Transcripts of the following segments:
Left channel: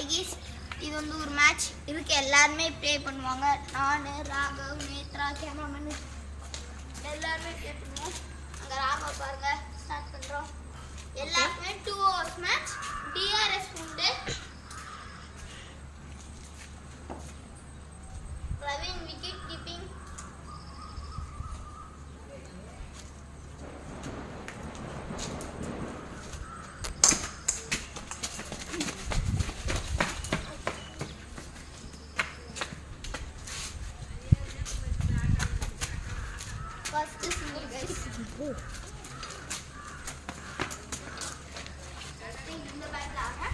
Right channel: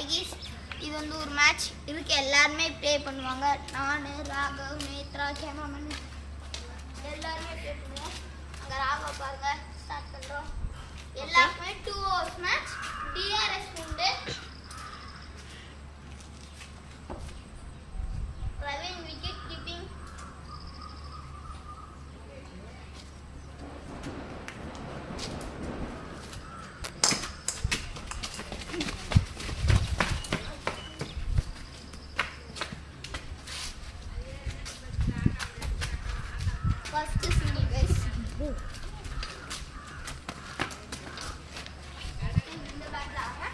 ஐகேஸ் இது வந்து ஒரு மேட்ச் இருக்கு, எல்லாருமே ப்ளே பண்ணுவாங்க. நான், ராகவ், நேத்ரா, கேமராமேன் எல்லாருமே ப்ளே பண்ணுவோம். அங்கே ராகவ் பாருங்க ஸ்டார்ட் பண்ணுறோம். எல்லாருமே 2 hours மேட்ச். டிஆர்எஸ் உண்டு. Praveen wicket keeping. First single guys. இந்த பேட்ல ஆக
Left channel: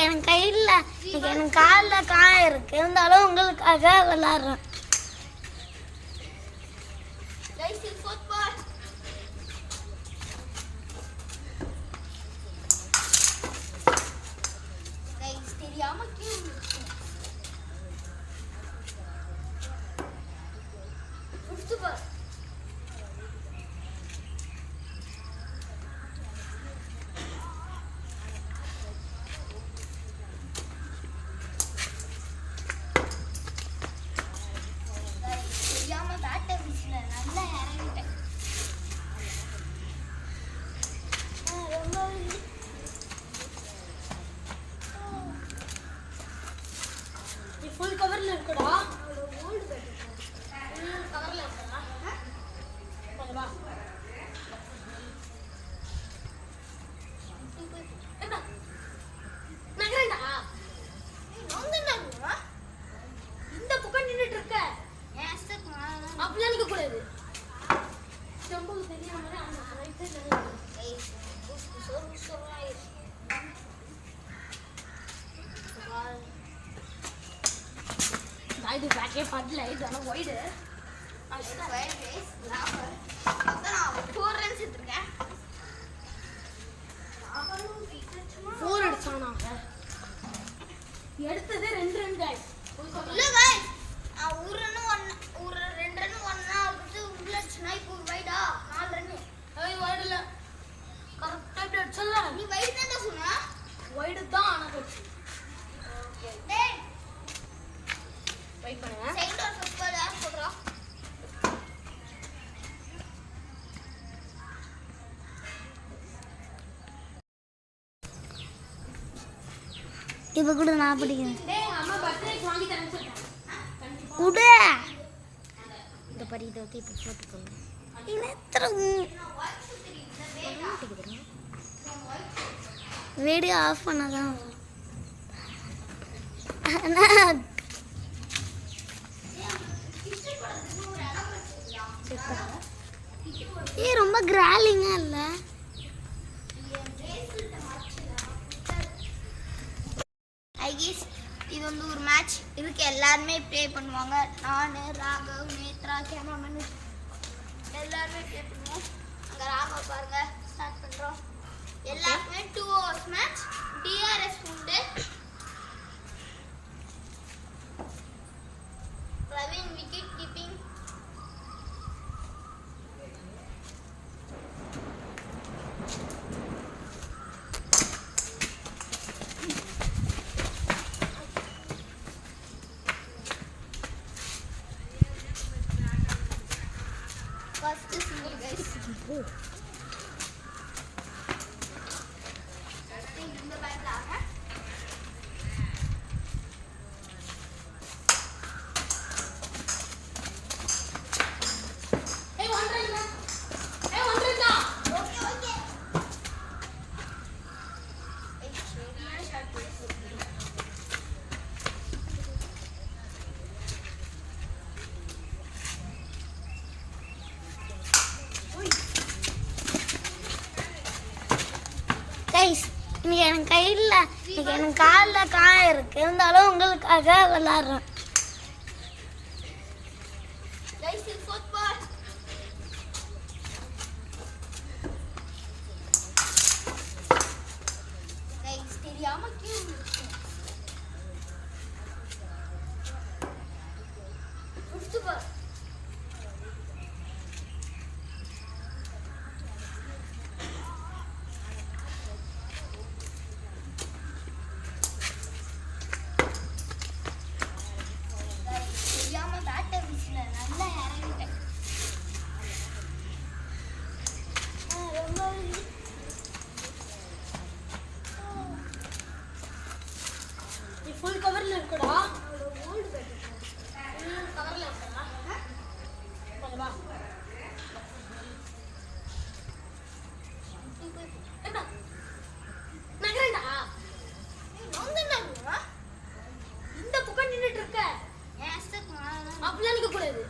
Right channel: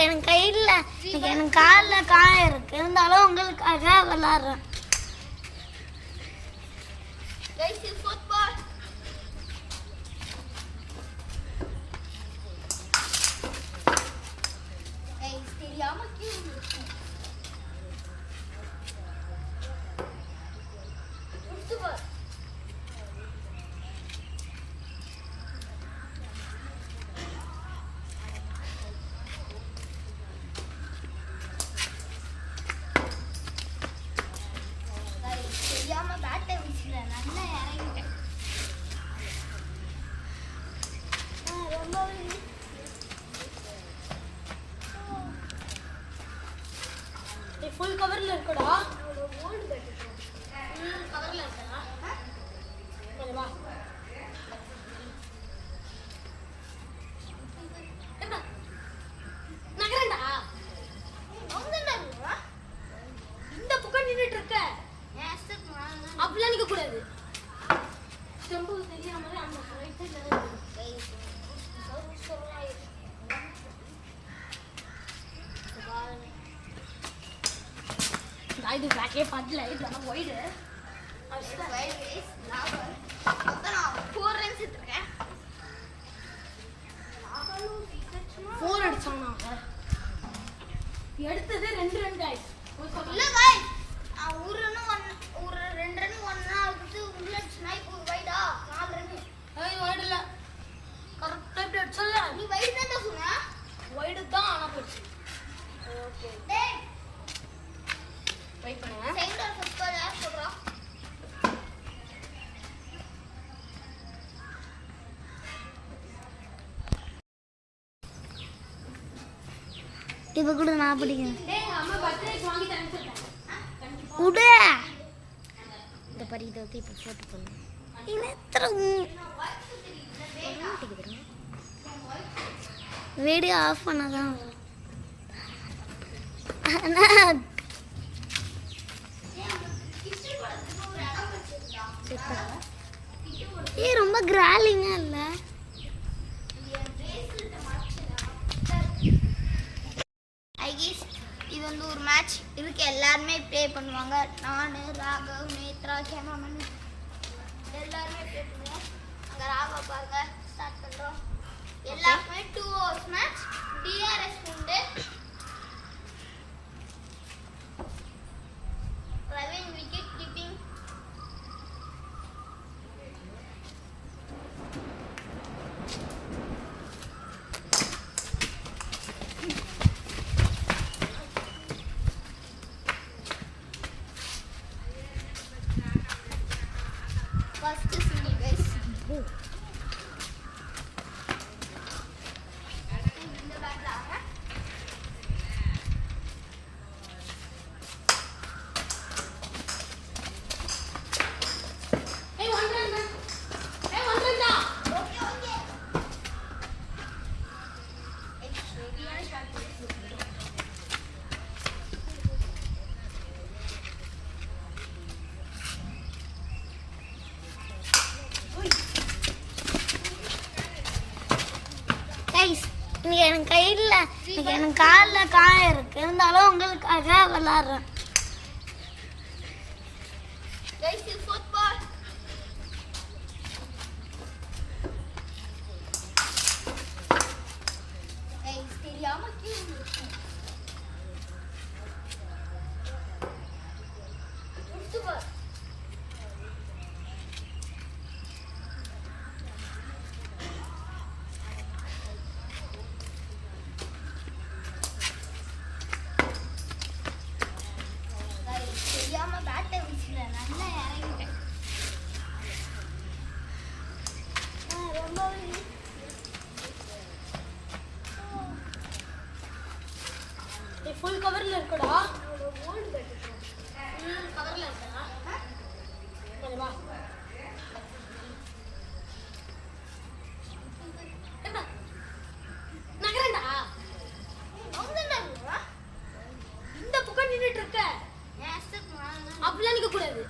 எனக்கு கையில் எனக்கு காலில் காயம் இருக்கு, இருந்தாலும் உங்களுக்காக விளாட்றேன். ஃபுல் கவர்ல இருக்குடா. ஓல்ட் பேட் ஃபுல் கவர்ல இருக்கா? வா நகரண்டா நோங்கடா. இந்த பக்கம் நின்னுட்டு இருக்க. ஏன் ஸ்டெப் அப்படியே நிக்க கூடாது. ஸ்டெம்பு தெரியாம அந்த சைடுல இருக்கு. I did not get fun light on a wide. I should have wide race. Now, I'm 4 runs. 4 அடிச்சானா? எடுத்ததே 2 run guys. இல்ல गाइस. ஒரு ரன் 2 ரன் 1 ஆகுது. உள்ள ஸ்னைப்பர் வைடா 4 ரன். ஏய் வைட் இல்ல. கரெக்ட்டா இப்படி அடிச்சல. நீ வைட் தான் சொன்னா? வைட் தான் ஆனா போச்சு. ஓகே. டேய் வெயிட் பண்ணுங்க. சைடு ஆஃப் ஸ்கோர் யார் சொல்றா? இப்ப கூட நான் படிக்கிறேன். டேய் அம்மா பர்த்டே வாங்கி தரேன்னு சொல்றேன். குடு. இந்த பரித வந்து இப்ப போட்டு பண்ணு. இனேத்ரம். வீடியோ ஆஃப் பண்ணாதான். ஏ ரொம்ப கிராலிங்கா இல்ல? ஐகேஸ் இது வந்து ஒரு மேட்ச் இருக்கு, எல்லாருமே ப்ளே பண்ணுவாங்க. நான், ராகவ், நேத்ரா, கேமராமேன் எல்லாருமே ப்ளே பண்ணுவோம். அங்கே ராகவ் பாருங்க ஸ்டார்ட் பண்ணுறோம். எல்லாருமே 2 hours மேட்ச். டிஆர்எஸ் உண்டு. Praveen wicket keeping. First single guys. இந்த பேட்ல ஆக இன்னைக்கு எனக்கு கையில் எனக்கு காலில் காயம் இருக்கு, இருந்தாலும் உங்களுக்காக விளாட்றேன். ஃபுல் கவர்ல இருக்குடா. ஃபுல் கவர்ல இருக்கா? வா. நகரண்டா. இந்த பக்கம் நின்னுட்டு இருக்க. அப்படியே நிக்க கூடாது.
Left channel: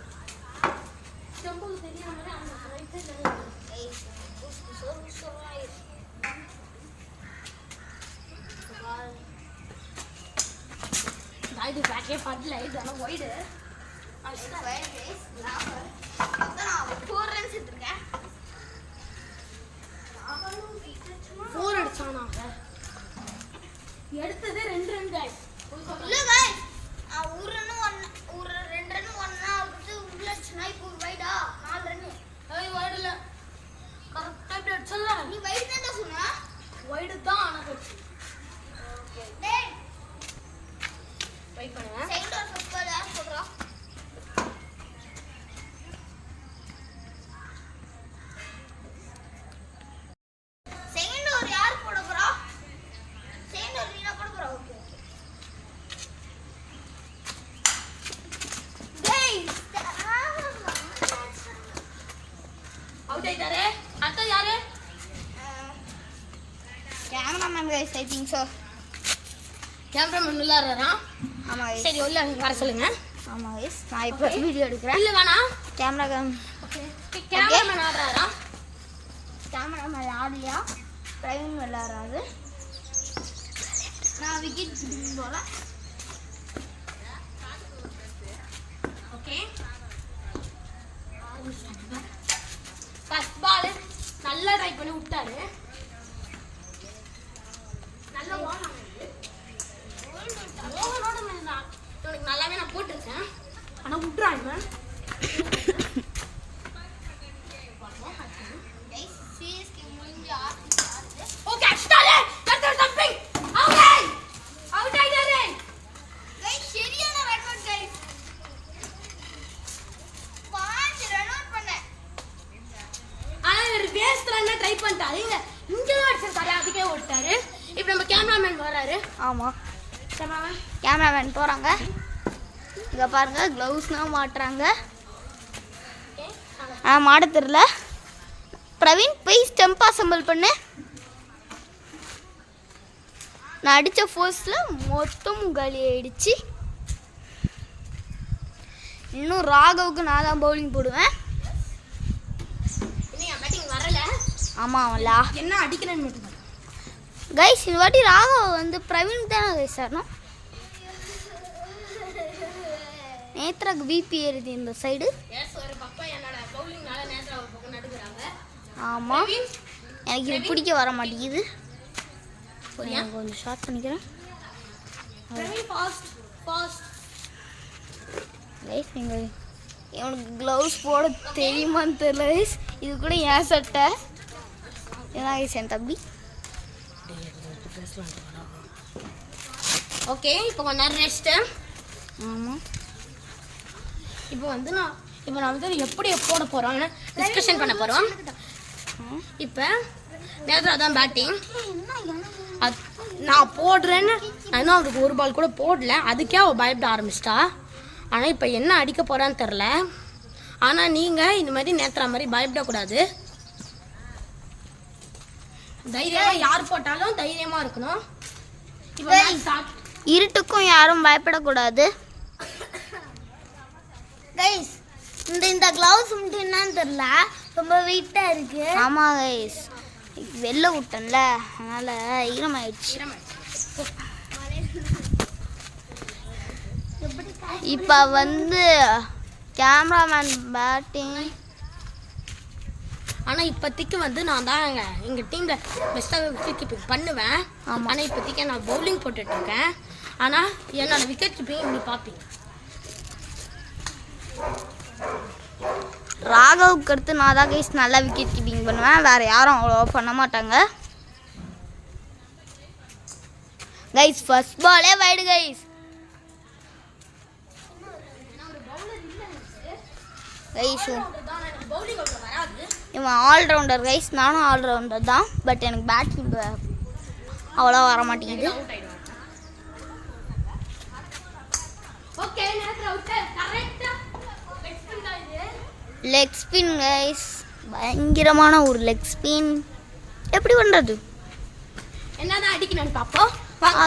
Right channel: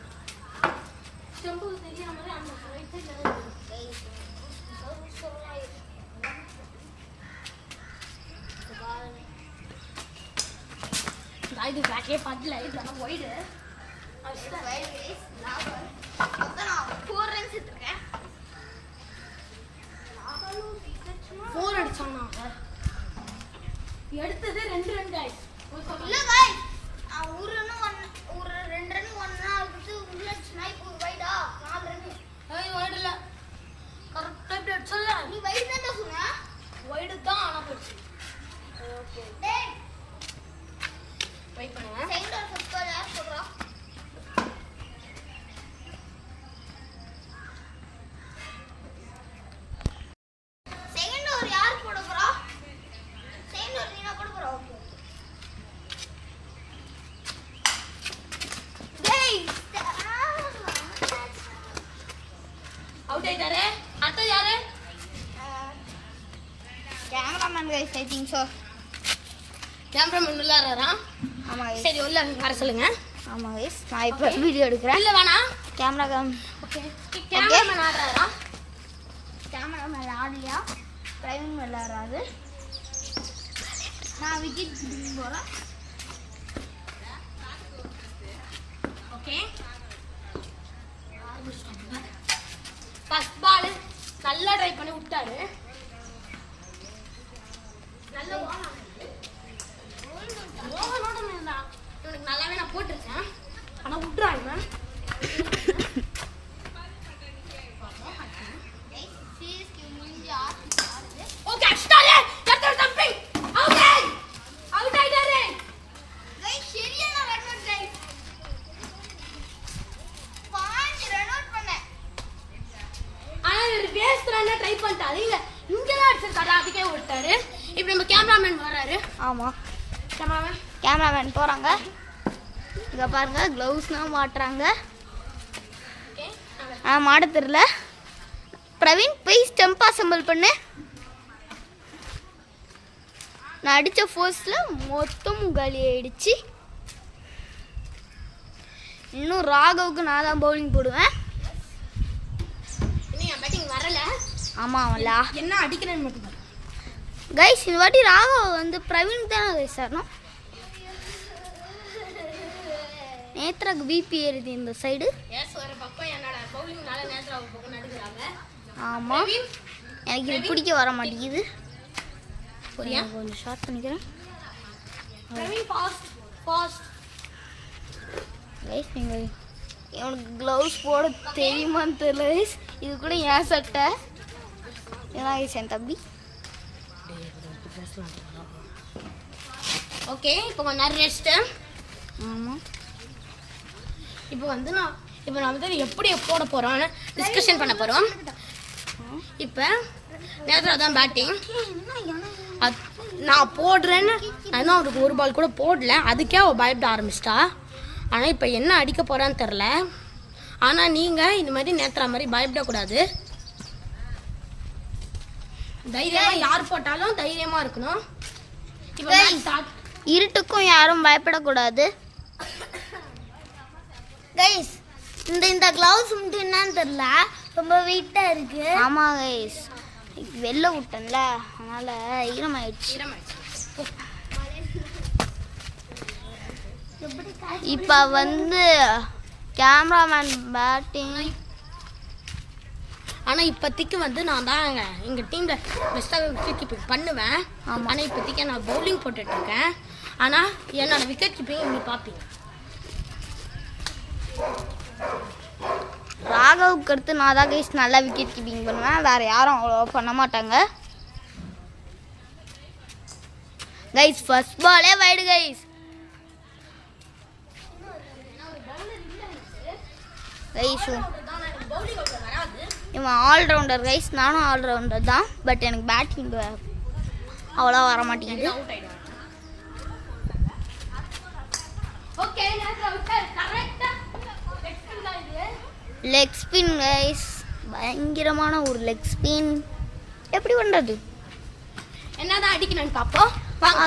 செம்பு தெரியாம அந்த சைடுல இது பிளாக்கே பண்ணல, இது எல்லாம் ஒயிடு. அது ஒயிட் கைஸ். நான் 4 ரன்ஸ் எடுத்துட்டேன். 4 அடிச்சானா? எடுத்தது 2 ரன் கைஸ். இல்ல கைஸ், ஒரு ரன் 2 ரன் 1 ஆகுது. உள்ள இப்போ வைடா 4 ரன். ஏய் வைட் இல்ல. கரெக்ட்டா இப்படி அடிச்சல. நீ வைட் தான் சொன்ன. வைட் தான் ஆனா போச்சு. ஓகே. டேய் வெயிட் பண்ணுங்க. செகண்ட் ஓவர் ஃபர்ஸ்ட் பால் யார் போடுறா? செகண்ட் ஓவர் யார் போட போறா? செகண்ட் ஓவர் நீனா போட போறா? ஓகே. டேய் அவுட் ஆயிட்டாரே. அடுத்து யாரு? Cameraman guys, I think so. Cameraman உள்ளாரறா? ஆமா गाइस. சரி உள்ள வர சொல்லுங்க. ஆமா गाइस, நான் இப்ப வீடியோ எடுக்கறேன். இல்ல வேணா. ஓகே. கேமராமேன் ஆடுறாரா? கேமராமேன் ஆடலையா? பிரவீன் விளையாடுறாரு. நான் விக்கெட் போறேன். ஓகே. ஃபர்ஸ்ட் பால் நல்லா ட்ரை பண்ணி விட்டாரு. நல்ல வாங்க. உனக்கு நல்லாவே நான் போட்டுருக்கேன், ஆனா விட்டுறாங்க. ட்ரை பண்ணிட்டாரு. இங்கெல்லாம் அடிச்சிருக்காரு, அதுக்கே விட்டாரு. இப்போ நம்ம கேமராமேன் வர்றாரு. ஆமா, கேமராமேன் போறாங்க. இங்க பாருங்க, க்ளவுஸ்லாம் மாட்டுறாங்க. மாட தெரியல. பிரவீன் போய் ஸ்டெம்ப் அசம்பிள் பண்ணு. நான் அடிச்ச ஃபோர்ஸ்ல மொத்தம் காலி ஆயிடுச்சு. இன்னும் ராகவுக்கு நான் தான் பவுலிங் போடுவேன். இன்னும் பேட்டிங் வரல. ஆமா அவன்ல என்ன அடிக்கிறேன்னு மட்டும் கைஸ். இந்த வாட்டி ராகவ் வந்து பிரவீன் தானே கைஸ் ஆடணும். நேத்ராக்கு பிபி ஏறுது இந்த சைடு. ஆமா, எனக்கு இது பிடிக்க வர மாட்டேங்குது. கொஞ்சம் ஷார்ட் பண்ணிக்கிறேன். இவனுக்கு க்ளவுஸ் போட தெரியுமான்னு தெரியல கைஸ். இது கூட ஏன் சட்டை ஏன் என் தம்பி. ஓகே, இப்போ கொஞ்ச நேரம் ரெஸ்ட்டு. ஆமாம், இப்போ வந்து நான் வந்து எப்படி போட போகிறோன்னு டிஸ்கஷன் பண்ண போகிறோம். இப்போ நேத்ரா தான் பேட்டிங். நான் போடுறேன்னு நான் அவருக்கு ஒரு பால் கூட போடல, அதுக்கே அவள் பயப்பட ஆரம்பிச்சிட்டா. ஆனால் இப்போ என்ன அடிக்க போகிறான்னு தெரில. ஆனால் நீங்கள் இந்த மாதிரி நேத்ரா மாதிரி பயப்படக்கூடாது. தைரியமாக யார் போட்டாலும் தைரியமாக இருக்கணும். இருட்டுக்கும் யாரும் பயப்படக்கூடாது கைஸ். இந்த கிளவுஸ் மட்டும் என்னன்னு தெரியல, ரொம்ப வெயிட்டா இருக்கு. ஆமா கைஸ், வெளில விட்டேன்ல அதனால ஈரமாயிடுச்சு. இப்போ வந்து கேமராமேன் பேட்டிங். ஆனால் இப்போதைக்கு வந்து நான் தான் எங்கள் டீமில் பெஸ்ட்டாக விக்கெட் கீப்பிங் பண்ணுவேன். ஆனால் இப்போதைக்கு நான் பவுலிங் போட்டுட்ருக்கேன். ஆனால் என்னோட விக்கெட் கீப்பிங் இப்படி பார்ப்பீங்க. ராகவுக்கு அடுத்து நான் தான் கைஸ் நல்லா விக்கெட் கீப்பிங் பண்ணுவேன். வேறு யாரும் அவ்வளோ பண்ண மாட்டாங்க கைஸ். ஃபர்ஸ்ட் பாலே வைடு கைஸ். கைஸ் இவன் ஆல்ரவுண்டர் கைஸ். நானும் ஆல்ரவுண்டர் தான். பட் எனக்கு பேட்டிங் அவ்வளோ வர மாட்டேங்குது. Leg spin guys. பயங்கரமான ஒரு லெக் ஸ்பின். எப்படி பண்ணுறது? என்னதான் அடிக்கணும்னு பார்ப்போம்.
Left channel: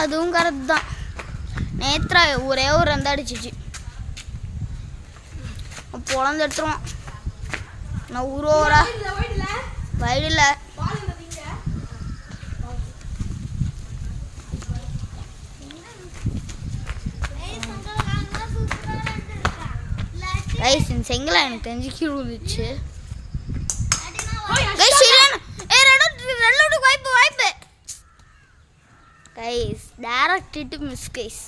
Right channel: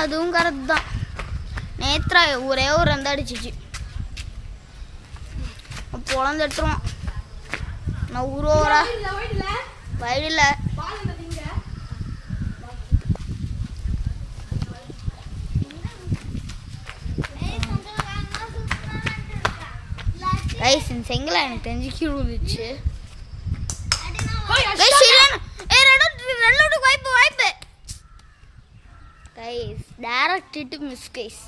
அதுவும் கரெக்ட் தான். நேத்ரா ஒரே ஒரு ரன் அடிச்சிச்சு. பொழந்து எடுத்துருவான். நான் ஊரோரா வயலில் கைஸ் இந்த செங்கலை எனக்கு தெரிஞ்சு கீழே விழுந்துச்சு. வாய்ப்பு guys. Direct hit miss guys.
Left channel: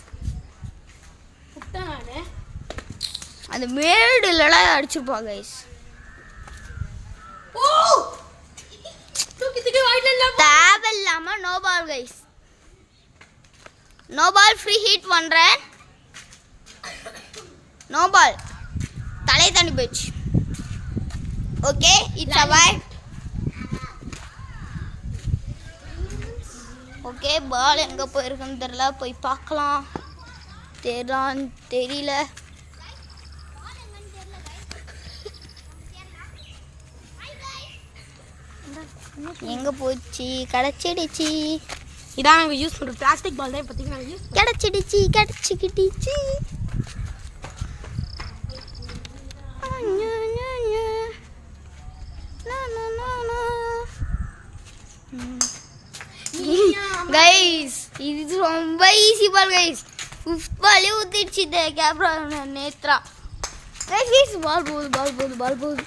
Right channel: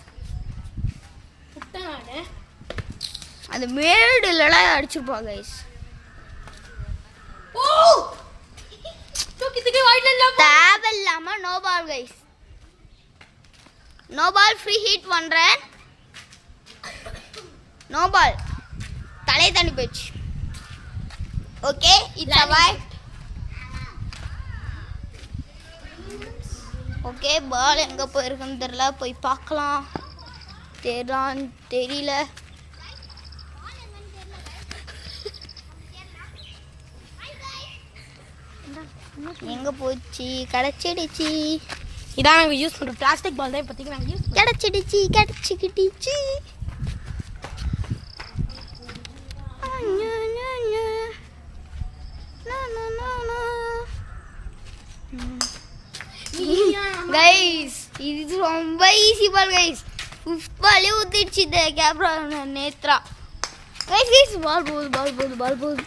அந்த மேடுலாம் அடிச்சிருப்பாங்க கைஸ். தேவையில்லாம no ball guys. No ball. Free hit பண்றேன். No ball. தலை தாண்டி போயிடுச்சு. Okay it's avoid. Okay ball எங்கே போயிருக்குன்னு தெரியல. போய் பார்க்கலாம். தெரியல. எங்கே போச்சு? கிடச்சிடுச்சு. இதான் நாங்கள் யூஸ் பண்ணுற பிளாஸ்டிக் பால் தான். இப்போதைக்கு நாங்கள் யூஸ் கிடச்சிக்கிட்டிச்சு. கைஸ் இது ரொம்ப ஈஸி பால் கைஸ். 5th பாலே ஊத்திடுச்சு இந்த கேப்ரா நேத்ரா. கைஸ் பால் போகுது.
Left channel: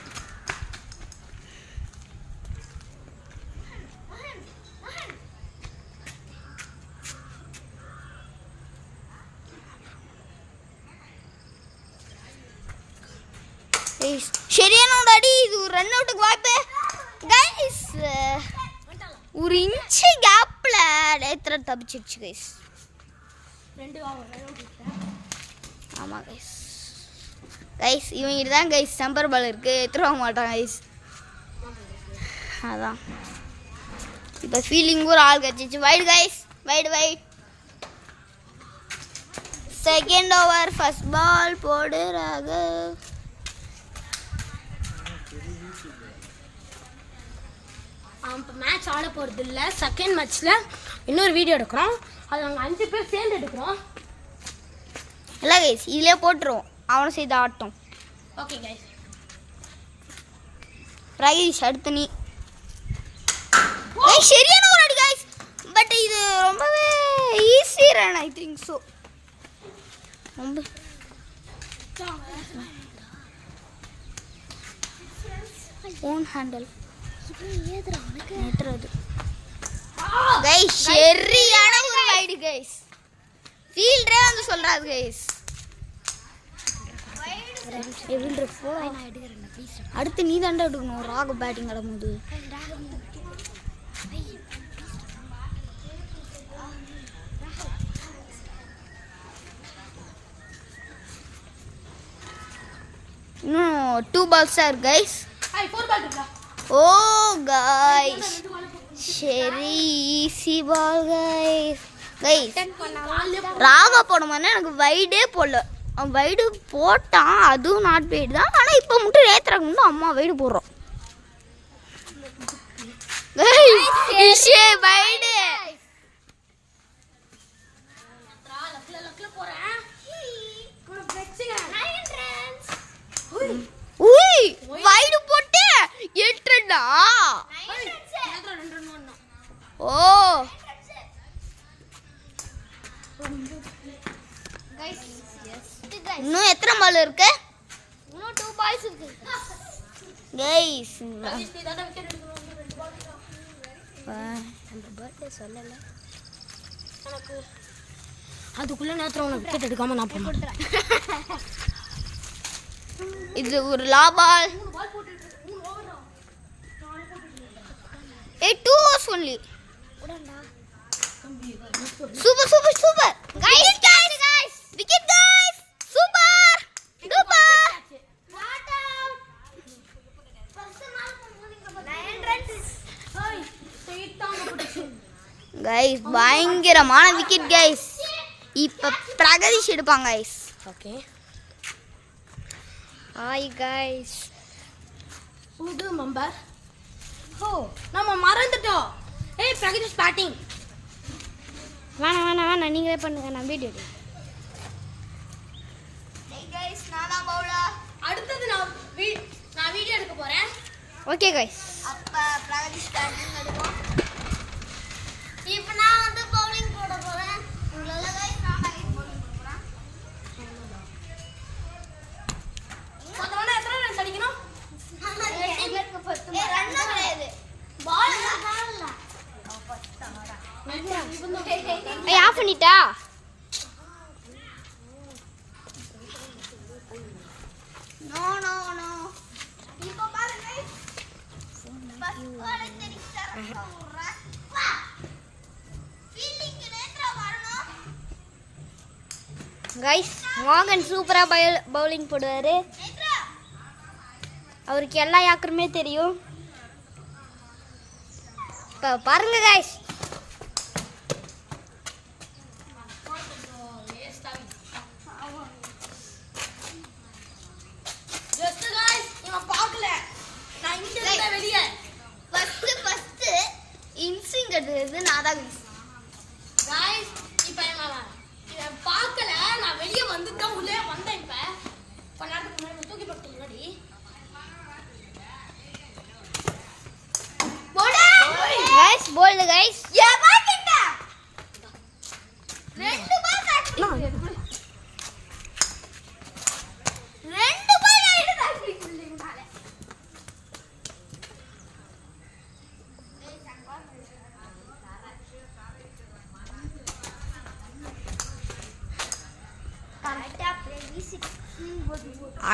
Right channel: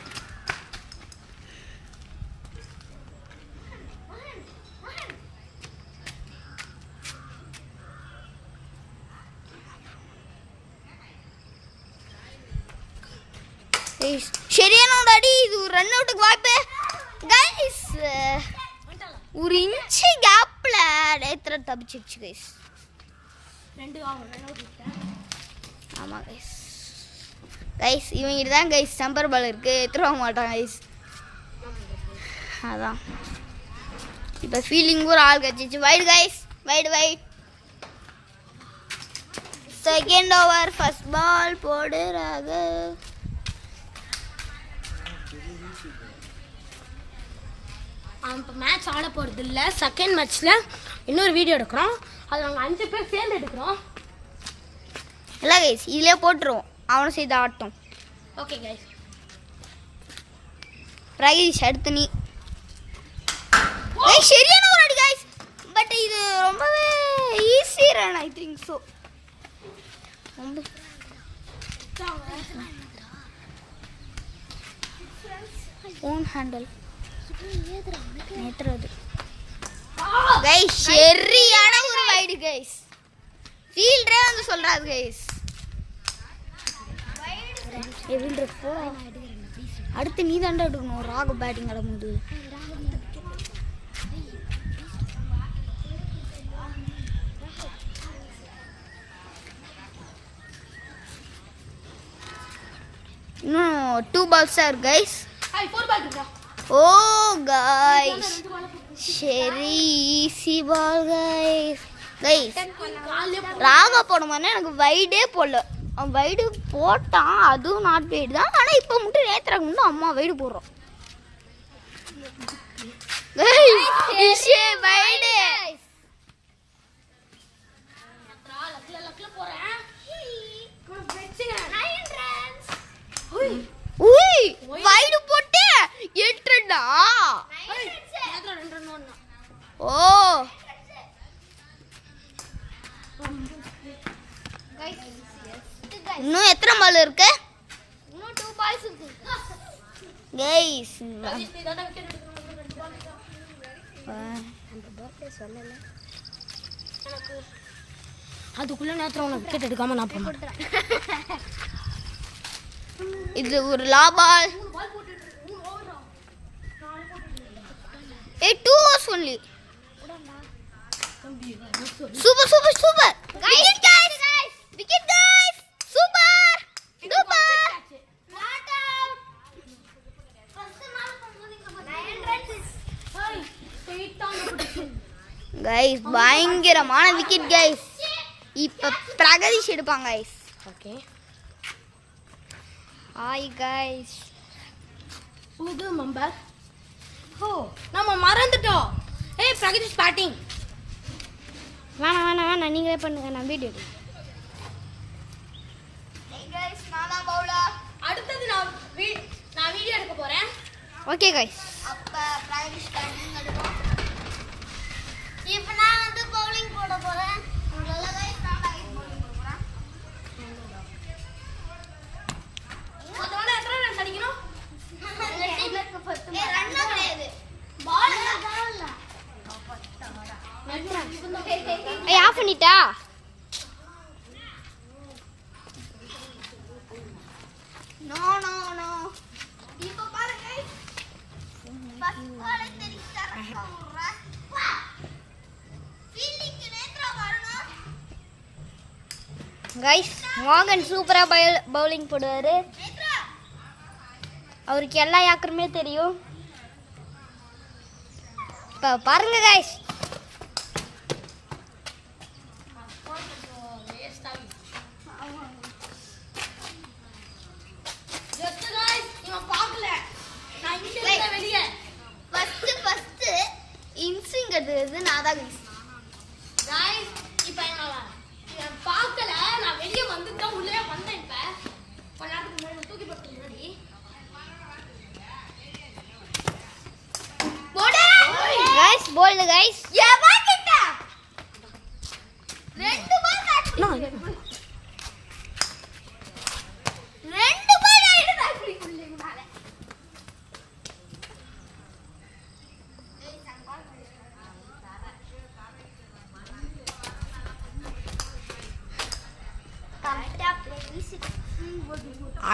சரியான ஒரு அடி. இது ஒரு ரன் அவுட்டுக்கு வாய்ப்பு கைஸ். ஒரு இன்ச்சு கேப்ல நேத்ரா தப்பிச்சிருச்சு கைஸ். ஆமா கைஸ் இவங்க தான் கைஸ் சம்பர் பால் இருக்கு. எடுத்துருவாங்க மாட்டான் கைஸ். அதான் இப்போ ஃபீலிங் ஒரு ஆள் கட்சிச்சு. Wide guys. Wide. Second over first ball போடு ராகவ். இப்போ மேட்ச் ஆட போகிறது இல்லை. செகண்ட் மேட்ச்சில் இன்னொரு வீடியோ எடுக்கிறோம். அது நாங்கள் 5 பேர் சேர்ந்து எடுக்கிறோம். இல்லை கைஸ் இதிலே போட்டுருவோம். அவனும் செய்து ஆட்டம். Okay guys. ரைஸ் அடுத்து நீ. சரியான ஒரு அடி கைஸ். பட் இது ரொம்பவே easy run I think so. ரொம்ப ஓன் ஹேண்டில் நேத்துறது கைஸ். சரியான ஒரு வைடு கைஸ். ஃபீல்டரே வந்து சொல்றாரு கைஸ். ஃபீல்டர் போ. அடுத்து நீ தாண்டா எடுக்கணும். ராகு பேட்டிங் ஆடும்போது இன்னும் 2 balls தான் இருக்கு கைஸ். ஓ கைஸ் சரி ஈஸி பால் கைஸ். ராகா போடும்போது எனக்கு வைடே போடல. அவன் வைடு போட்டான். அதுவும் நாட் வைடு தான். ஆனால் இப்போ மட்டும் நேத்துறாங்க முன்னும் அம்மா வைடு போடுறோம். வைடு வைடு போட்டு 8 ரன்னா. இன்னும் எத்தனை பால் இருக்கு? இன்னும் 2 பால்ஸ் இருக்கு கைஸ் சொல்லல எனக்கு அதுக்குள்ள நேரத்துல உனக்கு விக்கெட் எடுக்காம நான் போக மாட்டேன். இது ஒரு லாபால். 2 overs only. Super. Wicket guys. Wicket guys. Super. Duper. Not out. Guys, பயங்கரமான விக்கெட் guys. இப்ப பிரகதீஷ் எடுப்பாங்க guys. Okay hi guys. புது மெம்பர். ஓ நாம மறந்துட்டோம். ஏய் பிரகதீஷ் பேட்டிங். வேணாம் நீங்களே பண்ணுங்க, நான் வீடியோ எடுக்கிறேன். Hey guys, நான் தான் பவுலர். அடுத்து நான் வீடியோ எடுக்க போறேன். Okay guys. அப்ப பிரகதீஷ் பேட்டிங் எடுப்போம். இப்போ நான் வந்து பவுலிங் போட போறேன். உங்களுக்கு guys நான் டார்கெட் bowling போட போறேன். மொத்தமா எத்தனை ரன்ஸ் அடிக்கணும்? ஏய் ரன் கிடையாது. பால் இல்ல. ஏய் ஆஃப் பண்ணிட்டா? நோ. இப்போ பாருங்க guys. First ball தெரிச்சறப்ப ஊர்றா. வா. ஃபீல்டிங் நேத்ரா வரணும். गाइस மோகன் சூப்பரா பவுலிங் போடுவாரு. நேத்ரா அவருக்கு எல்லா யாக்கருமே தெரியும். பாருங்க गाइस. ஜஸ்ட் गाइस நான் பார்க்கல. நான் இங்க இருந்த வெளிய. ஃபர்ஸ்ட் இன்சிங்கிறது நான் தான் guys. गाइस இப்போ நான் பார்க்கல. நான் வெளிய வந்துட்டேன், உள்ளே வந்தேன். இப்ப பல்லாட்டுக்கு மேல தூக்கி போட்டு முன்னாடி गाइस बोल्ड गाइस. ஏமாத்திட்டா. 2 பால் காட்சி. 2 பால் ஆயிடுது அப்படிக்குள்ளேனால.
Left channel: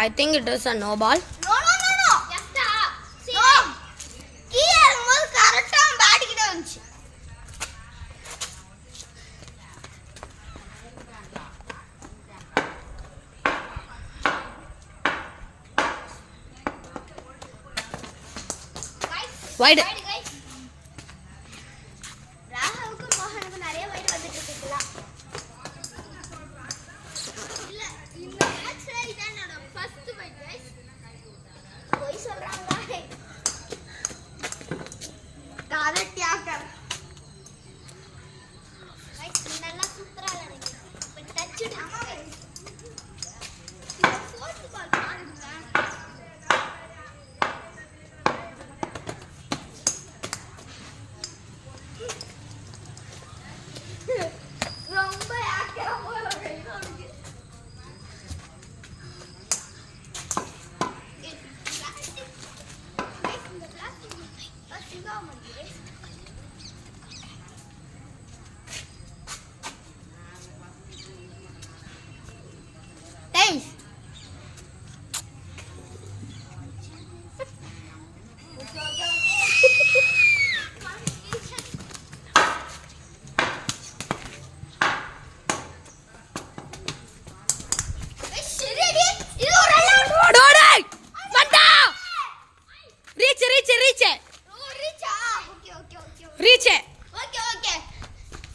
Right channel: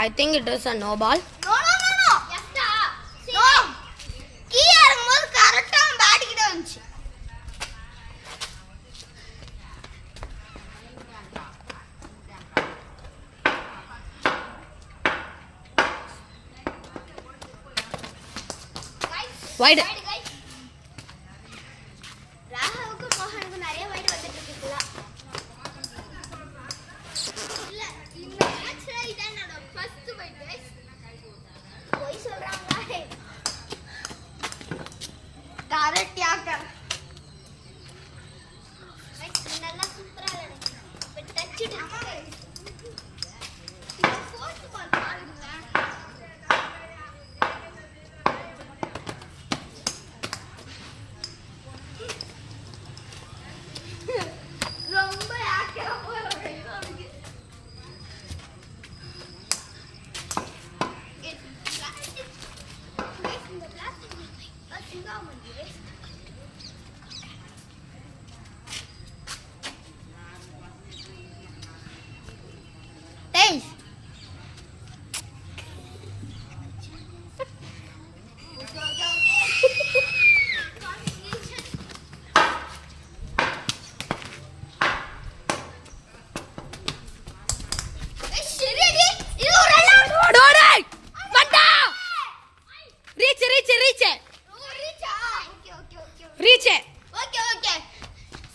I think it is a no ball. No. எஸ்டா. சேம். கீழ இறங்கும்போது கரெக்ட்டா பேட் கிட்ட வந்துச்சு. Wide. ராகவுக்கு மோகனுக்கு நிறைய வைட் வந்துட்டு இருக்குல்ல. இல்ல இந்த மேட்ச்ல இதான் என்னோட ஃபர்ஸ்ட் வைட் गाइस. போய் சொல்றாங்க. Correct yorker. गाइस நல்லா சூப்பரா விளையாடுங்க. But touch it guys. Fourth ball பாருங்க. ரொம்ப யாக்கரா போற வைட் இருக்கு. Hey! Reach. Okay.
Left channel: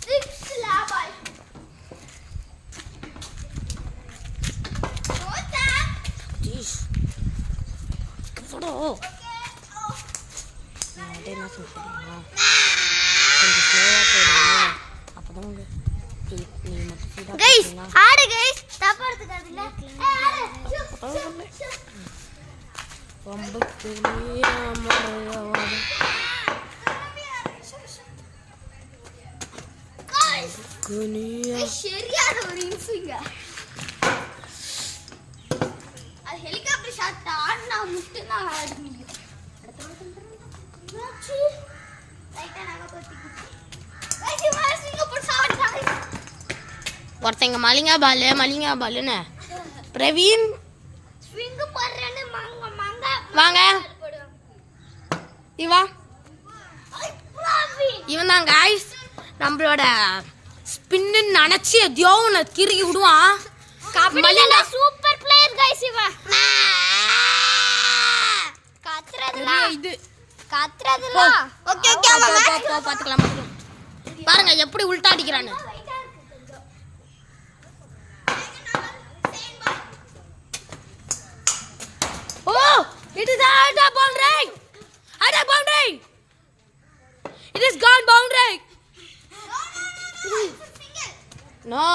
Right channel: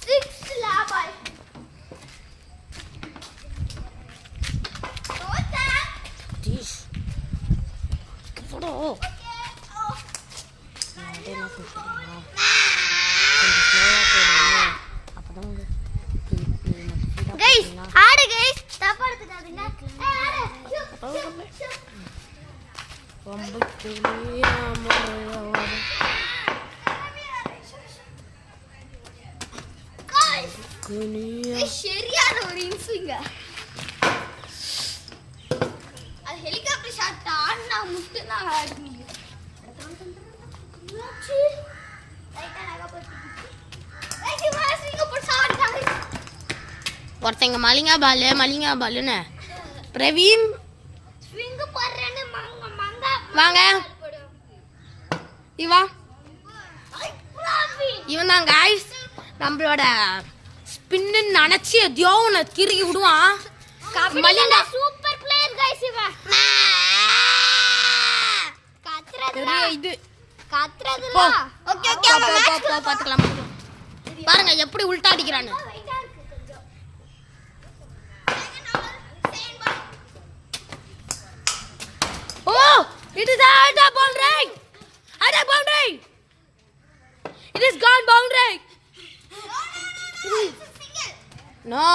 6 ball. Jeez. Photo. Okay. என்ன சொல்றீங்க? கொஞ்சம் ஸ்லோவா போடுங்க. அப்பதான் நீங்க மட்டும் Guys, ஆடு guys. தப்பா எடுத்துக்காதீங்க. ரொம்ப கிளியாம Guys, குனியா சரியான ஒரு இன்சிங்க. ஒருத்தங்க மலிங்கா பாலுன்னு பிரவீன் வாங்க இவா இவன் தான் கைஸ் நம்மளோட ஸ்பின்னு நினைச்சு எதையோ ஒன்று திருகி விடுவான். மலிங்கா சூப்பர் பிளேயர் गाइस இவன். இது கத்ரதுல ஓகே போ பாத்துக்கலாம். பாருங்க எப்படி உல்டா அடிக்கிறான்னு. Oh, it is out of boundary. Out of boundary. It is gone boundary. No.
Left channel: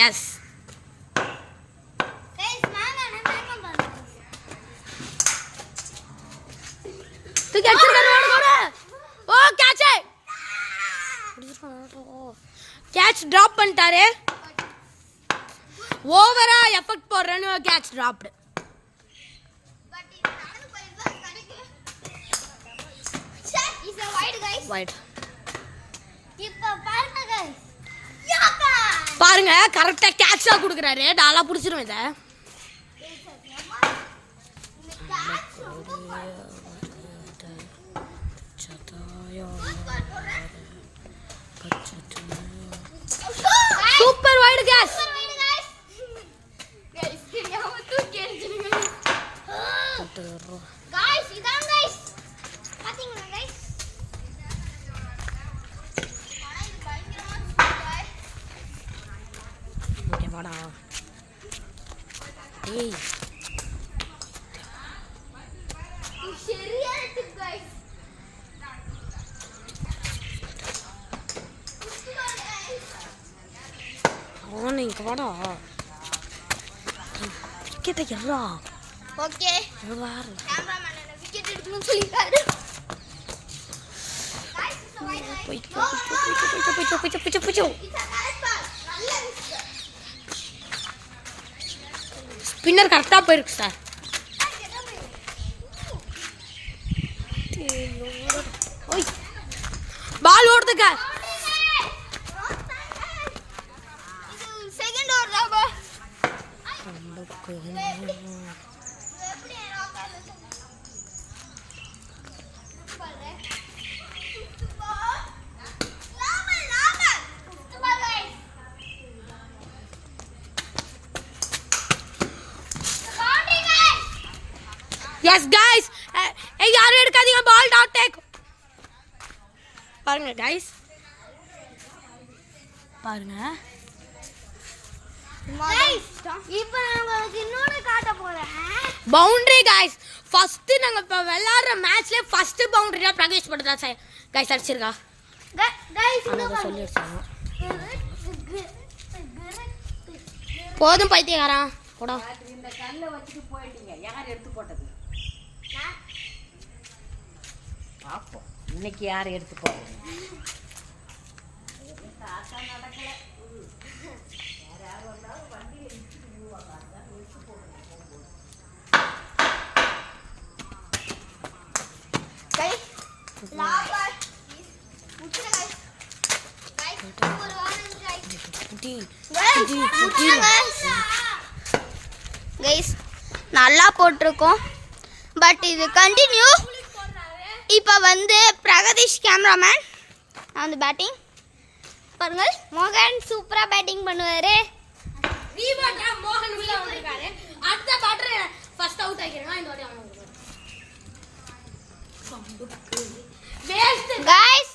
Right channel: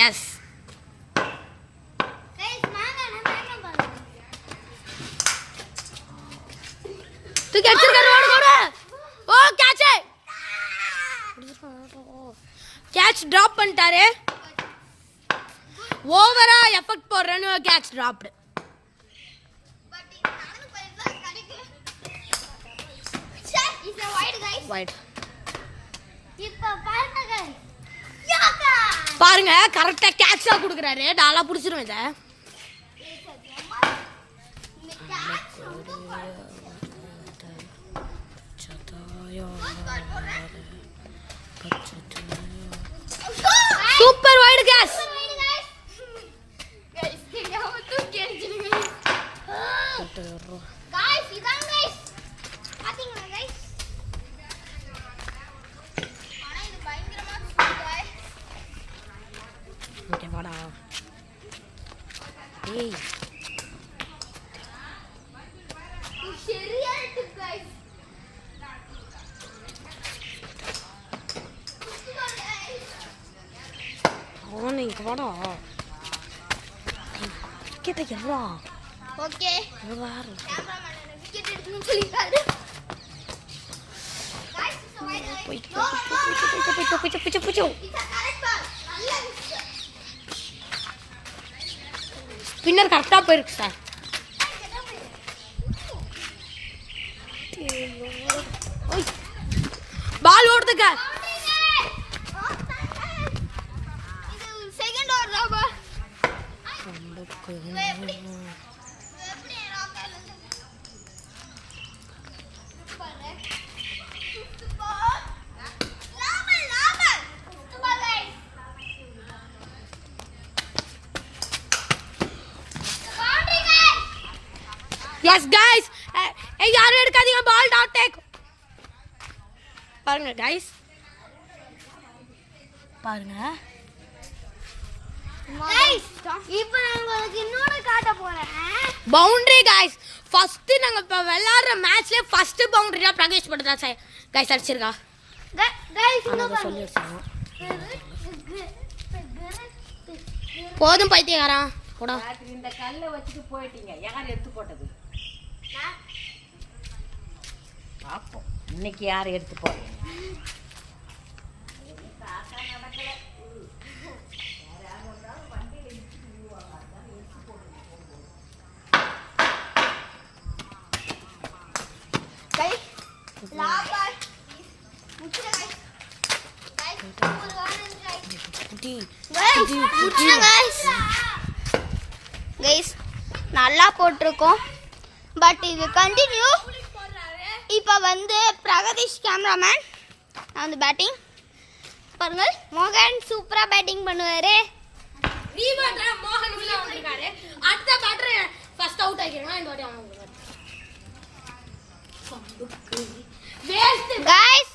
Yes. तू कैच कर रोड कोड़ा ओ कैच है कैच ड्रॉप பண்ணிட்டாரே ஓவரா எஃபெக்ட் போடுறேன்னு கேட்ச் ட்ராப்டு. வைட் பாருங்க கரெக்டா கேட்சா குடுக்குறாரு. டாலா புடிச்சிரும் இத. சூப்பர் வைட் கேட்ச் गाइस இதான் गाइस பாத்தீங்களா गाइस ஆனா இது பயங்கரமா இருக்கு ஓகே வாடா ஏய் சரியா இருக்கு गाइस ஓனே வாடா கிட்ட யாரா ஓகே வாரு கேமராமேன் விக்கெட் எடுக்கணும்னு சொல்லிட்டாரு गाइस போய் இட்ஸ் கரெக்ட் பால் நல்ல விக்கெட் ஸ்பின்னர் கரெக்டா போயிருக்கு சார். பால் ஓடுதுங்க. இது செகண்ட் ஓவர் தான் பா Yes guys, யாரும் எடுக்காதீங்க பால் டாட் டேக். பாருங்க guys, பாருங்க இப்போ நான் உங்களுக்கு இன்னொரு காட்ட போறேன். Boundary guys. ஃபர்ஸ்ட் நாங்க இப்ப விளையாடுற மேட்ச்ல ஃபர்ஸ்ட் பவுண்டரி தான் பிராக்டிஸ் பண்றதா சார் guys அடிச்சிருக்கா. गाइस அத சொல்லி அடிச்சாங்க. போதும் பைத்தியக்காரா போடா. இந்த கல்லை வச்சுட்டு போயிட்டீங்க. யார் எடுத்து போட்டது? பாப்போம் இன்னைக்கு யார் எடுத்து போடுறது. गाइस लाबा मुचरा गाइस புடி गाइस நல்லா போட்டுருக்கோம். பட் இது கண்டினியூ. இப்போ வந்து பிரகதீஷ் கேமராமேன் நான் வந்து பேட்டிங் பாருங்க. மோகன் சூப்பரா பேட்டிங் பண்ணுவாரு. ரீவர்ட்ல மோகன் உள்ள வந்திருக்காரு. அடுத்த பேட்டர் ஃபர்ஸ்ட் அவுட் ஆகிருங்க. இந்த வாட்டி அவங்க வேஸ்ட் गाइस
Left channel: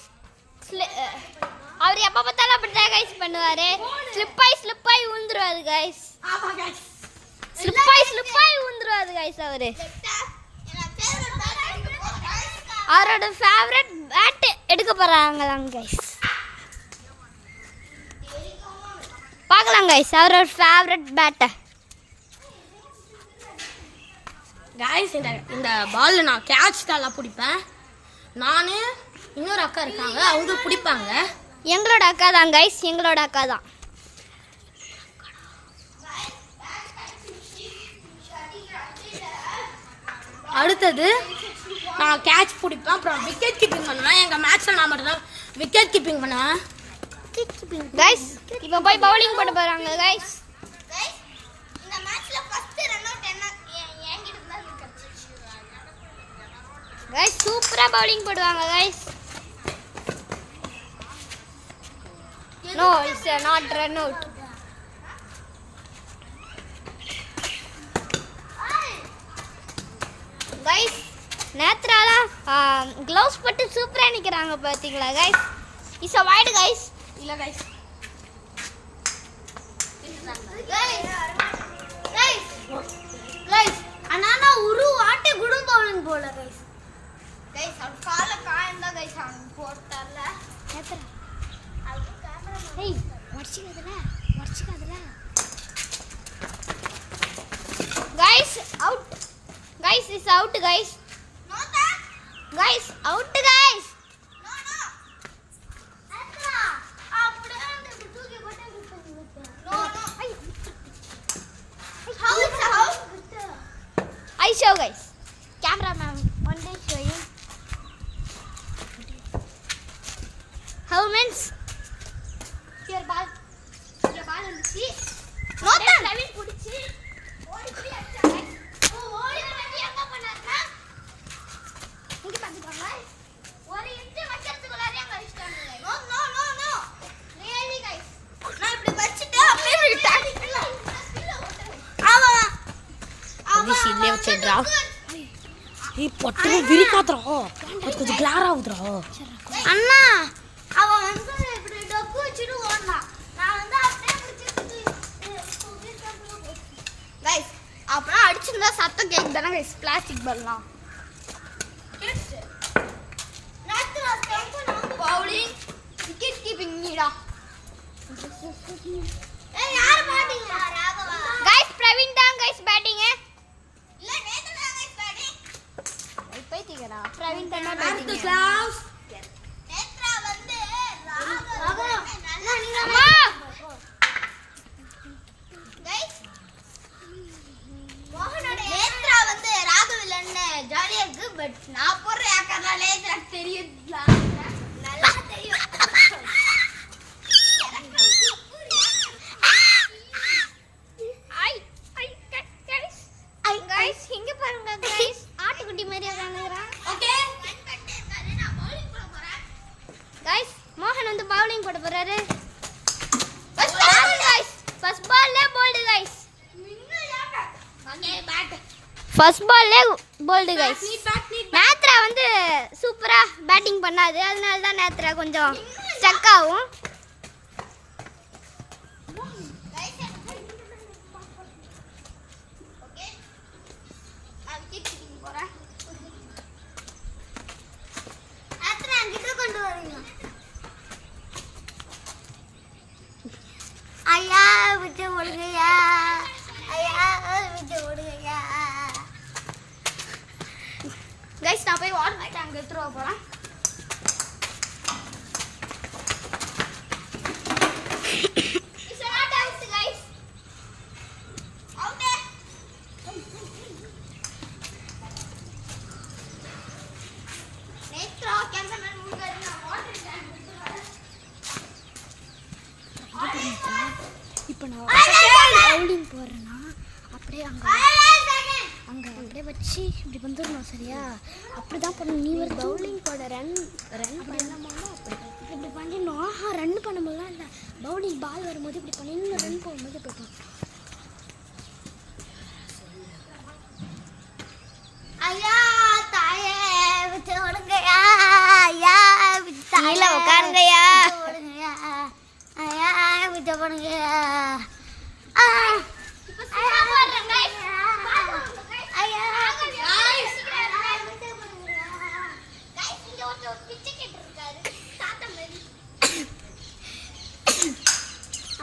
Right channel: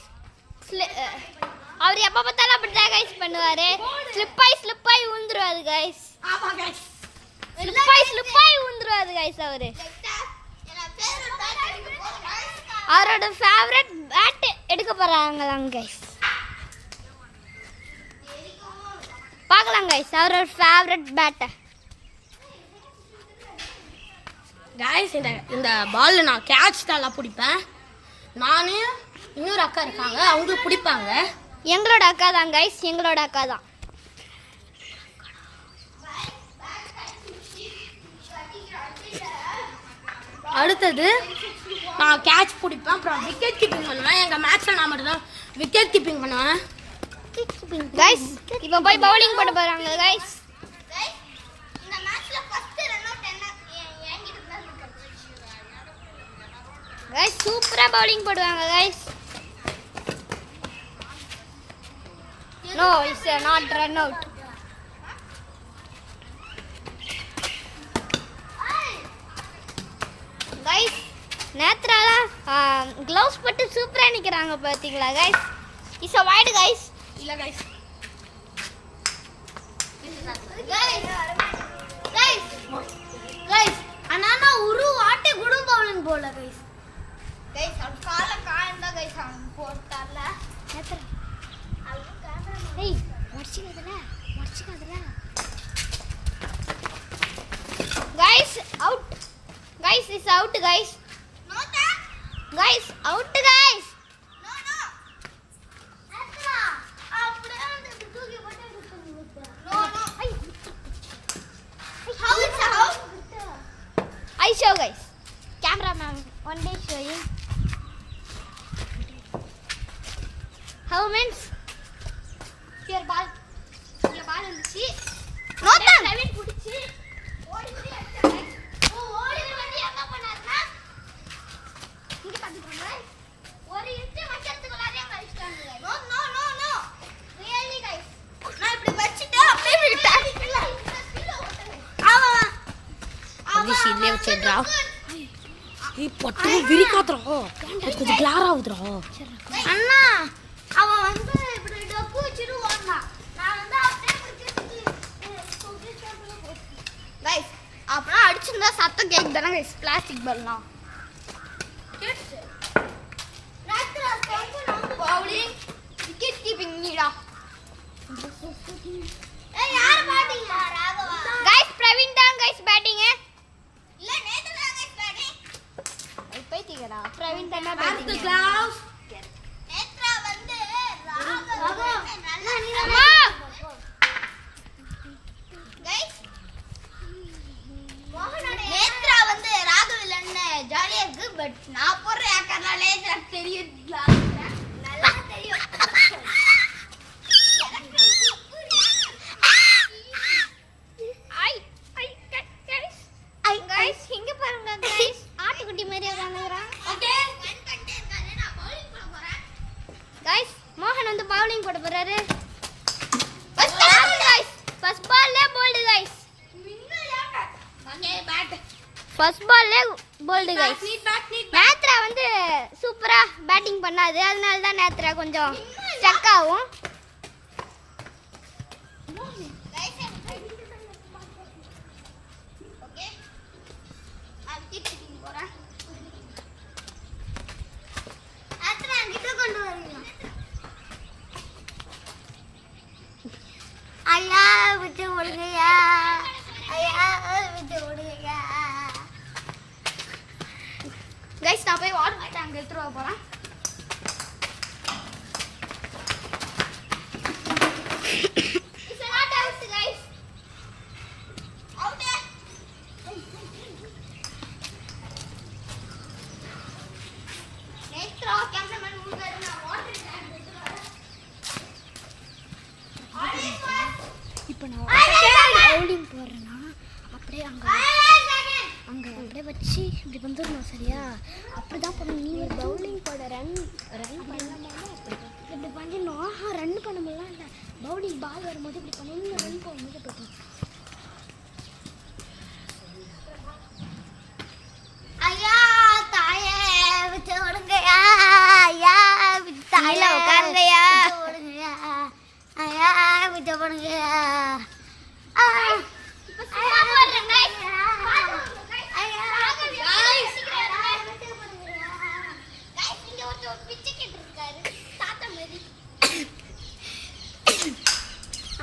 அவர் எப்ப பார்த்தாலும் அப்படிதான் गाइस பண்ணுவாரு. ஸ்லிப் ஆயி விழுந்துருவாரு गाइस. ஆமா गाइस ஸ்லிப் ஆயி விழுந்துருவாரு गाइस அவரு. அவரோட ஃபேவரட் பேட் எடுக்க போறாங்களாம் गाइस. பார்க்கலாம் கைஸ் அவரோட ஃபேவரட் பேட்டை. கைஸ் இந்த பால் நான் கேட்ச் தான் பிடிப்பேன். நான் இன்னொரு அக்கா இருக்காங்க, அவங்க பிடிப்பாங்க. எங்களோட அக்கா தான் கைஸ், எங்களோட அக்கா தான். அடுத்தது நான் கேட்ச் பிடிப்பேன், அப்புறம் விக்கெட் கீப்பிங் பண்ணுவேன். எங்கள் மேட்ச்சில் நான் மட்டும் தான் விக்கெட் கீப்பிங் பண்ணுவேன். கைஸ் இப்போ போய் பவுலிங் போட போகிறாங்க கைஸ். கைஸ் சூப்பரா பவுலிங் போடுவாங்க guys. No it's not run out. Guys நேத்ராலா க்ளவுஸ் போட்டு சூப்பரா நிக்கிறாங்க பாத்தீங்களா guys. It's a wide guys. இல்லை கைஸ் கைஸ் அண்ணா ஒரு வாட்டி குடும் பவுலிங் போல கைஸ். கைஸ் அவன் கால காயந்தா கைஸ் அவன் போட்டார்ல நேத்ரா. ஏய் வர்ச்சிக்காதல guys out. Guys is out guys. Guys out guys. I show guys. Cameraman, one day showing. How means? Here ball இருந்துச்சு. நோட்டா லெவன் புடிச்சு ஓடி போய் அடிச்சாங்க. ஓடி வந்து என்ன பண்ணாருன்னா இங்க பாத்துக்கோங்க. ஒரு இன்ச் வச்சதுக்குள்ளாரே அடிச்சாங்க. நோ. Really guys. நான் இப்படி வச்சிட்டு அப்படியே விட்டேன். ஆமா. This is never said draw. Hey, பட்டு விரிக்காதடா. அது கொஞ்சம் கிளார் ஆவுதுடா. அண்ணா அவன் வந்து இப்படி டக்கு வச்சிட்டு ஓடுனான். நான் வந்து அப்படியே பிடிச்சிட்டு गाइस அப்புறம் அடிச்சிருந்தா சத்தம் கேக்குதானே गाइस பிளாஸ்டிக் பால்லாம். நேச்சுரல் கேக்கு பவுலிங் விக்கெட் கீப்பிங் நீடா. ஏய் யார் பேட்டிங்? ராகவா. गाइस பிரவீன் தான் गाइस பேட்டிங். இல்ல நேத்து தான் गाइस பேட்டிங். பைத்தியடா பிரவீன் தான் பேட்டிங். அடுத்த கிளாஸ் நேத்ரா வந்து ராகவா. அம்மா गाइस நேத்ரா வந்து ராகவில் அண்ணன் ஜாலியா இருக்கு. பட் நான் போடுற ஏக்கர்னாலே எனக்கு தெரியும், நல்லா தெரியும். गाइस இங்க பாருங்க गाइस ஆட்டுக்குட்டி மாதிரி உட்கார்ந்துறான். ஓகே நான் பவுலிங் போட போறேன். गाइस மோகன் வந்து பவுலிங் போட போறாரு. பஸ் பாருங்க गाइस ஃபர்ஸ்ட் பால்லே bowled guys. Okay bad first பால்லே போல்ட் गाइस. நேத்ரா வந்து சூப்பரா பேட்டிங் பண்ணாரு, அதனால தான் நேத்ரா கொஞ்சம் ஸ்டக் ஆகும். ஓகே நான் விக்கெட் கீப்பிங் போறேன். நேத்ரா அங்கிட்ட கொண்டு வரீங்க. ஐயா விட்டு ஓடுங்கயா, ஐயா விட்டு ஓடுங்கயா. गाइस நான் போய் வாட்டர் டேங்க் எடுத்துட்டு வர போறேன். It's not out guys. Out. Netra cameraman முன்னாடி நான் வாட்டர் டேங்க் எடுத்துட்டு வரேன். இப்போ நான் பவுலிங் போடுறேன்னா அப்படியே அங்கே அப்படியே வச்சு இப்படி வந்துடணும், சரியா? அப்படி தான் பண்ணணும். நீ ஒரு பவுலிங் போட ரன் பண்ணாமல் இப்படி பண்ணிடணும். ரன் பண்ணும்போதுலாம் இல்லை, பவுலிங் பால் வரும்போது இப்படி பண்ணிடணும், ரன் போகும்போது இப்படி பண்ணணும். ஐயா தாயே விட்டு ஓடுங்கயா, ஐயா விட்டு தாயில உட்காருங்கயா, ஓடுங்கயா, ஐயா விட்டு போடுங்கயா.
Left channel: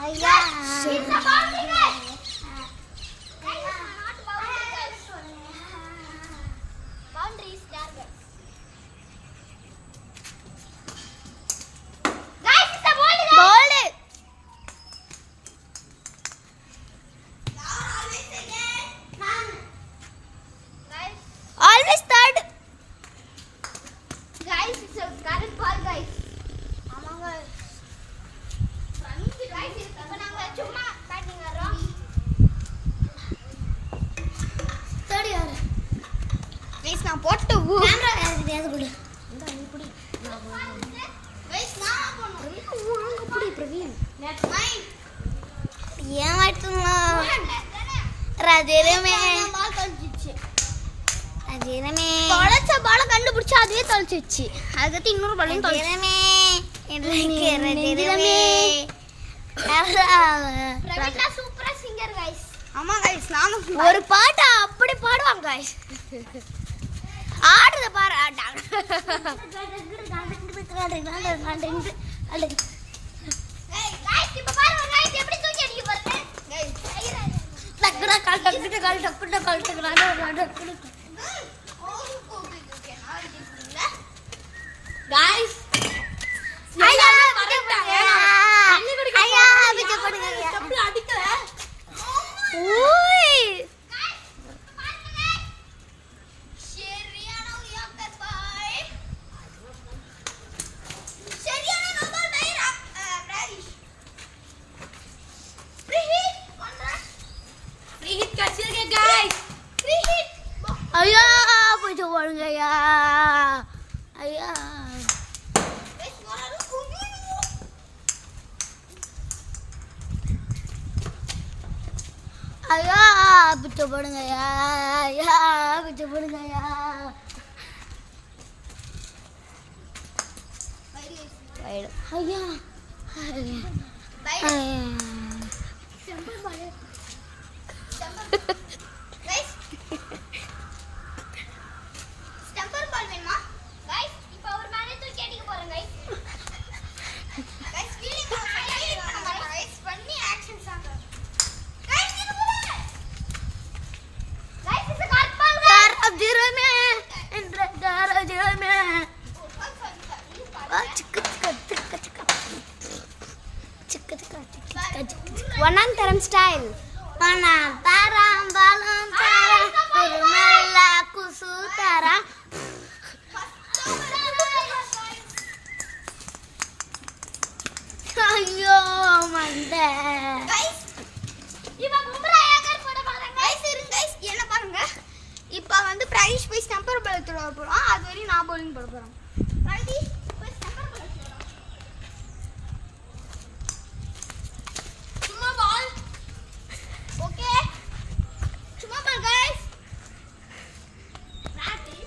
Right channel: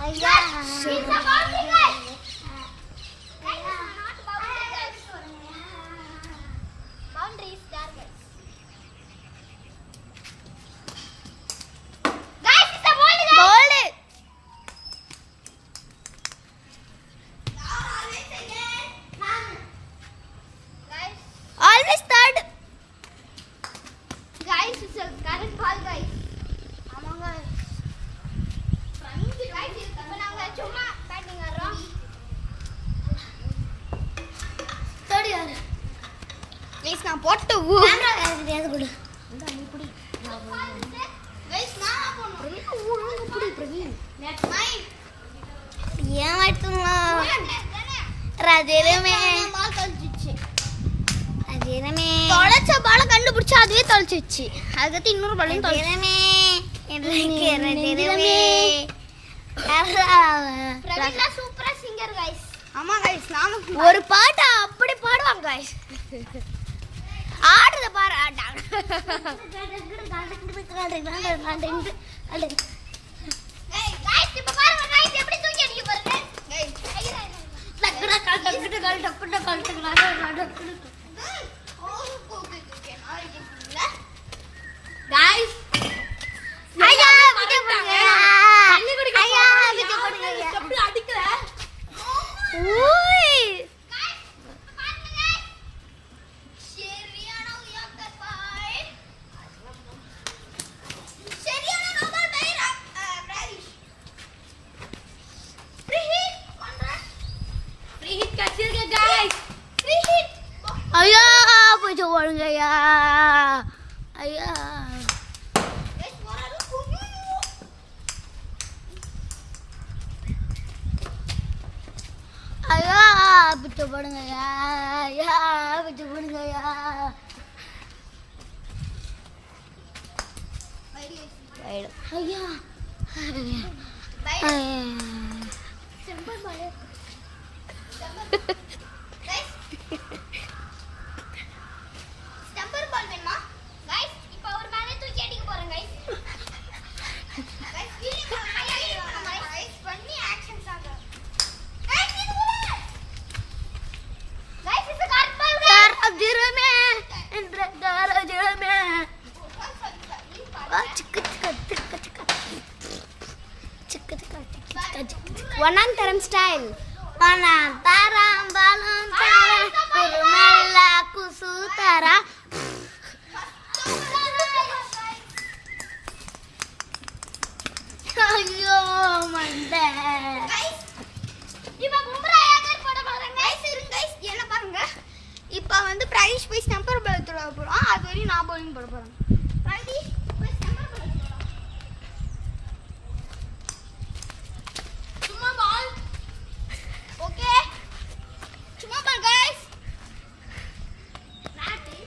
ஐயா Always third. Guys, it's a current ball, guys. ஆமாங்க. Guys, இப்போ நாங்க சும்மா பேட்டிங் ஆடுறோம். தேர்ட் யாரு Guys, நான் போட்டு கேமரா யாருக்கு கொடு இந்த நீ புடி நான் Guys, நான் போறேன். பிரவீன் வாங்க புடி பிரவீன் Nine. ஏன் எடுத்துங்களா ராஜேரமே பால் தொலைச்சிச்சு. ராஜேரமே தொலைச்ச பாலை கண்டுபிடிச்சு அதுவே தொலைச்சிச்சு. அதுக்கு இன்னொரு பாலையும் தொலைச்சு. ராஜேரமே எனக்கு ராஜேரமே பிரவீனா சூப்பரா சிங்கர் गाइस. ஆமா गाइस, நானும் ஒரு பாட்டு அப்படி பாடுவாங்க गाइस ஆடுறத பாரு गाइस இப்போ பாருங்க गाइस எப்படி தூக்கி அடிக்க போறீங்க गाइस. गाइस ஐயா மறந்துட்டாங்க தண்ணி குடிக்க எப்படி அடிக்கல ஓய் ஃப்ரீ ஹிட் கச்சிருக்கு गाइस ஐயா போய் ஓடுங்க ஐயா ஐயா ஐயா புச்ச போடுங்க ஐயா ஐயா புச்ச போடுங்க ஐயா ஐயா ஸ்டம்பர் பால் வேணுமா गाइस? இப்போ ஒரு மேலே தூக்கி அடிக்க போறேன் गाइस. गाइस ஃபீலிங் गाइस பண்ணி ஆக்ஷன் சாங்க. गाइस இது போல. गाइस இது கார்ட் பால் தாராஜிரமே என்ற தாராஜிரமே ஒன்னாம் தரம் ஸ்டைல் ஒன்னாம் தரம் பாலம் தரம் ஒரு மெல்ல குசு தரம் ஐயோ மண்ட गाइस இப்போ பும்ரா ஏகர் போட போறாங்க गाइस. இருங்க गाइस, என்ன பாருங்க. இப்போ வந்து பிரைஸ் போய் ஸ்டம்பர் பால் தொட போறோம். அது வரையும் நான் bowling போட போறேன். ரெடி? போய் ஸ்டம்பர் பால் தொட. சும்மா பால். ஓகே. சும்மா பால் गाइस. Practice.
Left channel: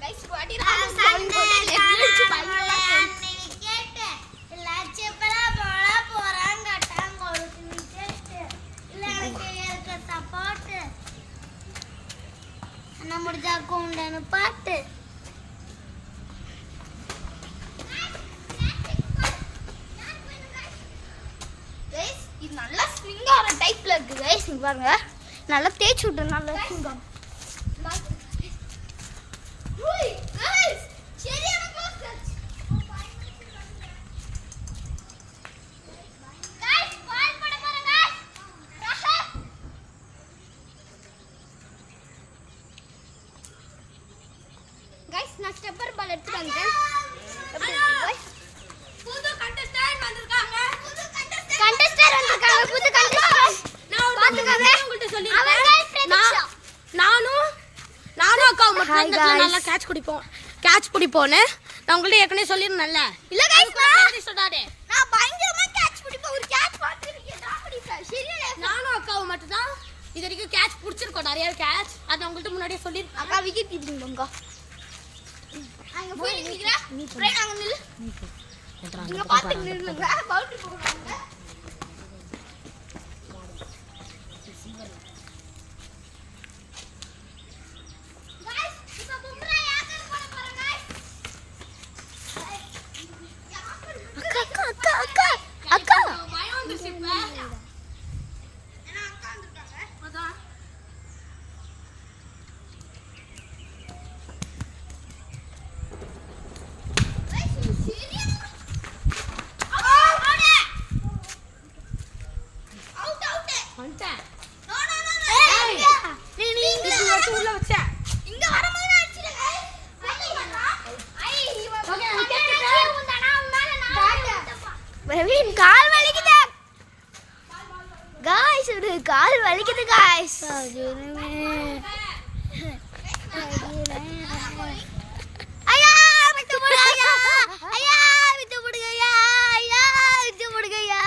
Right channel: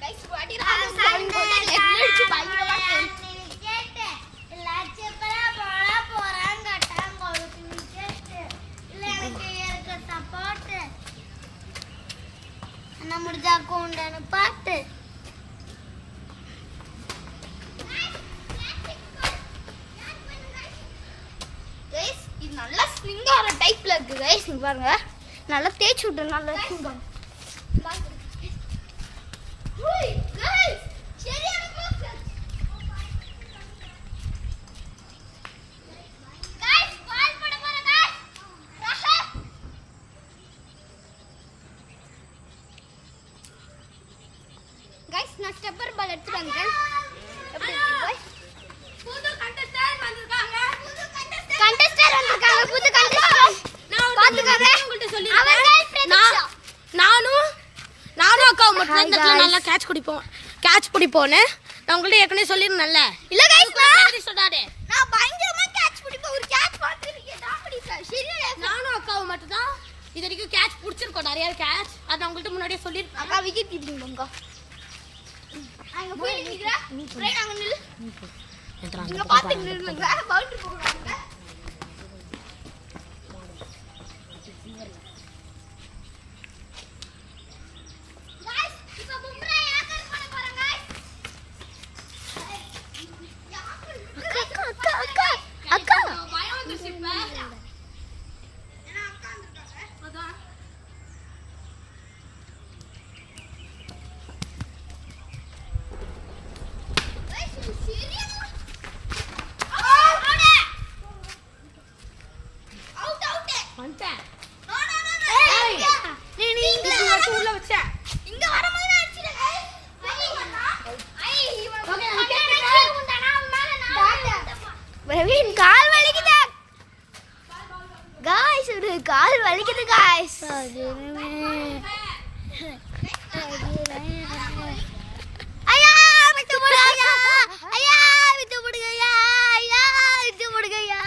गाइस वाटी रहा है bowling போட்டு லெஃப்ட் அடிச்சு பயங்கரமா போச்சு. விக்கெட் லட்சப்படா போட போறாங்கட்டாங்க ஒரு விக்கெட் இல்ல எனக்கு இருக்க சப்போர்ட் அண்ணா முடிஞ்சா கொண்டான பாட்டு गाइस இது நல்லா ஸ்விங் ஆற டைப்ல இருக்கு गाइस. இங்க பாருங்க, நல்லா தேய்ச்சு விட்டு நல்லா ஸ்விங் ஆகும். ஓய் गाइस சரியான க்ளோஸ் டச். गाइस பால் போட போறேன் गाइस. வாஹா गाइस நான் ஸ்டெப்பர் பால் எடுத்து வந்தேன். எப்படி இருக்கு गाइस? புது கண்டஸ்டன்ட் வந்திருக்காங்க கண்டஸ்டன்ட் வந்திருக்காங்க, புது கண்டஸ்டன்ட். நான் பாத்துக்கங்க. உங்கள்ட்ட அவன் சொல்லிருக்கேன் guys பிரதீக்ஷா. நானும் அக்காவும் மட்டும் இந்த இடத்துல நல்லா கேட்ச் பிடிப்போன்னு நான் உங்கள்ட்ட ஏற்கனவே சொல்லிருந்தேன்ல. இல்ல गाइस சொன்னாரு நான் பயங்கரமா கேட்ச் பிடிப்பேன். ஒரு கேட்ச் பாத்துருக்கேன் நான் பிடிப்பேன். சரியா நானும் அக்காவும் மட்டும் தான் இது வரைக்கும் கேட்ச் பிடிச்சிருக்கோம், நிறைய கேட்ச். அதை நான் உங்கள்ட்ட முன்னாடியே சொல்லியிருக்கேன். அக்கா விக்கெட் கீப்பிங் பங்கா. அங்க போய் நிக்கிறேன். ரைட் அங்க நில்லு. இங்க பாத்து நில்லுங்க பவுண்டரி போடுவாங்க அக்கா பயம் வந்துருச்சு இப்ப வந்துட்டேன் உள்ள வச்ச இங்க வரும்போது அடிச்சிடுங்க பிரவீன் கால் வலிக்குது गाइस ஒரு கால் வலிக்குது गाइस ஐயா விட்டு போடுங்க ஐயா விட்டு போடுங்க ஐயா விட்டு போடுங்க ஐயா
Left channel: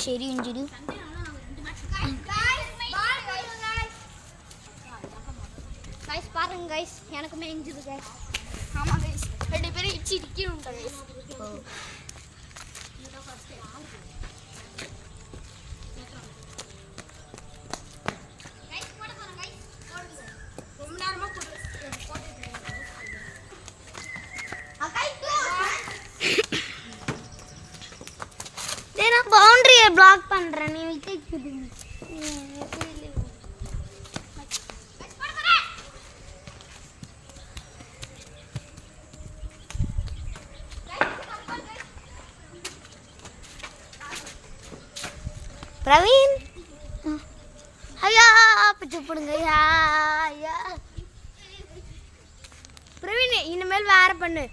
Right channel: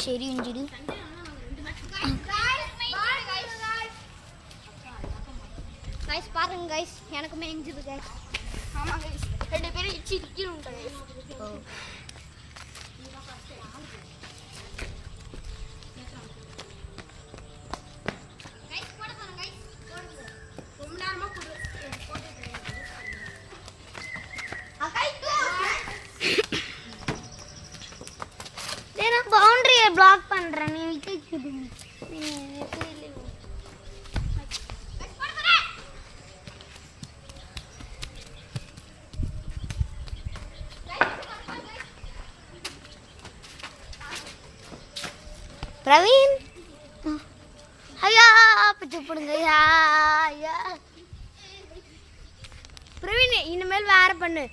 சரி இன்ஜிடி गाइस பாருங்க गाइस எனக்குமே இன்ஜிடி गाइस ஆமா गाइस ரெண்டு பேரும் இச்சி நிக்கணும் गाइस நான் பவுண்டரியை பிளாக் பண்றேன் நீ விக்கெட் கீப்பிங் பிரவீன் ஐயா பிச்சு போடுங்க ஐயா பிரவீன் இனிமேல் வேற பண்ணு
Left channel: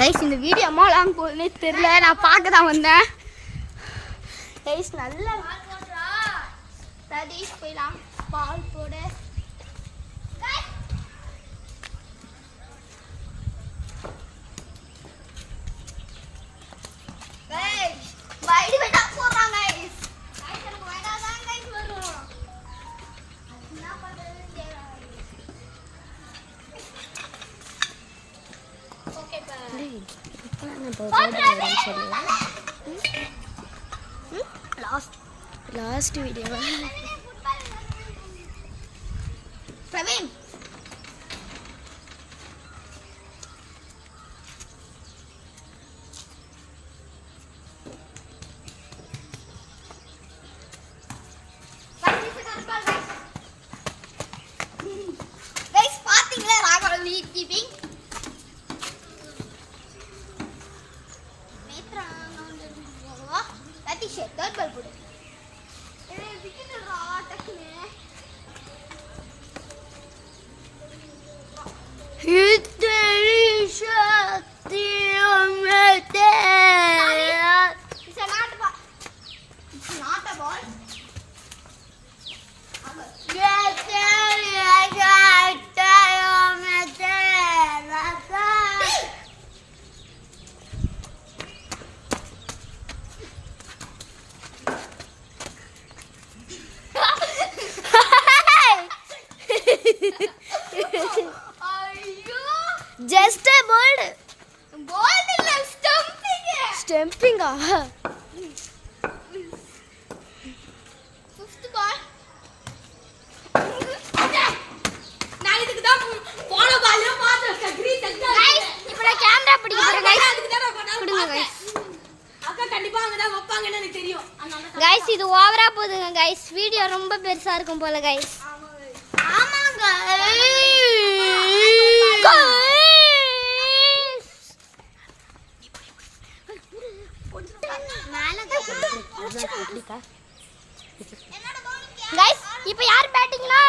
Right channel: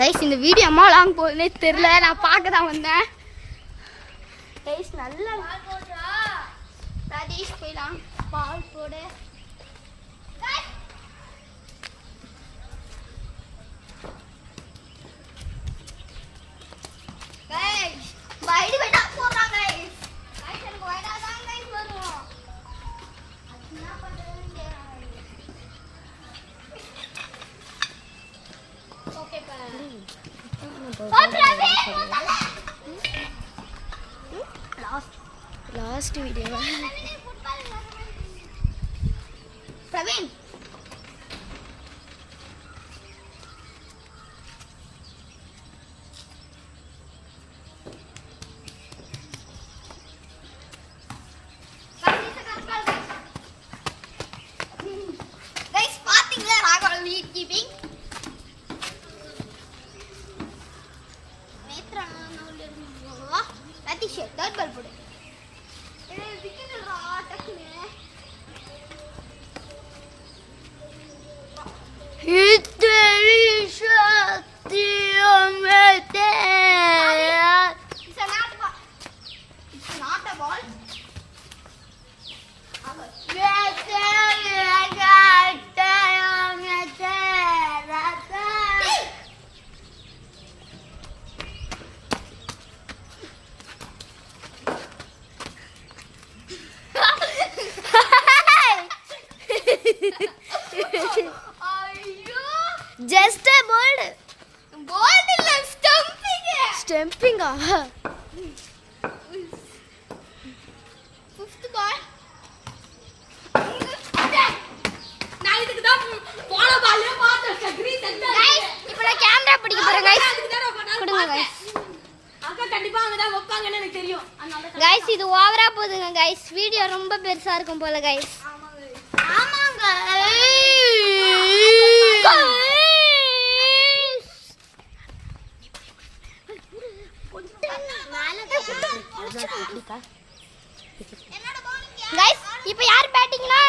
ரைஸ் இந்த வீடியோ அம்மா லாங் போகுதுன்னே தெரியல நான் பார்க்க தான் வந்தேன் ரைஸ் நல்லா பால் போடுறா பிரதீஷ் போயிடலாம் பால் போடு வைடு வைடா போடுறாங்க ரைஸ் எனக்கு வைடா தான் ரைஸ் வரணும் அது என்ன பண்றது okay last video Praveen guys பாத்தீங்களா Raghav lead keeping third ball போடு விக்கெட் டக்குனு It's not a ball. Just a ball. Ball illa stumping. Stumping ah. Fifth ball. நான் இதுக்கு தான் போன பால்ல பாத்து கிரீன் செக்டர் Guys, இப்போ நான் கேமரா பிடிக்க போறேன் guys. கொடுங்க guys. அக்கா கண்டிப்பா அங்க தான் வைப்பாங்கன்னு எனக்கு தெரியும். Guys, இது ஓவரா போகுதுங்க guys. வீடியோ ரொம்ப பெருசா இருக்கும் போல guys. ஆமாங்க. Guys, இப்போ யார் பேட்டிங்னா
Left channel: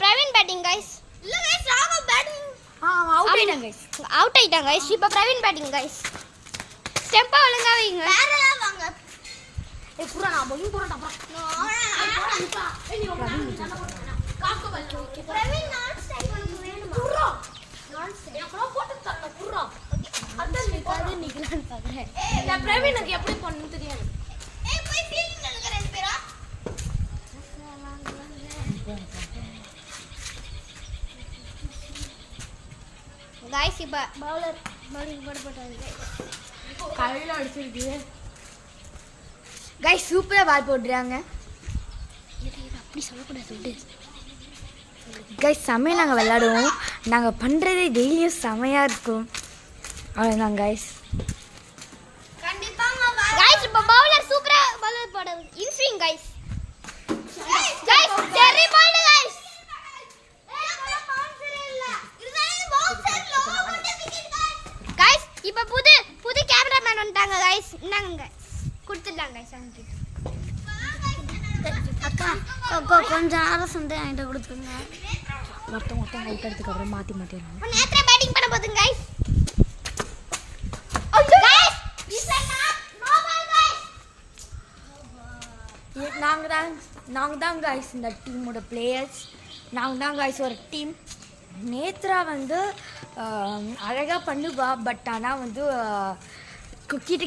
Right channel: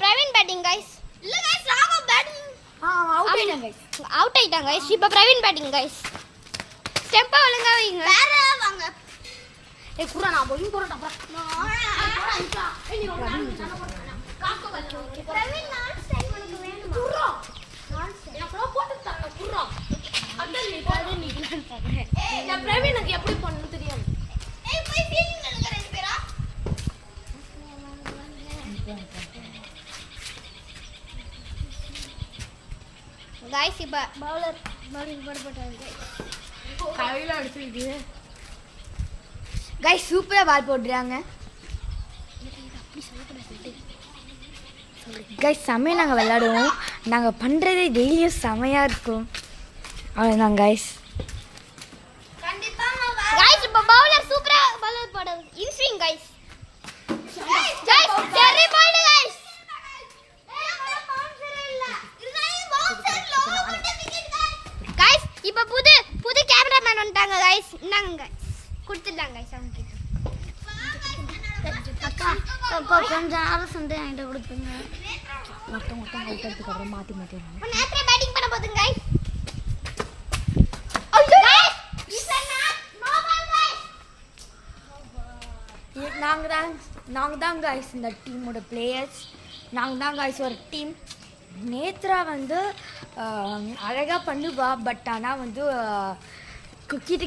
பிரவீன் பேட்டிங் गाइस. இல்ல गाइस ராகா பேட்டிங். அவுட் ஆயிட்டாங்க गाइस. அவுட் ஆயிட்டாங்க गाइस. இப்போ பிரவீன் பேட்டிங் गाइस. ஸ்டெம்பா ஒழுங்கா வைங்க. வேற வாங்க. ஏய் புறா நான் bowling போறடா புறா. பிரவீன் நான் ஸ்டைல் பண்ணுவேன். புறா. எப்போ போட்டு தரல புறா. அந்த நிக்கலான்னு பாக்குறேன். நான் பிரவீனுக்கு எப்படி பண்ணனும் தெரியாது. ஏய் போய் ஃபீல்டிங் நில்லுங்க ரெண்டு பேரா. गाइस இப்போ பவுலர் பவுலிங் போட்டாங்க गाइस. கையில அடிச்சிடுது. गाइस சூப்பரா பால் போடுறாங்க. அப்படி சொல்லக்கூடாது. गाइस செமையா நாங்கள் விளையாடுவோம். நாங்கள் பண்ணுறதே டெய்லியும் செமையாக இருக்கும். அவ்வளோதான் गाइस. கண்டிப்பாங்க गाइस இப்போ பவுலர் சூப்பரா பவுலர் போடுறாங்க. In swing guys. Guys terry ball guys. Guys இப்போ புது கேமராமேன் வந்துட்டாங்க गाइस. இந்தாங்க गाइस. கொடுத்துட்டாங்க गाइस அவங்க கிட்ட. அக்கா கொஞ்சம் ஆலோசனை என்கிட்ட கொடுத்துருங்க. மொத்தம் அவுட் எடுத்துக்கு அப்புறம் மாற்றி நேத்ரா பேட்டிங் பண்ண போதுங்க गाइस. நாங்கள் தான் गाइस இந்த டீமோட பிளேயர்ஸ். நாங்கள் தான் गाइस ஒரு டீம். நேத்ரா வந்து அழகாக பண்ணுவா. பட் ஆனால் வந்து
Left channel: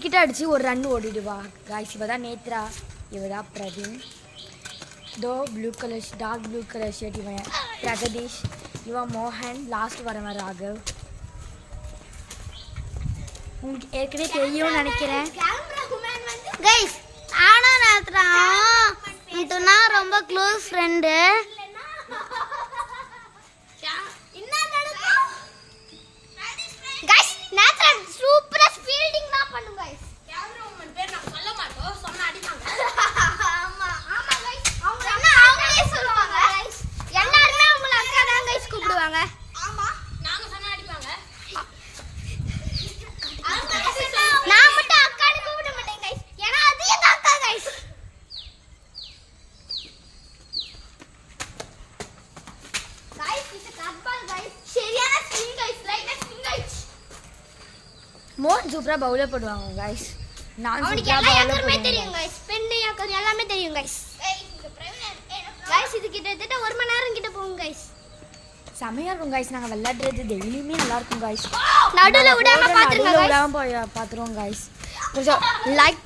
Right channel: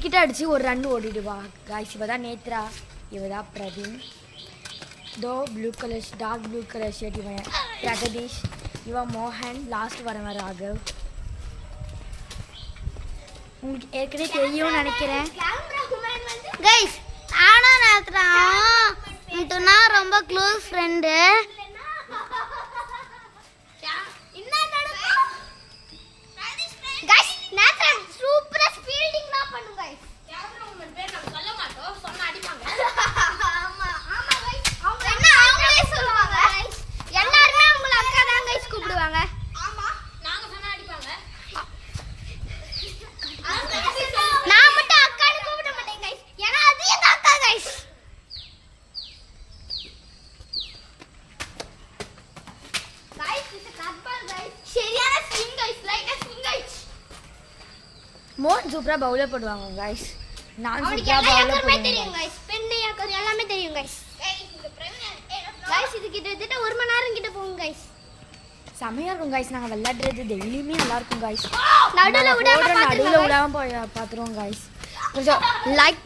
கிட்ட அடித்து ஒரு ரன் ஓடிடுவா गाइस. இவ தான் நேத்ரா, இவ தான் பிரவீன். दो blue colour dark blue colour shirt इवन प्रगदीश इवन मोहन लास्ट வரவன் ராகவ். உங்களுக்கு ஏற்கனவே தெரியும்னு நினைக்கிறேன் गाइस. ஆனா நேத்ரா இதுனா ரொம்ப க்ளோஸ் ஃப்ரெண்ட். गाइस நேத்ரா சூப்பரா ஃபீல்டிங்லாம் பண்ணும் गाइस. கேமராமேன் பேர் நான் சொல்ல மாட்டோம். சொன்னா அடிப்பாங்க. ஆமா ஆமா गाइस. அவங்க அவங்களே சொல்லுவாங்க गाइस. எல்லாரும் அவங்கள அக்கா தான் गाइस கூப்பிடுவாங்க. ஆமா நாங்க சொன்னா அடிப்பாங்க. நான் மட்டும் அக்கான்னு கூப்பிட மாட்டேன் गाइस. ஏன்னா அது எங்க அக்கா गाइस. गाइस இது கட்பால் गाइस. சரியான ஸ்விங் गाइस. லைட்டா ஸ்விங் गाइस. மோகன் சூப்பரா பவுலர் போடுவாங்க गाइस. நான் அவனுக்கு சூப்பரா எல்லாமே பவுலர் போடுவேன் தெரியும் guys. गाइस. பெண்டு யாக்கர் எல்லாமே தெரியும் गाइस. गाइस இந்த பிரவீன் गाइस இது கிட்டத்தட்ட 1 மணி நேரம் கிட்ட போகும் गाइस. செமையா இருக்கும் गाइस. நாங்க விளையாடுறது டெய்லியுமே நல்லா இருக்கும் गाइस. நடுவுல விடாம போய் பாத்துறோம் गाइस. கொஞ்சம் லைக்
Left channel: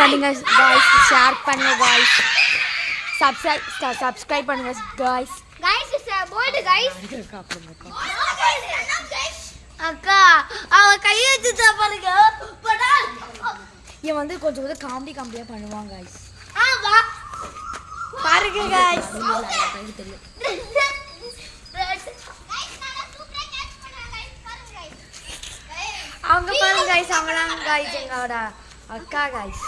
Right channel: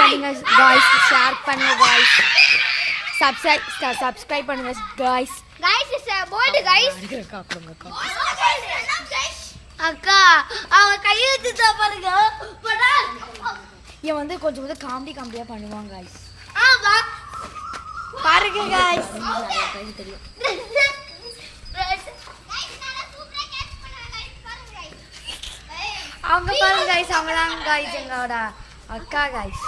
பண்ணுங்க गाइस. ஷேர் பண்ணுங்க गाइस. சப்ஸ்கிரைப் பண்ணுங்க guys. Guys is bowled guys. அக்கா அவ கை வச்சுட்டா பாருங்க. இவன் வந்து கொஞ்சம் காமெடியா பண்ணுவான் गाइस. ஆமா பாருங்க गाइस. தெரியும். गाइस நான் சூப்பரா கேட்ச் பண்ணேன் गाइस. பாருங்க गाइस. அவங்க பாருங்க गाइस. அவங்க தான் गाइस எங்களோட அக்கா गाइस.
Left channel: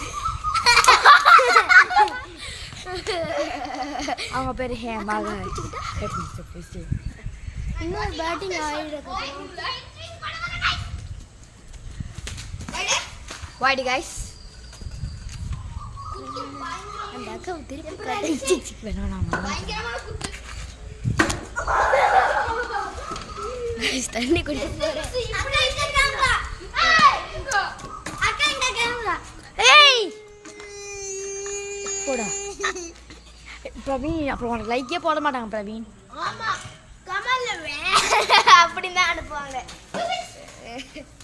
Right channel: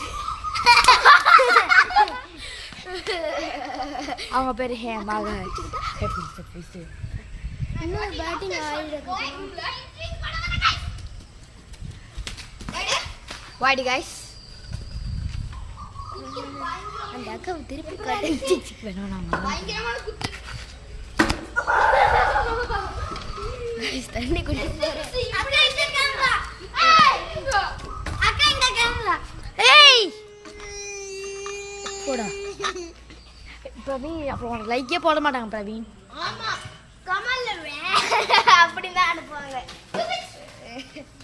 அவங்க பேரு ஹேமா गाइस. இன்னொரு பேட்டிங் வாடி गाइस. அந்த அக்கா திருப்பி கட்டி வேணும். பயங்கரமான குத்து. தண்ணி குடி. அக்கா இந்த கேமரா. ஏய் அக்கா இந்த கேமரா. ஏய் போடா பிரவீன். அப்புறம் உனக்கு லைக்கே போட மாட்டாங்க பிரவீன். ஆமா கமல்ல அப்படிதான் அனுப்புவாங்க.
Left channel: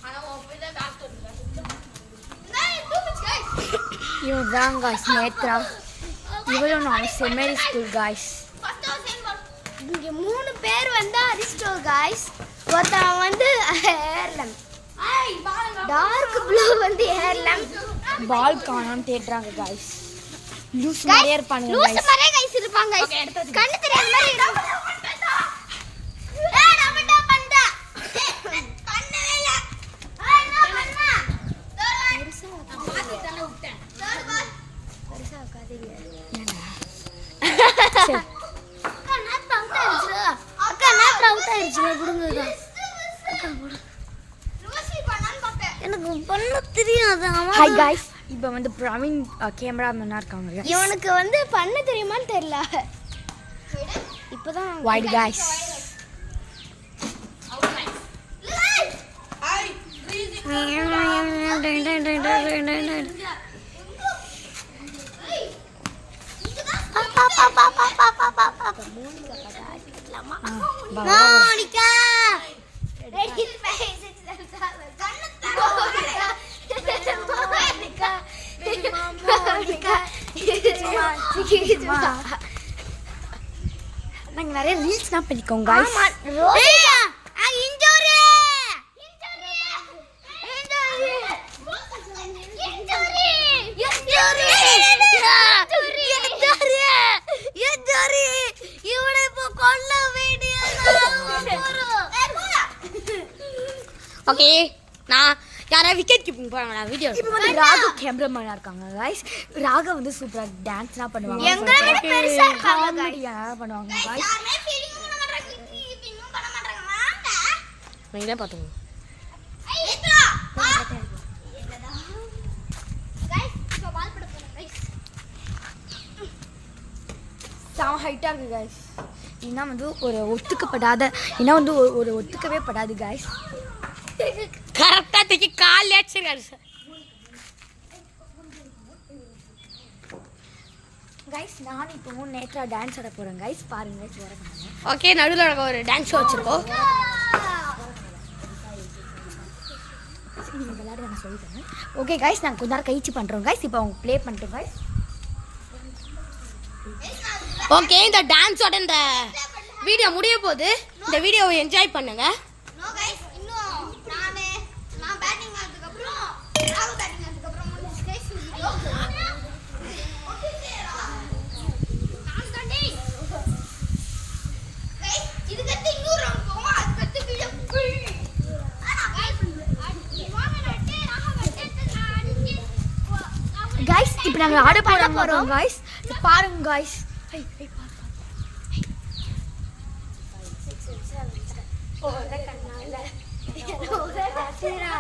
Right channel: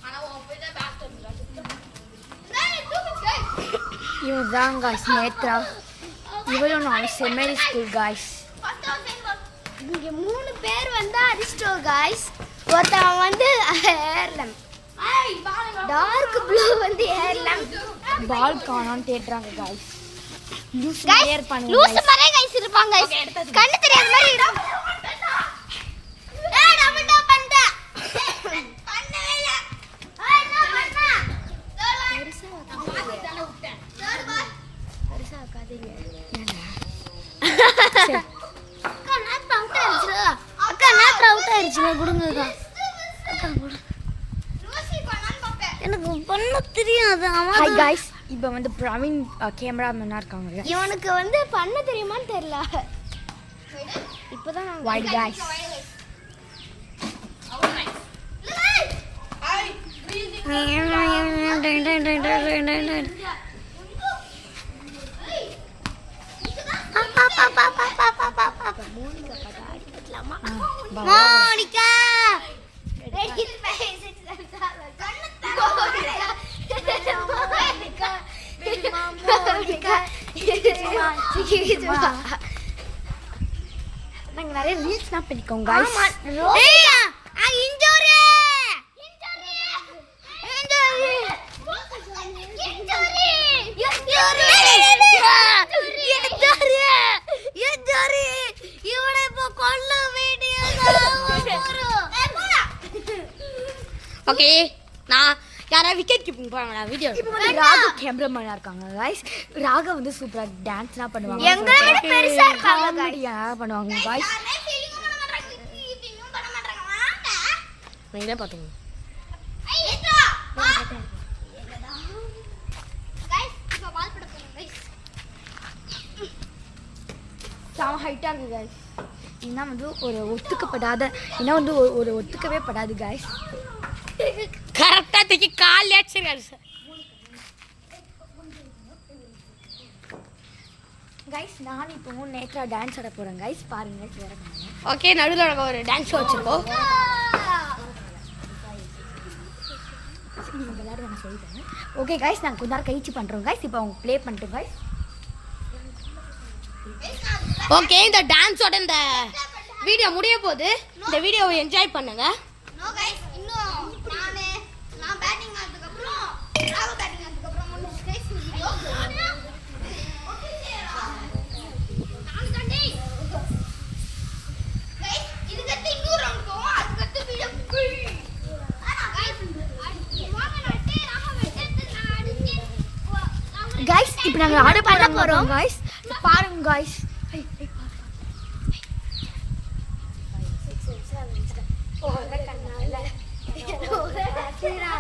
ஆனா உன் போய் தான் பேக் பண்ணுங்க. இவன் தான் गाइस நேத்ரா. இவளும் நான் செமரி ஸ்கூல் गाइस. இங்க 3 பேர் வந்து அரிஸ்டோ गाइस. ஒருத்தன் வந்து ஹேர்லம். டார்க் ப்ளூ வந்து ஹேர்லம். பால் காணாம தேடுறாங்க गाइस. லூஸ் மாதிரியே இருப்பாங்க லூஸ் गाइस. மாதிரியே गाइस இருப்பாங்க गाइस. கண்ணு தெரியாத மாதிரி இடம். ஏய் நான் என்ன பண்ணா? கண்ணே இல்ல. ஏய் என்ன பண்ணா? பெருசா விட்டேன். Third ball. பெருசா காதீங்க. ஏன்னா அக்கா நேத் அவுட் ஆயிடுச்சு. அக்கா நேத் அவுட் ஆயிடுச்சு. குடுங்க லூசி பண்ணான்னு பாப்பேன். எனக்கு பண்ண தெரியாது. Hi guys. இப்போ வந்து பிரவீன் கேமராமேனாக இருக்காங்க. இவனுக்கு வந்து பண்ண தெரியுமான்னு தெரியல. இப்போதான் வைட் காய்ஸ். மோனிகா நாங்கள் நிறைய ரீல்ஸ்லாம் பண்ணிக்கோங்க. ஓகே, நான் யாராவது விக்கெட் கீப்பிங் போறாங்க வீடியோ. ராகு கேமராமேனா இருக்காங்க गाइस. ராகு வந்து சூப்பரா டான்ஸ்லாம் பண்ணுவாங்க. எங்களை விட பெருசா இருக்காங்க காமெடியா பண்ணுவாங்க गाइस. நீங்க பாத்துங்க. செம ஹைட்டா இருக்கு गाइस. இன்னா வந்து ஒரு ஒத்துக்கப்படாத இன்னா வந்து ஒரு ஒத்துக்கவே படாது गाइस. கரெக்டா தூக்கி கால் ஏச்சிருக்காரு गाइस. நான் இப்போ நேத்ரா டான்ஸ் ஆட போறேன் गाइस. பாருங்க गाइस வரேன். ஓகே, நடுவுல ஒரு டான்ஸ் வச்சிருக்கோம். நீங்க விளையாட நான் சொல்றேன். ஓகே गाइस, நான் கொஞ்ச நேரம் கழிச்சு பண்றோம் गाइस. இப்போ அவங்க ப்ளே பண்ணிட்டோம் गाइस. ஓகே, இந்த டான்ஸோட இந்த வீடியோ முடிய போகுது. இந்த வீடியோவை என்ஜாய் பண்ணுங்க. நோ गाइस, இன்னும் நான் பேட்டிங் ஆனதுக்கு அப்புறம் ராகு பேட்டிங் ஆனதுக்கு அப்புறம் முடிஞ்சு गाइस வீடியோ. गाइस, இது கட்டி இன்னொரு ரவுண்ட் போவோம். அது கட்டி வீடியோ ஃபுல். गाइस, வாங்க நட்டே ராகு வெட்டத்து நான் அடிச்சு गाइस இப்போ நாங்க ஆட போறோம் गाइस. பாருங்க गाइस. போற கண்ணால நூற காத்திரா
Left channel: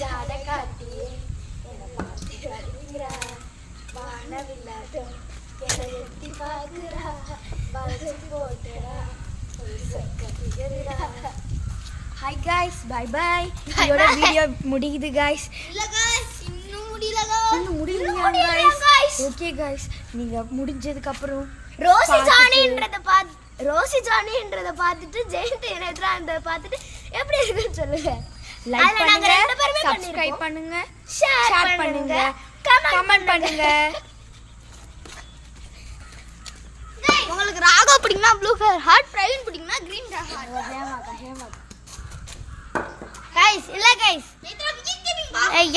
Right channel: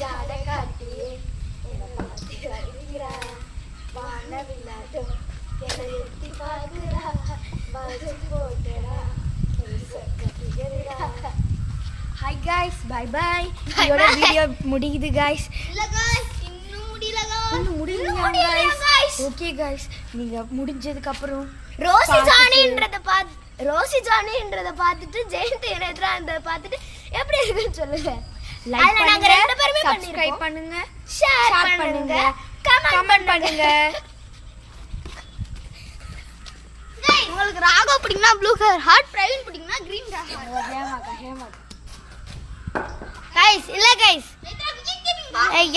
ஜாட காட்டி என்ன பாத்தி வரீரா வானவில்லாதோ என்ன எட்டி பாக்குறா பாசி போட்டடா சொக்கத்திரா. Hi guys, bye bye. இதோட வீடியோ முடியுது गाइस. இல்ல गाइस, இன்னும் முடியல गाइस. இன்னும் முடியலையா गाइस? ஓகே गाइस, நீங்க முடிஞ்சதுக்கு அப்புறம் ரோசி ஜானின்றத பார்த்துட்டு ஜெயந்த் நேத்ரான்றத பார்த்துட்டு எப்படி இருக்குன்னு சொல்லுங்க. லைக் பண்ணுங்க, சப்ஸ்கிரைப் பண்ணுங்க, ஷேர் பண்ணுங்க, கமெண்ட் பண்ணுங்க. உங்களுக்கு ராகா பிடிக்கும்னா ப்ளூ கலர் ஹார்ட், பிரவீன் பிடிக்கும்னா கிரீன் ஹார்ட். गाइस இல்ல गाइस,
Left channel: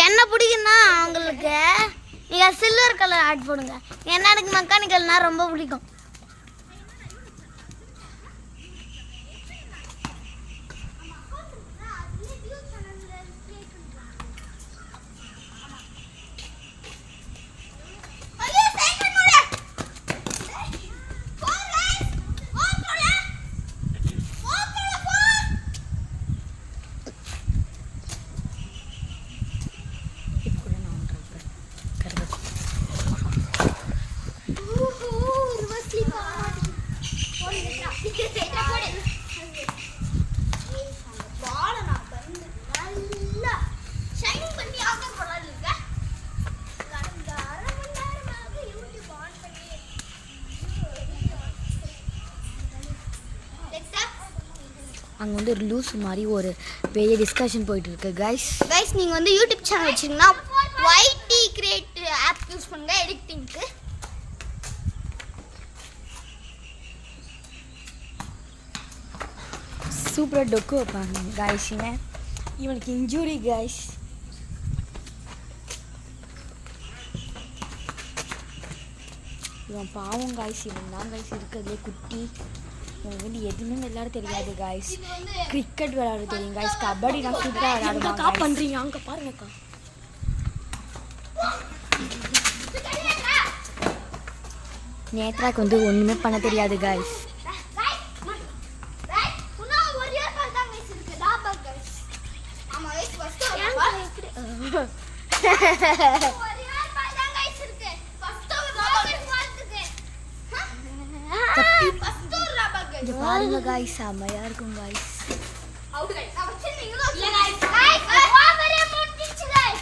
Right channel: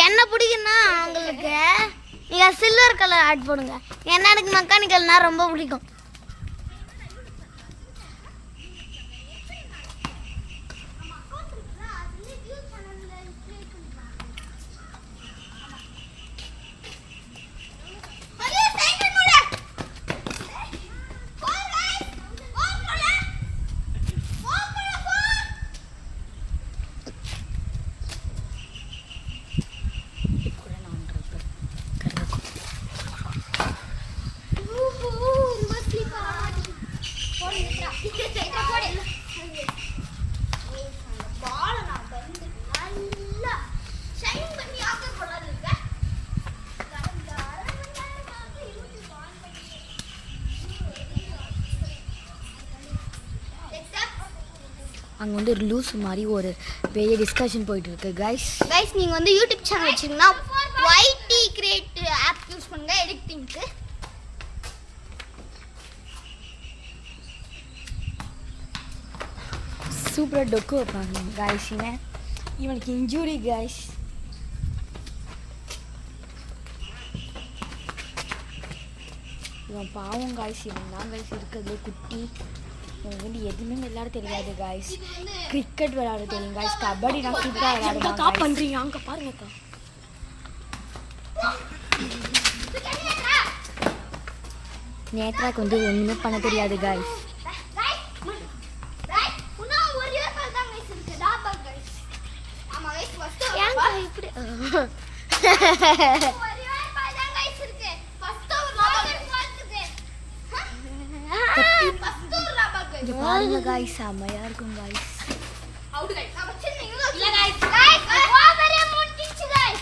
என்ன பிடிக்கும்னா உங்களுக்கு நீங்க சில்வர் கலர் ஆட் போடுங்க. ஏன்னா எனக்கு மெக்கானிக்கல்னா ரொம்ப பிடிக்கும். அங்கே வந்து ஒரு லூஸ் மாதிரி ஒரு பெரிய டிஸ்கஷன் போயிட்டு இருக்கு गाइस. நீங்கள் வந்து யூடியூப் சேனல் வச்சிங்கன்னா YT கிரியேட் ஆப் யூஸ் பண்ணுங்க எடிட்டிங்க்கு. சூப்பராக டொக்கு வைப்பாங்க गाइस. இவனுக்கு இன்ஜூரி गाइस. இவன் பாவம் गाइस. இவன் தான் गाइस இருக்கிறதுலே குட்டி. இவனுக்கு வந்து எதுவுமே விளையாட தெரியாது गाइस. கிரிக்கெட் விளையாட தெரியும் गाइस. கபடி நான் சூப்பராக விளையாடுவேன். பண்ணுறீங்க அங்கே பாருங்கக்கா. நேத்ராக்கு வந்து ஒன்றுமே பண்ண தெரியாது गाइस. இங்க பாருங்க காய்ஸ் செமையா இருக்கும் காய்ஸ். அவுட் गाइस நான் வச்சிருந்தேன் இல்ல गाइस ஓவரே முடிஞ்சிச்சு गाइस.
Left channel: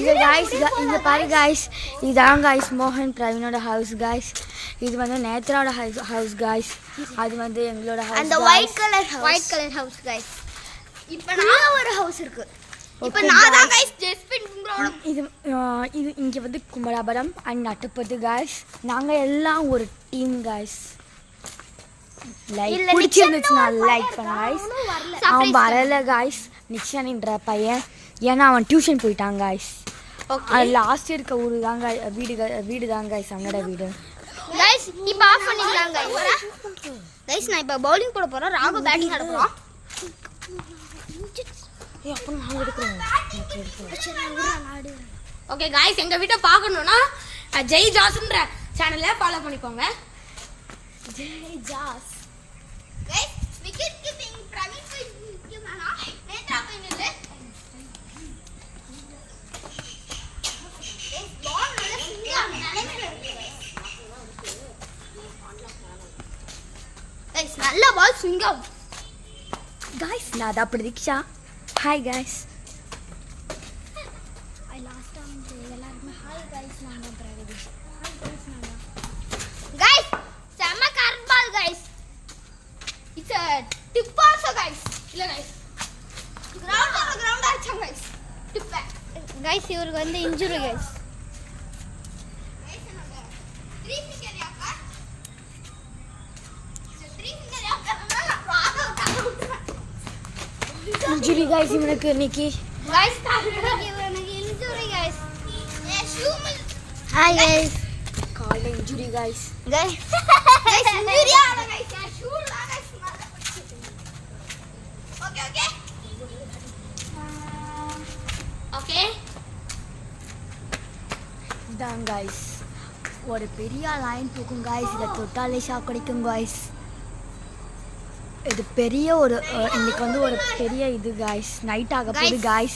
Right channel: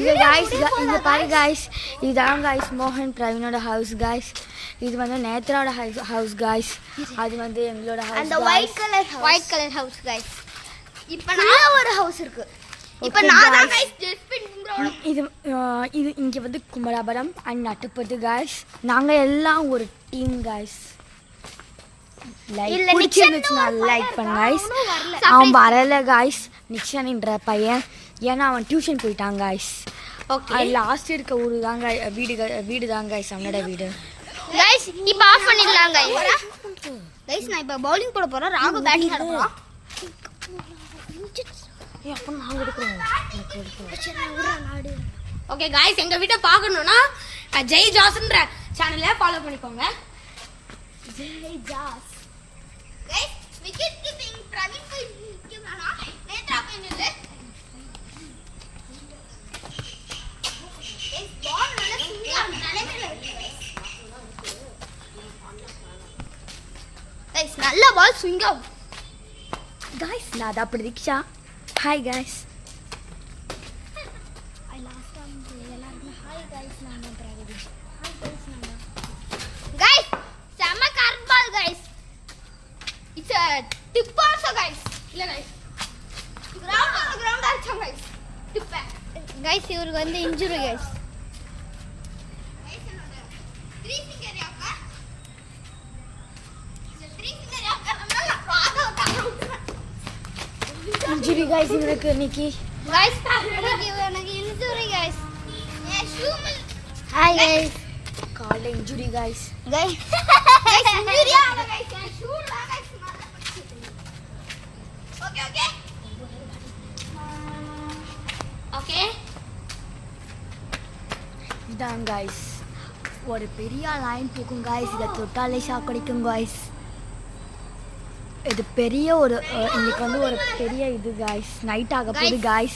இது காய்ஸ் இங்க பாரு காய்ஸ், இதான் காய்ஸ் மோகன் பிரவீனோட ஹவுஸ் காய்ஸ். இது வந்து நேத்ராவோட ஹவுஸ் காய்ஸ். அது வந்து எங்களோட ஹவுஸ். அந்த ஒயிட் கலர் ஹவுஸ் गाइस. இப்போ நான் ஒரு ஹவுஸ் இருக்கு. இப்போ Okay, நான் தான் guys. गाइस ஜஸ்பின் இது இது இங்கே வந்து குமராபுரம் அண்ட் நட்டுப்பட்டு காய்ஸ். நாங்கள் எல்லாம் ஒரு டீம் காய்ஸ். லைக் பிடிச்சிருந்துச்சுன்னா லைக் பண்ணு காய்ஸ். அவன் வரல காய்ஸ், நிக்ஷானின்ற பையன். ஏன்னா அவன் டியூஷன் போயிட்டான் காய்ஸ். ஓகே லாஸ்ட் இருக்க ஊர் தான் வீடு தான் காய்ஸ் அவனோட வீடு. गाइस இப்போ ஆஃப் பண்ணிடலாம் गाइस. गाइस நான் இப்போ பவுலிங் போட போறோம். ராகு பேட்டிங் ஆட போறோம். அப்போ நாங்கள் எடுக்கிறோம். ஓகே गाइस எங்க வீட்டை பார்க்கணும்னா ஜெய் ஜாஸ்ன்ற சேனலை ஃபாலோ பண்ணிக்கோங்க. गाइस विकेट कीपिंग प्रवीण को क्यों नेत्रा को नहीं ले. गाइस बॉल நல்ல சுண்டியா நிலைமையில இருக்கு गाइस நல்ல பால் சுங்கம் காய்ஸ் நான் தான் பிரதீக்ஷா. Hi guys. எல்லாருக்குமே ஹாய் காய்ஸ். நான் தான் பிரகதீஷ். Hi guys. நான் தான் गाइस செம correct ball guys. It's a tip also guys. இல்ல गाइस கிரவுண்ட் அடிச்சா गाइस tip back गाइस. இவருக்கு வந்து இன்ஜுரி गाइस. गाइस என்னோட 3 finger யாக்கா இந்த 3 finger யாக்கறதுனால ராகா விட்டுறேன் இன்ஜுரி गाइस இவருக்கு இன்னைக்கு. गाइस எனக்கு இன்ஜுரி गाइस. என் ஷூ மில் ஹாய் गाइस. கால் இன்ஜுரி गाइस. गाइस இன்ஜுரி ஆல गाइस என் ஷூ லா गाइस ஓகே ஓகே ஓகே இதான் गाइस ஒரு பெரிய லைன் போகும் गाइस. இதை தொட்டாலே ஷாக் அடிக்கும் गाइस. இது பெரிய ஒரு இன்னைக்கு வந்து ஒரு பெரிய இது गाइस. நைட் ஆக போகுது गाइस.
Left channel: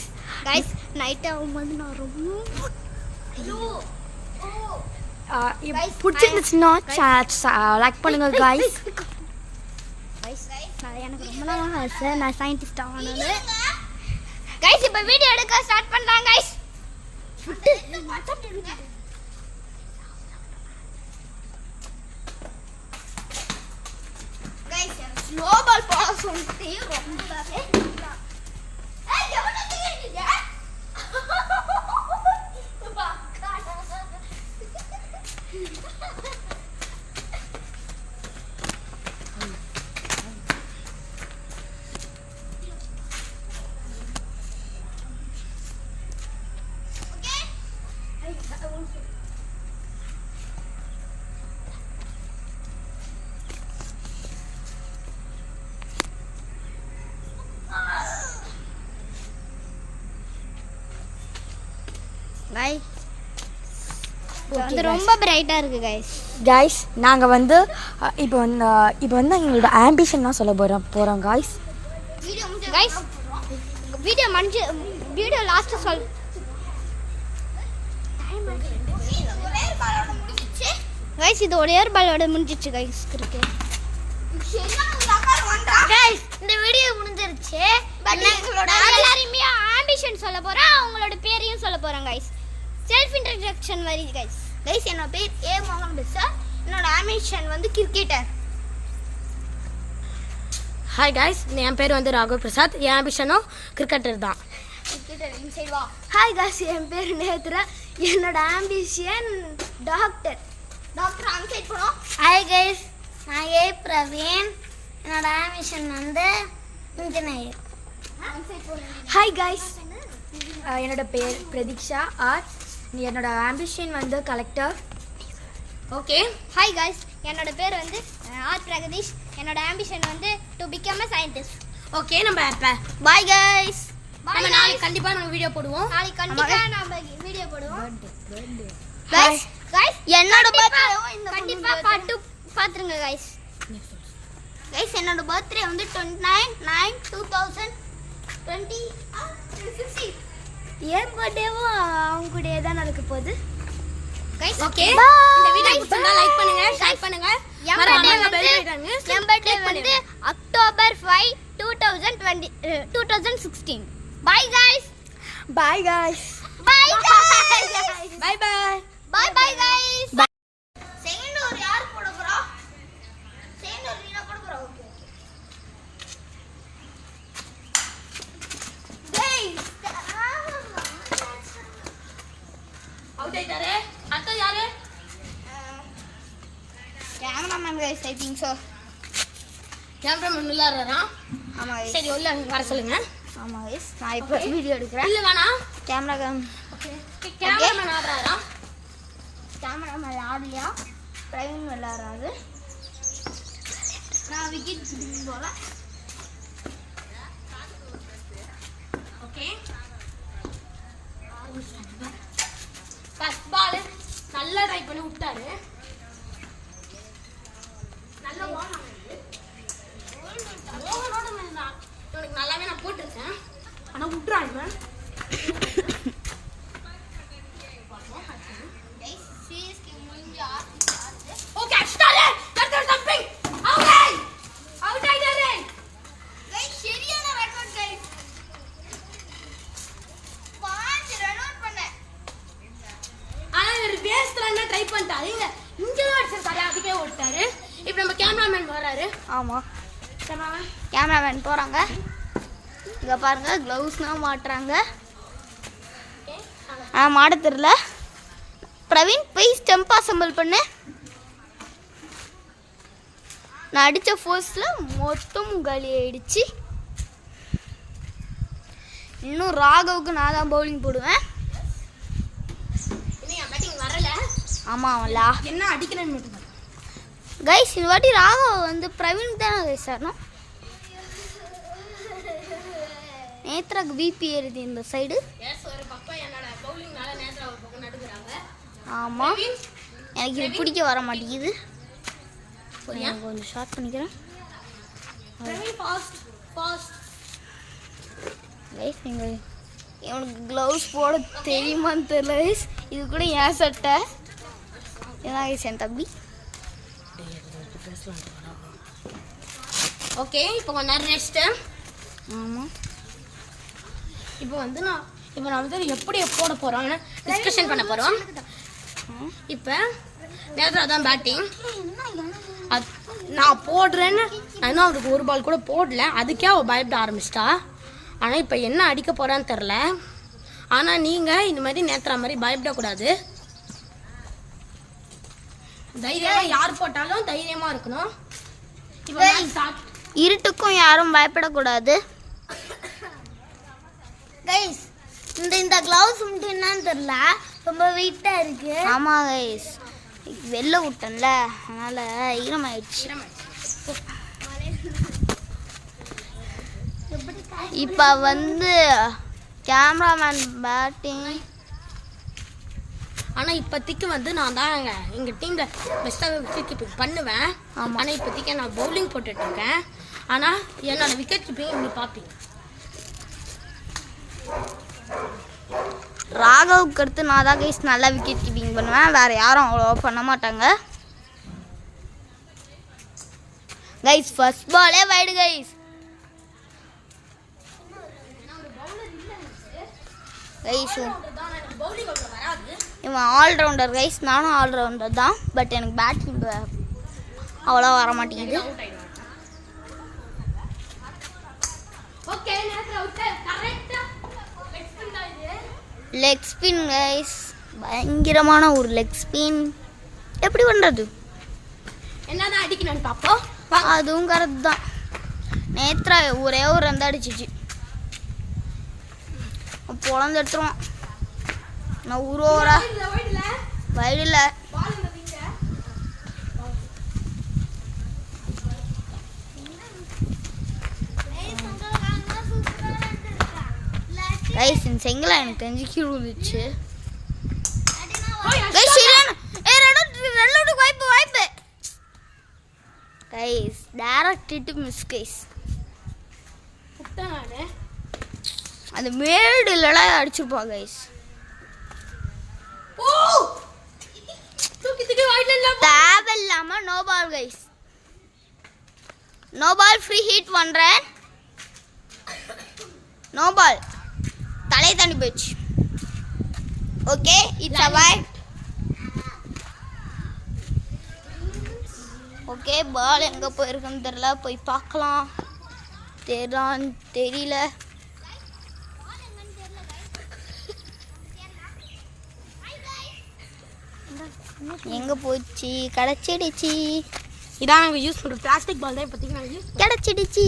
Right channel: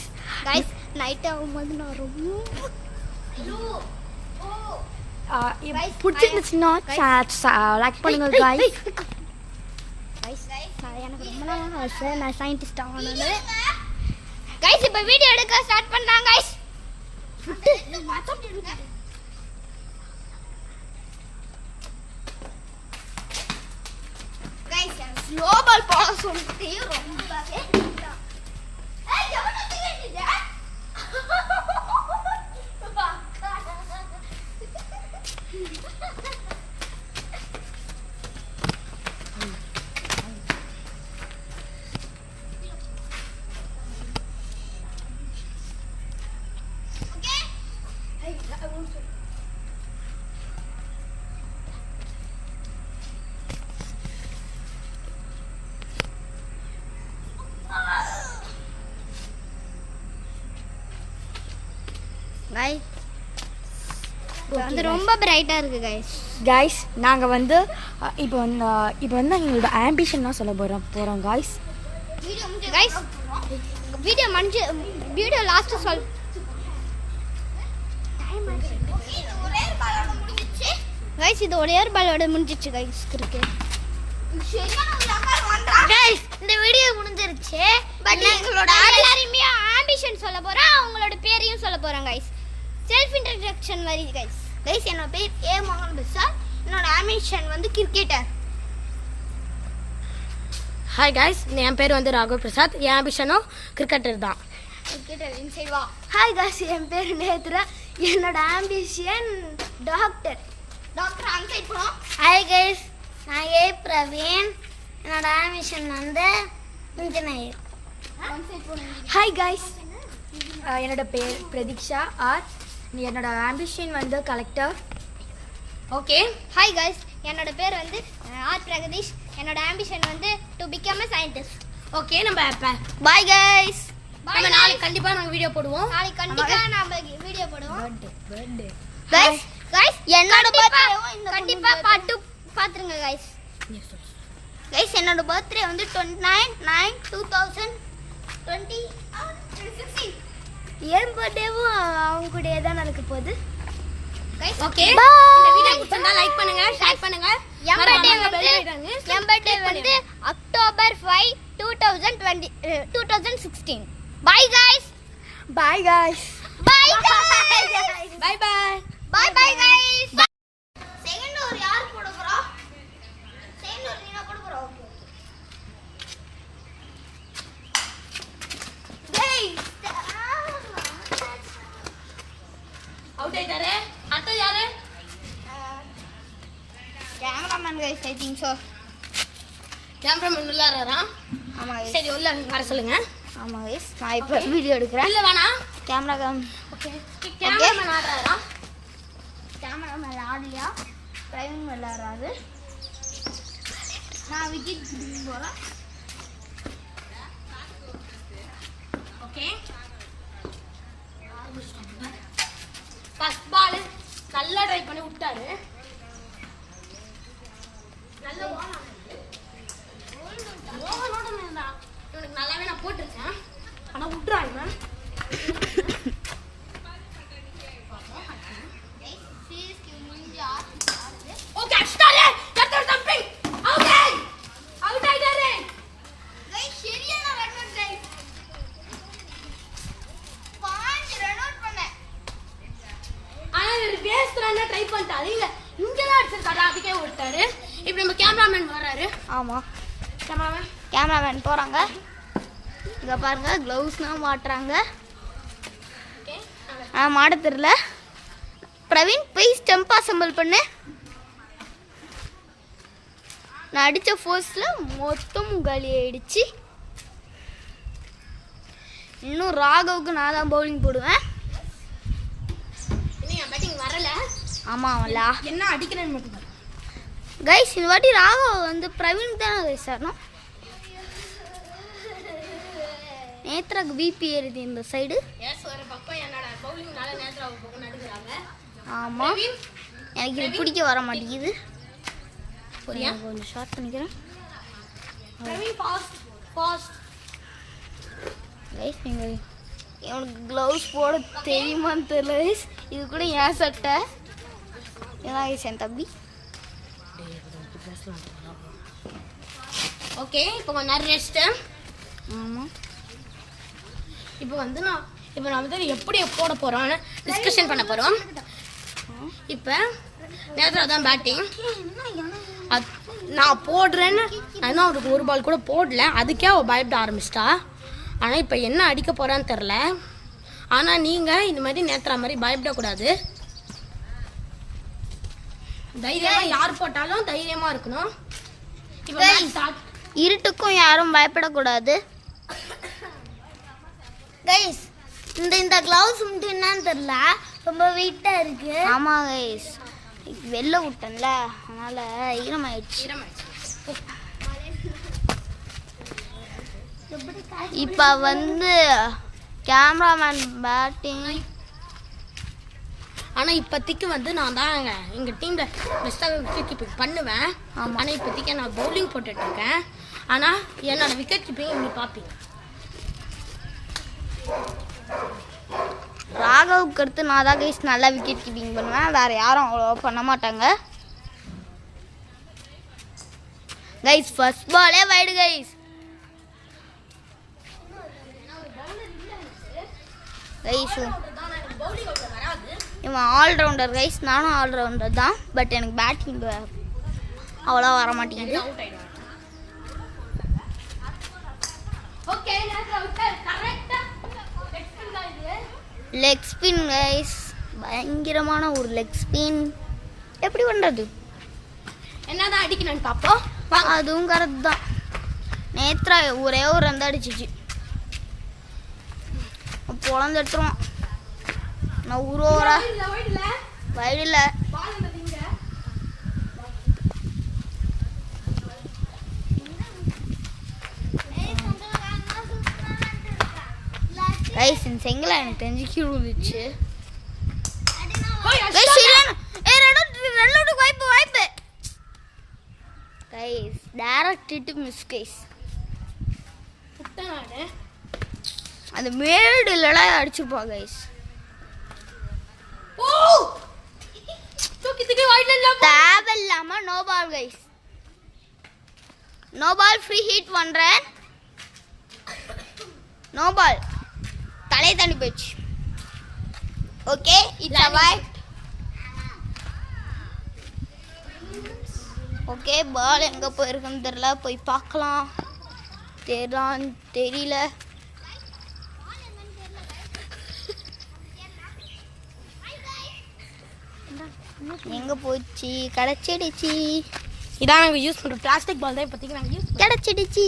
गाइस நைட் ஆகும்போது நான் ரொம்ப பிடிச்சிருந்துச்சுன்னா லைக் பண்ணுங்க गाइस. गाइस எனக்கு ரொம்ப நாளாக ஆசை நான் சயின்டிஸ்ட் ஆகணும்னு. गाइस இப்போ வீடியோ எடுக்க ஸ்டார்ட் பண்றாங்க गाइस. गाइस ஸ்லோ பால் போட சொல்லிட்டு ரொம்ப ஏய் எவ்வளவு தீர்ந்தீங்க गाइस வந்து ரொம்ப பிரைட்டா இருக்கு गाइस. गाइस நாங்கள் வந்து இப்போ வந்து எங்களோட ஆம்பிஷன்லாம் சொல்ல போகிறோம் गाइस. गाइस வீடியோ லாஸ்ட் சொல் गाइस இது ஒரே ஒரு பாலோட முடிஞ்சிச்சு गाइस கிரிக்கெட். गाइस இந்த வீடியோ முடிஞ்சிருச்சு. பட் எங்களோட எல்லாரையுமே ஆம்பிஷன் சொல்ல போறோம். அவங்களோட பேரையும் சொல்ல போறோம் गाइस. செல்ஃப் இன்ட்ரோடக்ஷன் மாதிரி गाइस. गाइस என்னோட பேர் ஏ மோகன் பிரசாத். என்னோட ஆம்பிஷன் வந்து கிரிக்கெட்டர். ஹாய் गाइस என் பேர் வந்து ராகு பிரசாத். என் ஆம்பிஷனும் கிரிக்கெட்டர் தான். கிரிக்கெட்டர் இன்சைட் வா. ஹாய் गाइस என் பேர் நேத்ரா. என்னோட ஆம்பிஷன் டாக்டர். டாக்டர் அன்சைட் போறோம். ஹாய் गाइस நான் ஏ பிரவீன். என்னோட ஆம்பிஷன் வந்து இன்ஜினியர். அன்சைட் போறேன். ஹாய் गाइस என்னோட பேர் பிரதீக்ஷா ஆர். என்னோட ஆம்பிஷன் வந்து கலெக்டர். ஓகே ஹாய் गाइस என்னோட பேர் வந்து ஆர் பிரகதீஷ். என்னோட ஆம்பிஷன் வந்து to become a scientist. Okay நம்ம இப்ப பாய் गाइस. நம்ம நாளைக்கு கண்டிப்பா நாங்க வீடியோ போடுவோம். நாளைக்கு கண்டிப்பா நாம வீடியோ போடுவோம். गाइस என்னோட பர்த்டே கண்டிப்பா பாத்துருங்க गाइस. गाइस என்னோட பர்த்டே வந்து 29/9/2016. என் பர்த்டேவும் அவங்க கூடயே தான் நடக்க போகுது. ஓகே இந்த வீடியோ பிடிச்சிருந்தா லைக் பண்ணுங்க, ஷேர் பண்ணுங்க, என் பர்த்டே வந்து October 5 2016. Bye guys. Bye guys. Bye guys. Bye bye. Bye bye guys. Second ஒரு யார் போட போறா? செகண்ட் ஒரு நீனா போட போறா. ஓகே. Guys. அவுட் ஆயிட்டாரே. அடுத்து யாரு? Cameraman guys, I think so. Cameraman உள்ளாரா? ஆமா guys. சரி உள்ள வர சொல்லுங்க. ஆமா guys. நான் இப்போ வீடியோ எடுக்கிறேன். இல்ல வேணாம். கேமராமேன் கேமராமேன் ஆடுறாரா? கேமராமேன் ஆடலையா? பிரவீன் விளையாடுறாரு. நான் விக்கெட் பிடிக்க போறேன். ஓகே. ஃபர்ஸ்ட் பால் நல்லா ட்ரை பண்ணி விட்டாரு. நல்ல ஓன் ஆனது. ஓவனோட மேல இவனுக்கு நல்லாவே நான் போட்டுருக்கேன். ஆனா விட்டுறாங்க. guys, CSK முடிஞ்சு ஆடுது. Okay start. Correct jumping. Out ஆய். அவுட் ஆயிட்டாரே. guys, சரியான run out guys. Point run out பண்ணேன். ஆனா இவர் பேஸ்ட்லாம் ட்ரை பண்ணிட்டாரு. இங்கலாம் அடிச்சிருக்காரு. அதுக்கே விட்டாரு. இப்போ நம்ம கேமராமேன் வராரு. ஆமா கேமராமேன் கேமராமேன் போறாங்க. இங்க பாருங்க க்ளவுஸ்லாம் மாட்டுறாங்க. மாட தெரியல. பிரவீன் போய் ஸ்டெம்ப் அசம்பிள் பண்ணு. நான் அடித்த ஃபோர்ஸில் மொத்தம் காலி ஆயிடுச்சு. இன்னும் ராகவுக்கு நான் தான் பவுலிங் போடுவேன். இன்னும் என் பேட்டிங் வரல. ஆமாம்லா என்ன அடிக்கிறேன்னு மட்டும் பாரு. கைஸ் இந்த வாட்டி ராகவ் வந்து பிரவீன் தான் கைஸ் ஆடணும். நேத்ராக்கு பிபி ஏறுது இந்த சைடு. எஸ் ஒரு பக்கம் என்னோட பவுலிங்னால நேத்ரா ஒரு பக்கம் நடுக்குறாங்க. ஆமாம் எனக்கு இது பிடிக்க வர மாட்டேங்குது. கொஞ்சம் ஷார்ட் பண்ணிக்கிறேன். Praveen fast fast. கைஸ் நீங்கள் இவனுக்கு க்ளவுஸ் போட தெரியுமான்னு தெரியல கைஸ். இது கூட ஏன் சட்டை ஏன்னா கைஸ் என் தம்பி. ஓகே இப்போ கொஞ்ச நேரம் ரெஸ்ட். ஆமாம் இப்போ வந்து நான் வந்து எப்படி போட போறோம்னு டிஸ்கஷன் பண்ண போறோம். இப்போ நேத்ரா தான் பேட்டிங். நான் போடுறேன்னு நான் அவருக்கு ஒரு பால் கூட போடல. அதுக்கே அவள் பயப்பட ஆரம்பிச்சிட்டா. ஆனால் இப்போ என்ன அடிக்க போறான்னு தெரில. ஆனால் நீங்கள் இந்த மாதிரி நேத்ரா மாதிரி பயப்படக்கூடாது. தைரியமாக யார் போட்டாலும் தைரியமாக இருக்கணும். இப்போ இருட்டுக்கும் யாரும் பயப்படக்கூடாது. கைஸ் இந்த க்ளவுஸ் மட்டும் என்னன்னு தெரியல ரொம்ப வெயிட்டாக இருக்கு. ஆமாம் கைஸ் வெளில விட்டேன்ல அதனால் ஈரமாயிடுச்சு. இப்போ வந்து கேமராமேன் பேட்டிங். ஆனால் இப்போதைக்கு வந்து நான் தான் எங்கள் டீமில் பெஸ்ட்டாக விக்கெட் கீப்பிங் பண்ணுவேன். ஆமாம் ஆனால் இப்போதைக்கு நான் பவுலிங் போட்டுட்ருக்கேன். ஆனால் என்னோட விக்கெட் கீப்பிங் இப்படி பார்ப்பீங்க. ராகவுக்கு அடுத்து நான் தான் கைஸ் நல்லா விக்கெட் கீப்பிங் பண்ணுவேன். வேறு யாரும் அவ்வளோ பண்ண மாட்டாங்க. கைஸ் ஃபர்ஸ்ட் பாலே வைடு கைஸ். கைஸ் இவன் ஆல்ரவுண்டர் கைஸ். நானும் ஆல்ரவுண்டர் தான். பட் எனக்கு பேட்டிங் அவ்வளோ வர மாட்டேங்குது. Leg spin guys. பயங்கரமான ஒரு லெக் ஸ்பின். எப்படி பண்ணுறது என்னதான் அடிக்கணும்னு பார்ப்போம். அதுவும் கரெக்ட் தான். நேத்ரா ஒரே ஒரு ரன் அடிச்சிச்சு. பொழந்து எடுத்துருவான். நான் ஒரு ஓவரா வயலில் கைஸ் இந்த செங்கலை எனக்கு தெரிஞ்சு கீழே விழுந்துச்சு. வாய்ப்பு guys direct to miss guys. அந்த மேடுலாம் அடிச்சுப்பா கைஸ். தேவையில்லாம no ball guys. No ball free hit பண்றேன். நோ பால் தலை தாண்டி போச்சு. Okay it's avoid. Okay ball எங்க போயிருக்குன்னு தெரியல, போய் பார்க்கலாம். தெரியல. எங்க போச்சு? கிடைச்சிடுச்சு. இதான் நாங்கள் யூஸ் பண்ணுற பிளாஸ்டிக் பால் தான் இப்போதைக்கு நாங்கள் யூஸ் கிடைச்சிக்கிட்டிச்சு.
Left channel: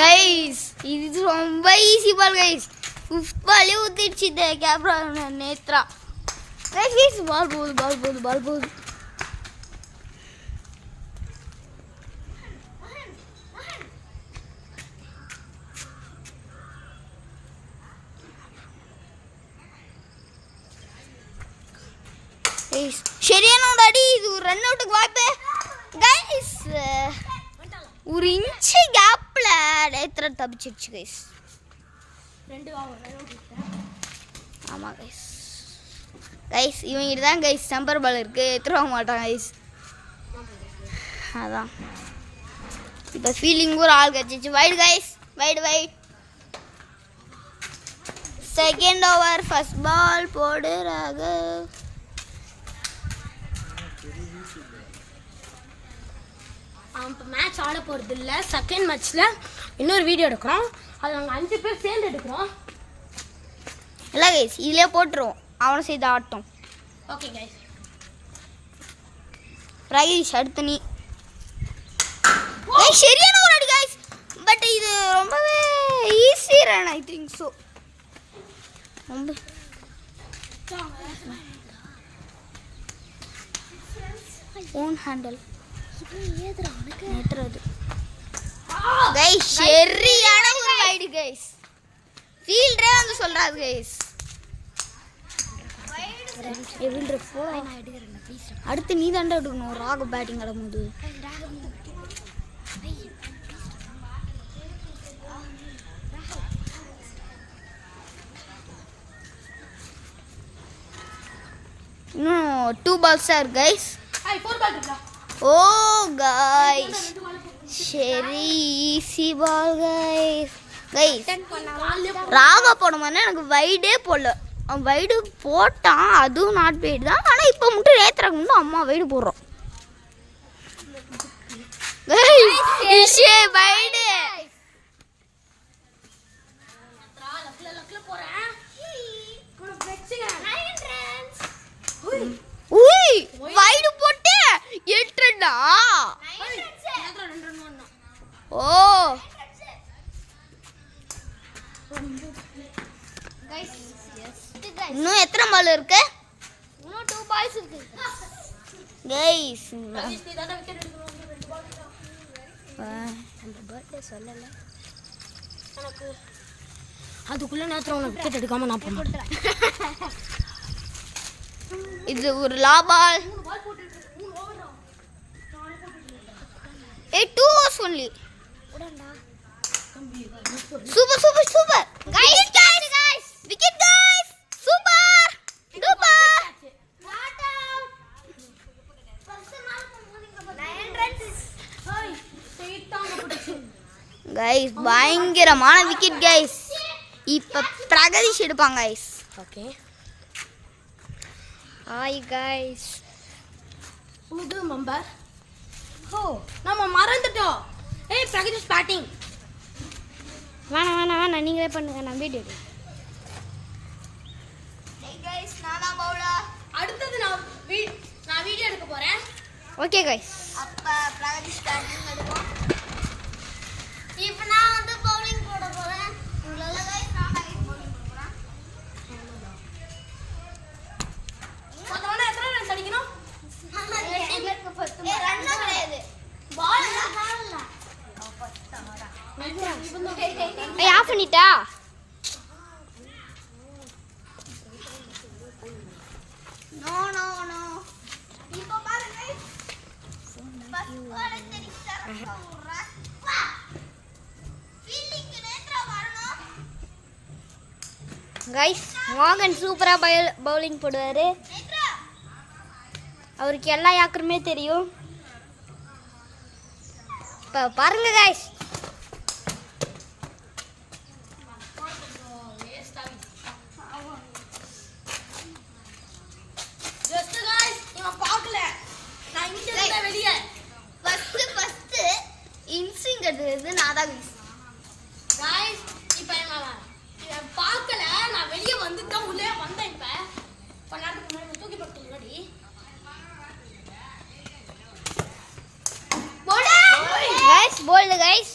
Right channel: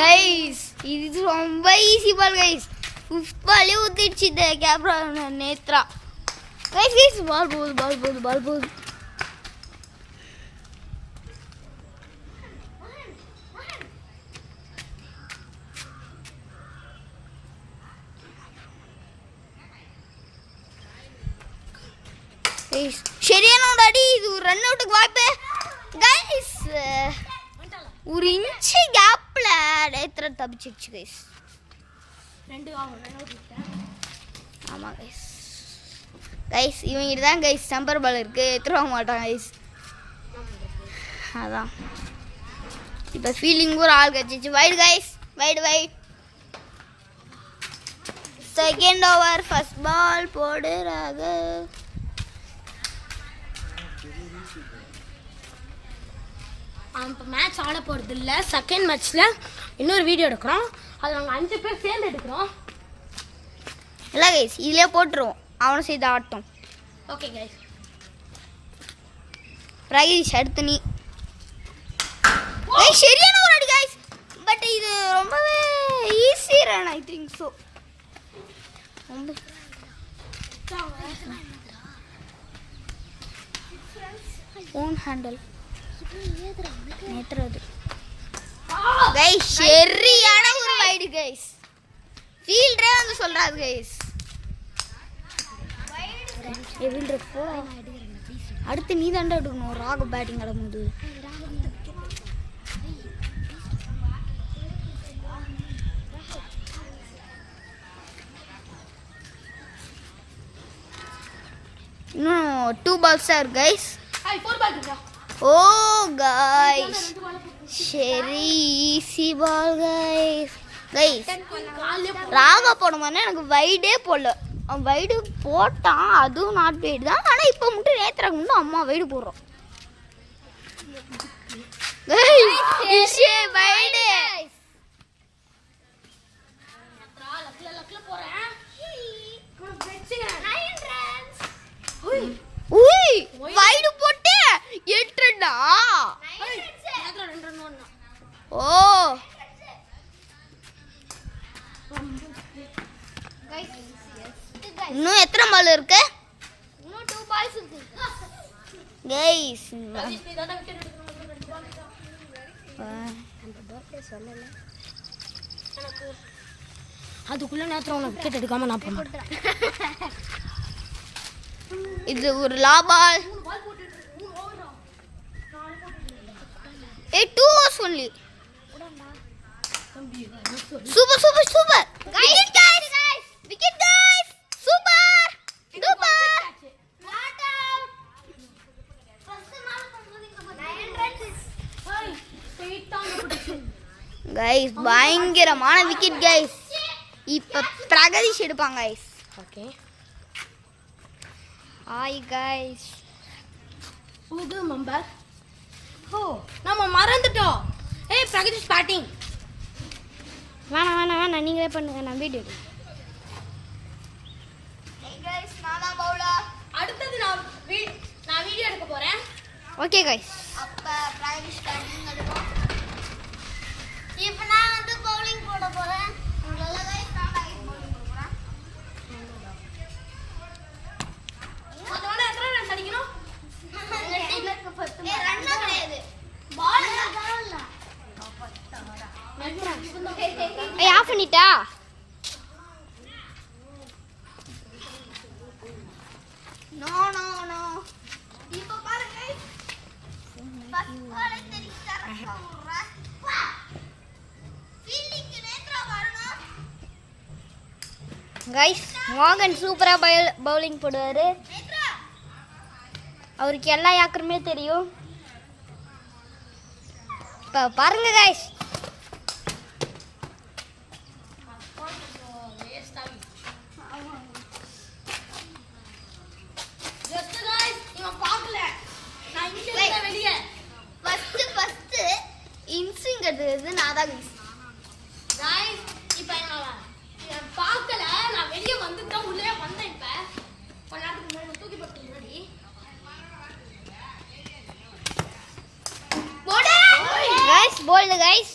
கைஸ் இது ரொம்ப ஈஸி பால் கைஸ். 5th பாலே ஊத்திடுச்சு இந்த கேப்ரா நேத்ரா. கைஸ் பால் போகுது. சரியான ஒரு அடி. இது ஒரு ரன் அவுட்டுக்கு வாய்ப்பு கைஸ். ஒரு இன்ச்சு கேப்ல நேத்ரா தப்பிச்சிருச்சு கைஸ். ஆமா கைஸ் இவங்கிட்ட தான் கைஸ் டம்பர் பால் இருக்கு, எடுத்துட மாட்டான் கைஸ். அதான் இப்போ ஃபீலிங் ஒரு ஆள் கட்சிச்சு. Wide guys, wide. Second over first ball போடுறாங்க. இப்போ மேட்ச் ஆட போகிறது இல்லை. செகண்ட் மேட்ச்சில் இன்னொரு வீடியோ எடுக்கிறோம். அது நாங்கள் 5 பேர் சேர்ந்து எடுக்கிறோம். இல்லை கைஸ் இதிலே போட்டுருவோம். அவனை செய்து ஆட்டம். Okay guys. பிரகதீஷ் அடுத்து நீ. கைஸ் சரியான ஒரு அடி கைஸ். பட் இது ரொம்பவே easy run I think so. Own handle நேத்ரது கைஸ். சரியான ஒரு வைடு கைஸ். ஃபீல்டரே வந்து சொல்றாரு கைஸ். ஃபீல்டர் போ. அடுத்து நீ தாண்டா எடுக்கணும். ராக பேட்டிங் ஆடும்போது இன்னும் 2 balls தான் இருக்கு கைஸ். ஓ கைஸ் சரி ஈஸி பால் கைஸ். ராகா போடுமானா எனக்கு வைடே போடல. அவன் வைடு போட்டான், அதுவும் நாட் வைடு தான். ஆனால் இப்போ மட்டும் நேத்ராக்கு மட்டும் அம்மா வைடு போடுறோம். வைடு வைடு போட்டு 8 ரன்னா. ஓ இன்னும் எத்தனை பால் இருக்கு? இன்னும் 2 balls இருக்கு கைஸ். சொல்லல எனக்கு அதுக்குள்ள நேரத்தில் உனக்கு விக்கெட் எடுக்காம நான் போக மாட்டேன். இது ஒரு லாபால். 2 overs only. Super. Wicket guys. Wicket guys. Super. not out first மால போடுங்க 9 runs guys பயங்கரமான விக்கெட் guys. இப்ப பிரகதீஷ் எடுப்பாங்க guys. Okay hi guys. Middle member. ஓ நம்ம மறந்துட்டோம். ஏய் பிரகதீஷ் பேட்டிங். வேணாம் நீங்களே பண்ணுங்க, நான் வீடியோ எடுக்கிறேன். Hey guys நான் தான் பவுலர். அடுத்து நான் வீடியோ எடுக்க போறேன். Okay guys. அப்ப பிரகதீஷ் பேட்டிங் எடுப்போம். இப்போ நான் வந்து பவுலிங் போட போறேன். உங்களால guys நான் பவுலிங் போட போறேன். மொத்தமா எத்தனை ரன்ஸ் அடிக்கணும்? ஏய் ரன் கிடையாது. பால் இல்ல. ஏய் ஆஃப் பண்ணிட்டா? நோ. இப்போ பாருங்க guys. ஃபர்ஸ்ட் பால் தெரிஞ்சா கைஸ் மோகன் சூப்பரா பவுலிங் போடுவாரு. அவருக்கு எல்லா யாக்கருமே தெரியும். இப்போ பாருங்க கைஸ். இன்சிங்கிறது நான் தான் இப்போ நான் பார்க்கல, நான் வெளியே வந்துட்டேன், உள்ளே வந்தேன். இப்போ கொஞ்ச நேரத்துக்கு முன்னாடி தூக்கி போட்டு முன்னாடி கைஸ் போல்டு கைஸ்.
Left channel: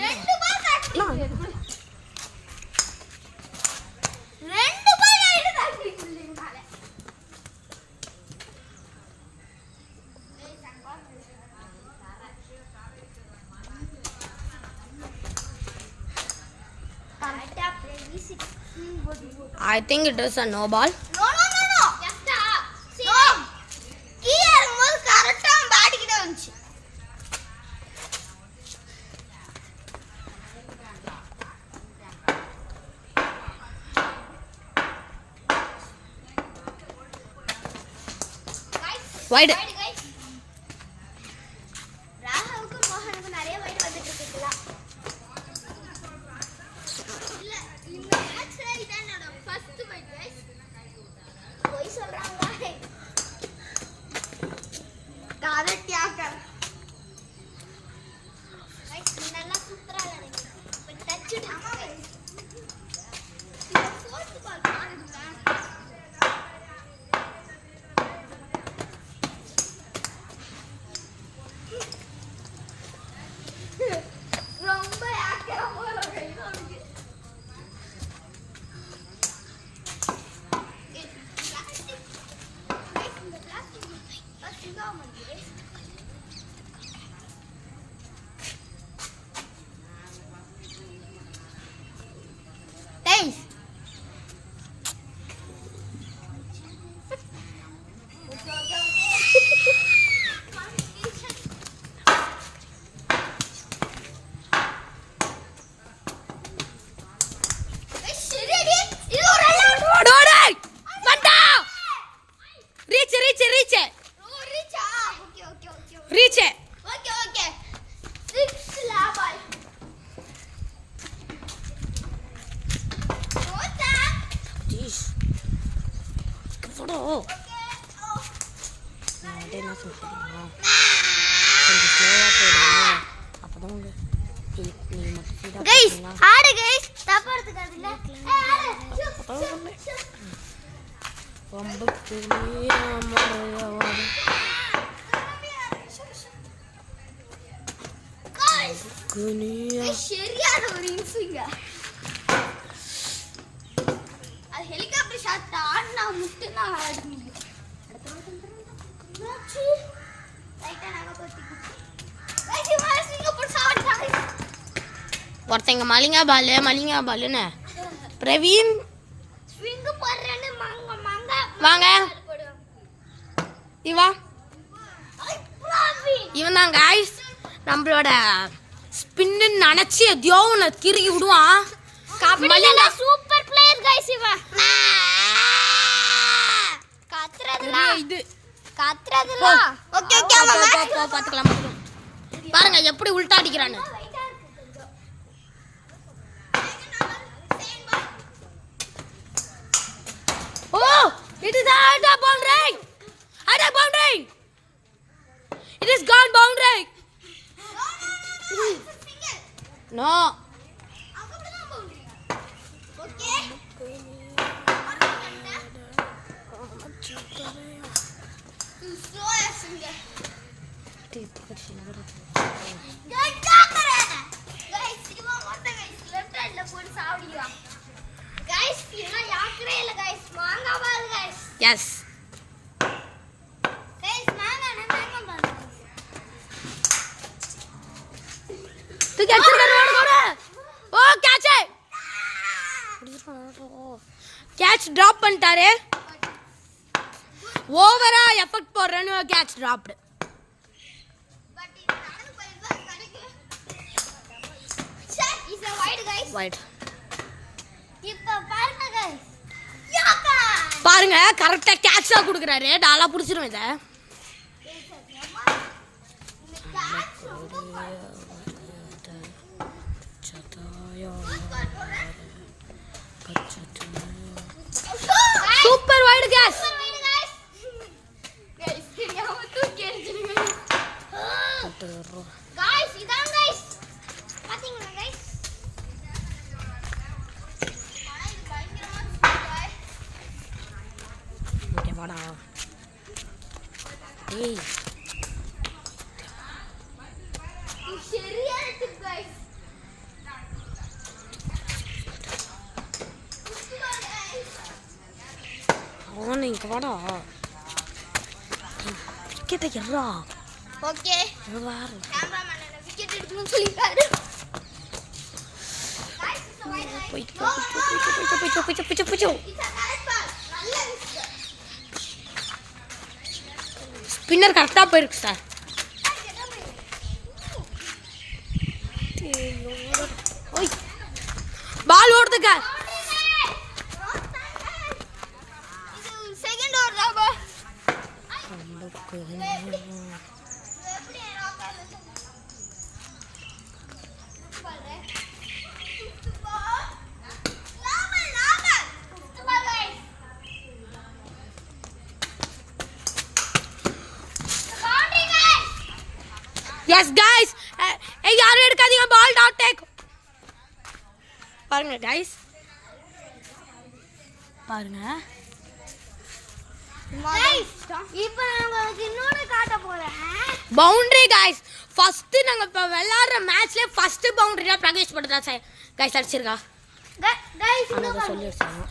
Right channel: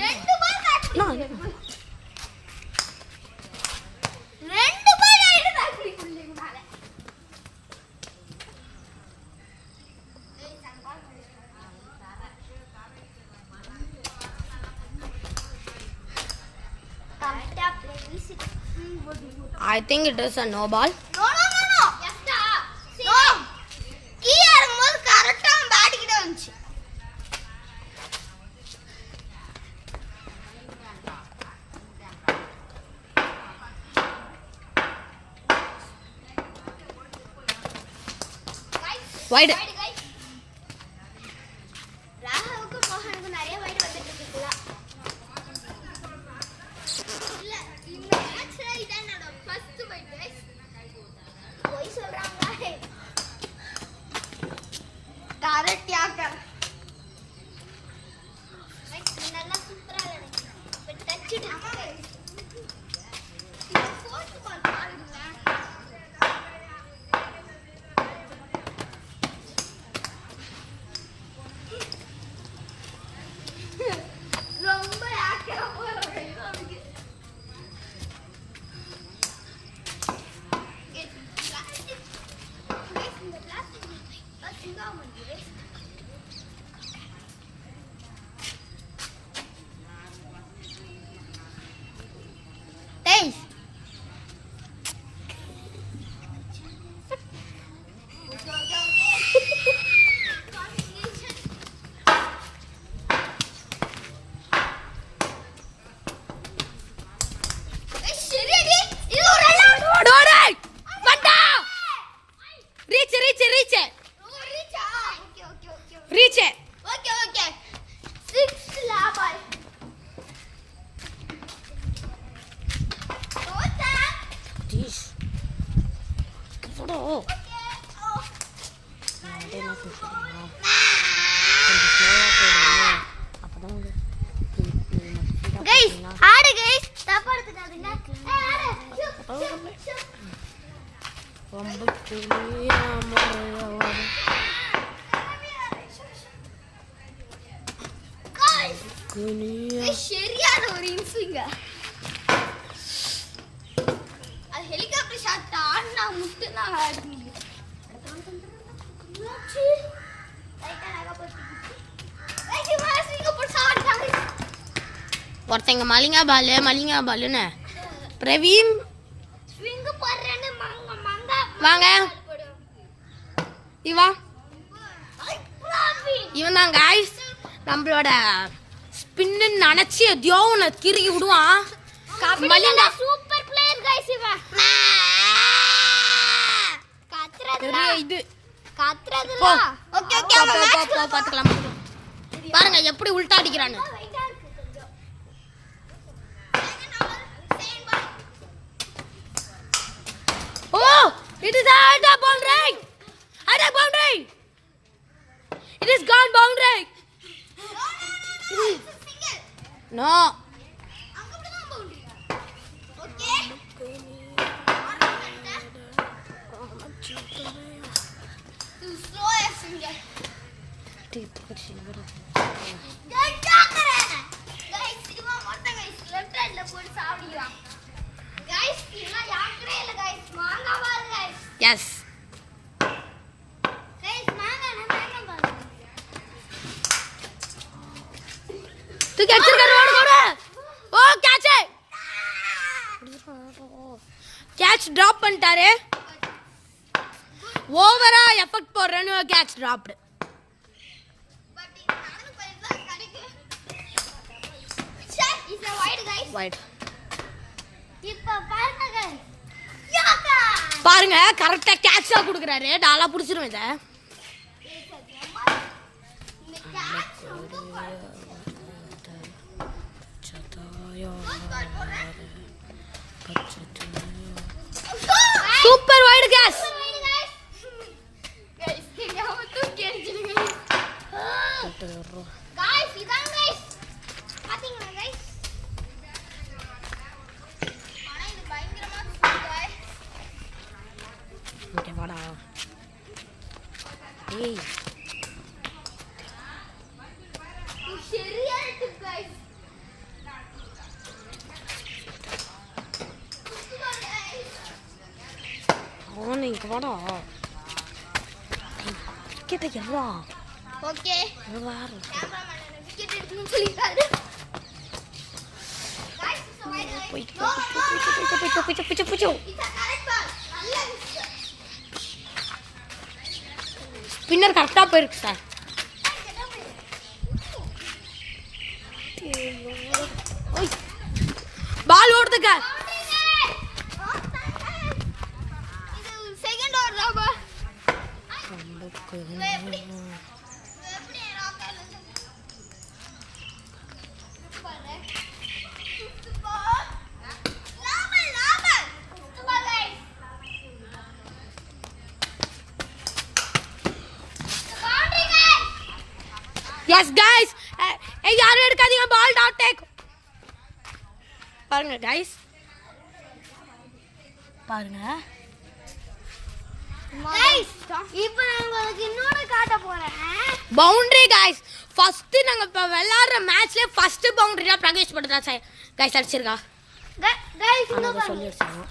ரெண்டு பால் I think it is a no ball. No. கீழே இறங்கும்போது கரெக்டா பேட்டிக்கிட்டே வந்துச்சு. Wide. ராகவுக்கு மோகனுக்கு நிறைய வைட் வந்துட்டு இருக்குல்ல. இல்ல இந்த மேட்ச்ல இதான் என்னோட ஃபர்ஸ்ட் வைட் गाइस. போய் சொல்றாங்க. Correct yorker. गाइस நல்லா சூப்பரா விளையாடுங்க. இப்ப டச் இருக்கு गाइस. இந்த ஃபோர்த் பால் பாருங்க. ரொம்ப யாக்கரா போறாங்க. Reach it. Okay. 6 ball. Rota. Jeez. Photo. என்ன சொல்றீங்க? கொஞ்சம் ஸ்லோவா போடுங்க. அப்பதான் நீங்க Guys, ஆடு guys. தப்பா எடுத்துக்காதீங்க. ரொம்ப கிளியா மறையவாது. சரியான ஒரு இன்சிங்க. அது ஹெலிகாப்டர் ஷாட் ஆடுனா முட்டு நான் ஆடுனேன். நாச்சி ரைட்டா நாங்க போட்டுச்சு. ரைட் மாசிங்க போட்டு ஆடுறாங்க. ஒருத்தங்க மலிங்கா பாலுன்னு பிரவீன் ஸ்விங் போடுறேன்னு மங்க வாங்க இவா இவன் தான் गाइस நம்மளோட ஸ்பின்னு நினைச்சு எதையோ ஒன்று கிறுக்கி விடுவான். கபடில சூப்பர் பிளேயர் गाइस இவன். கத்ரதுல இது கத்ரதுல. ஓகே போ பாத்துக்கலாம். பாருங்க எப்படி உல்டா அடிக்கிறான்னு. Oh, it is out of boundary. Out of boundary. It is gone boundary. No. Yes. तू कैप्चर कर रोड कोड़ा ओ कैच है कैच ड्रॉप பண்ணிட்டாரு ஓவரா எஃபெக்ட் போடுறேன்னு catch dropped Is a wide guys. Wide. இப்போ பாருங்க guys. பாருங்க கரெக்டா கேட்சா குடுக்குறாரு. டாலா புடிச்சிரும் இத. Super wide catch. Guys, தெரியாம தூக்கி எறிஞ்சிருங்க. Guys, இதான் guys. பாத்தீங்களா guys? ஆனா இது பயங்கரமா இருக்கு guys. ஓகே வாடா. ஏய் இது சரியா இருக்கு guys. அவன் இங்க வாடா. கிட்ட எறா. ஓகே. வாரு. கேமராமேன் என்ன விக்கெட் எடுக்கணும்னு சொல்லிட்டாரு. Guys, it's a wide guys. போயிட்டு No, no, no. போயிட்டு It's a correct ball. நல்ல விக்கெட். ஸ்பின்னர் கரெக்டா போயிருக்கு சார். ஓய் பால் ஓடுதுங்க. இது செகண்ட் ஓவர் தான் bro. எப்படி ராக்கர் பாரு. ஃபுட்பால். நாமல். Football guys. Boundary guys. Yes guys யாரும் எடுக்காதீங்க. பால் டாட் டேக். பாருங்க गाइस பாருங்க. Guys, இப்போ நான் உங்களுக்கு இன்னொரு காட்ட போறேன். Boundary guys. ஃபர்ஸ்ட் நாங்க இப்ப விளையாடுற மேட்ச்ல ஃபர்ஸ்ட் பவுண்டரி தான் பிரகேஷ் பண்றா சார். गाइस அடிச்சிருக்கா. Guys, அத சொல்லி அடிச்சாங்க.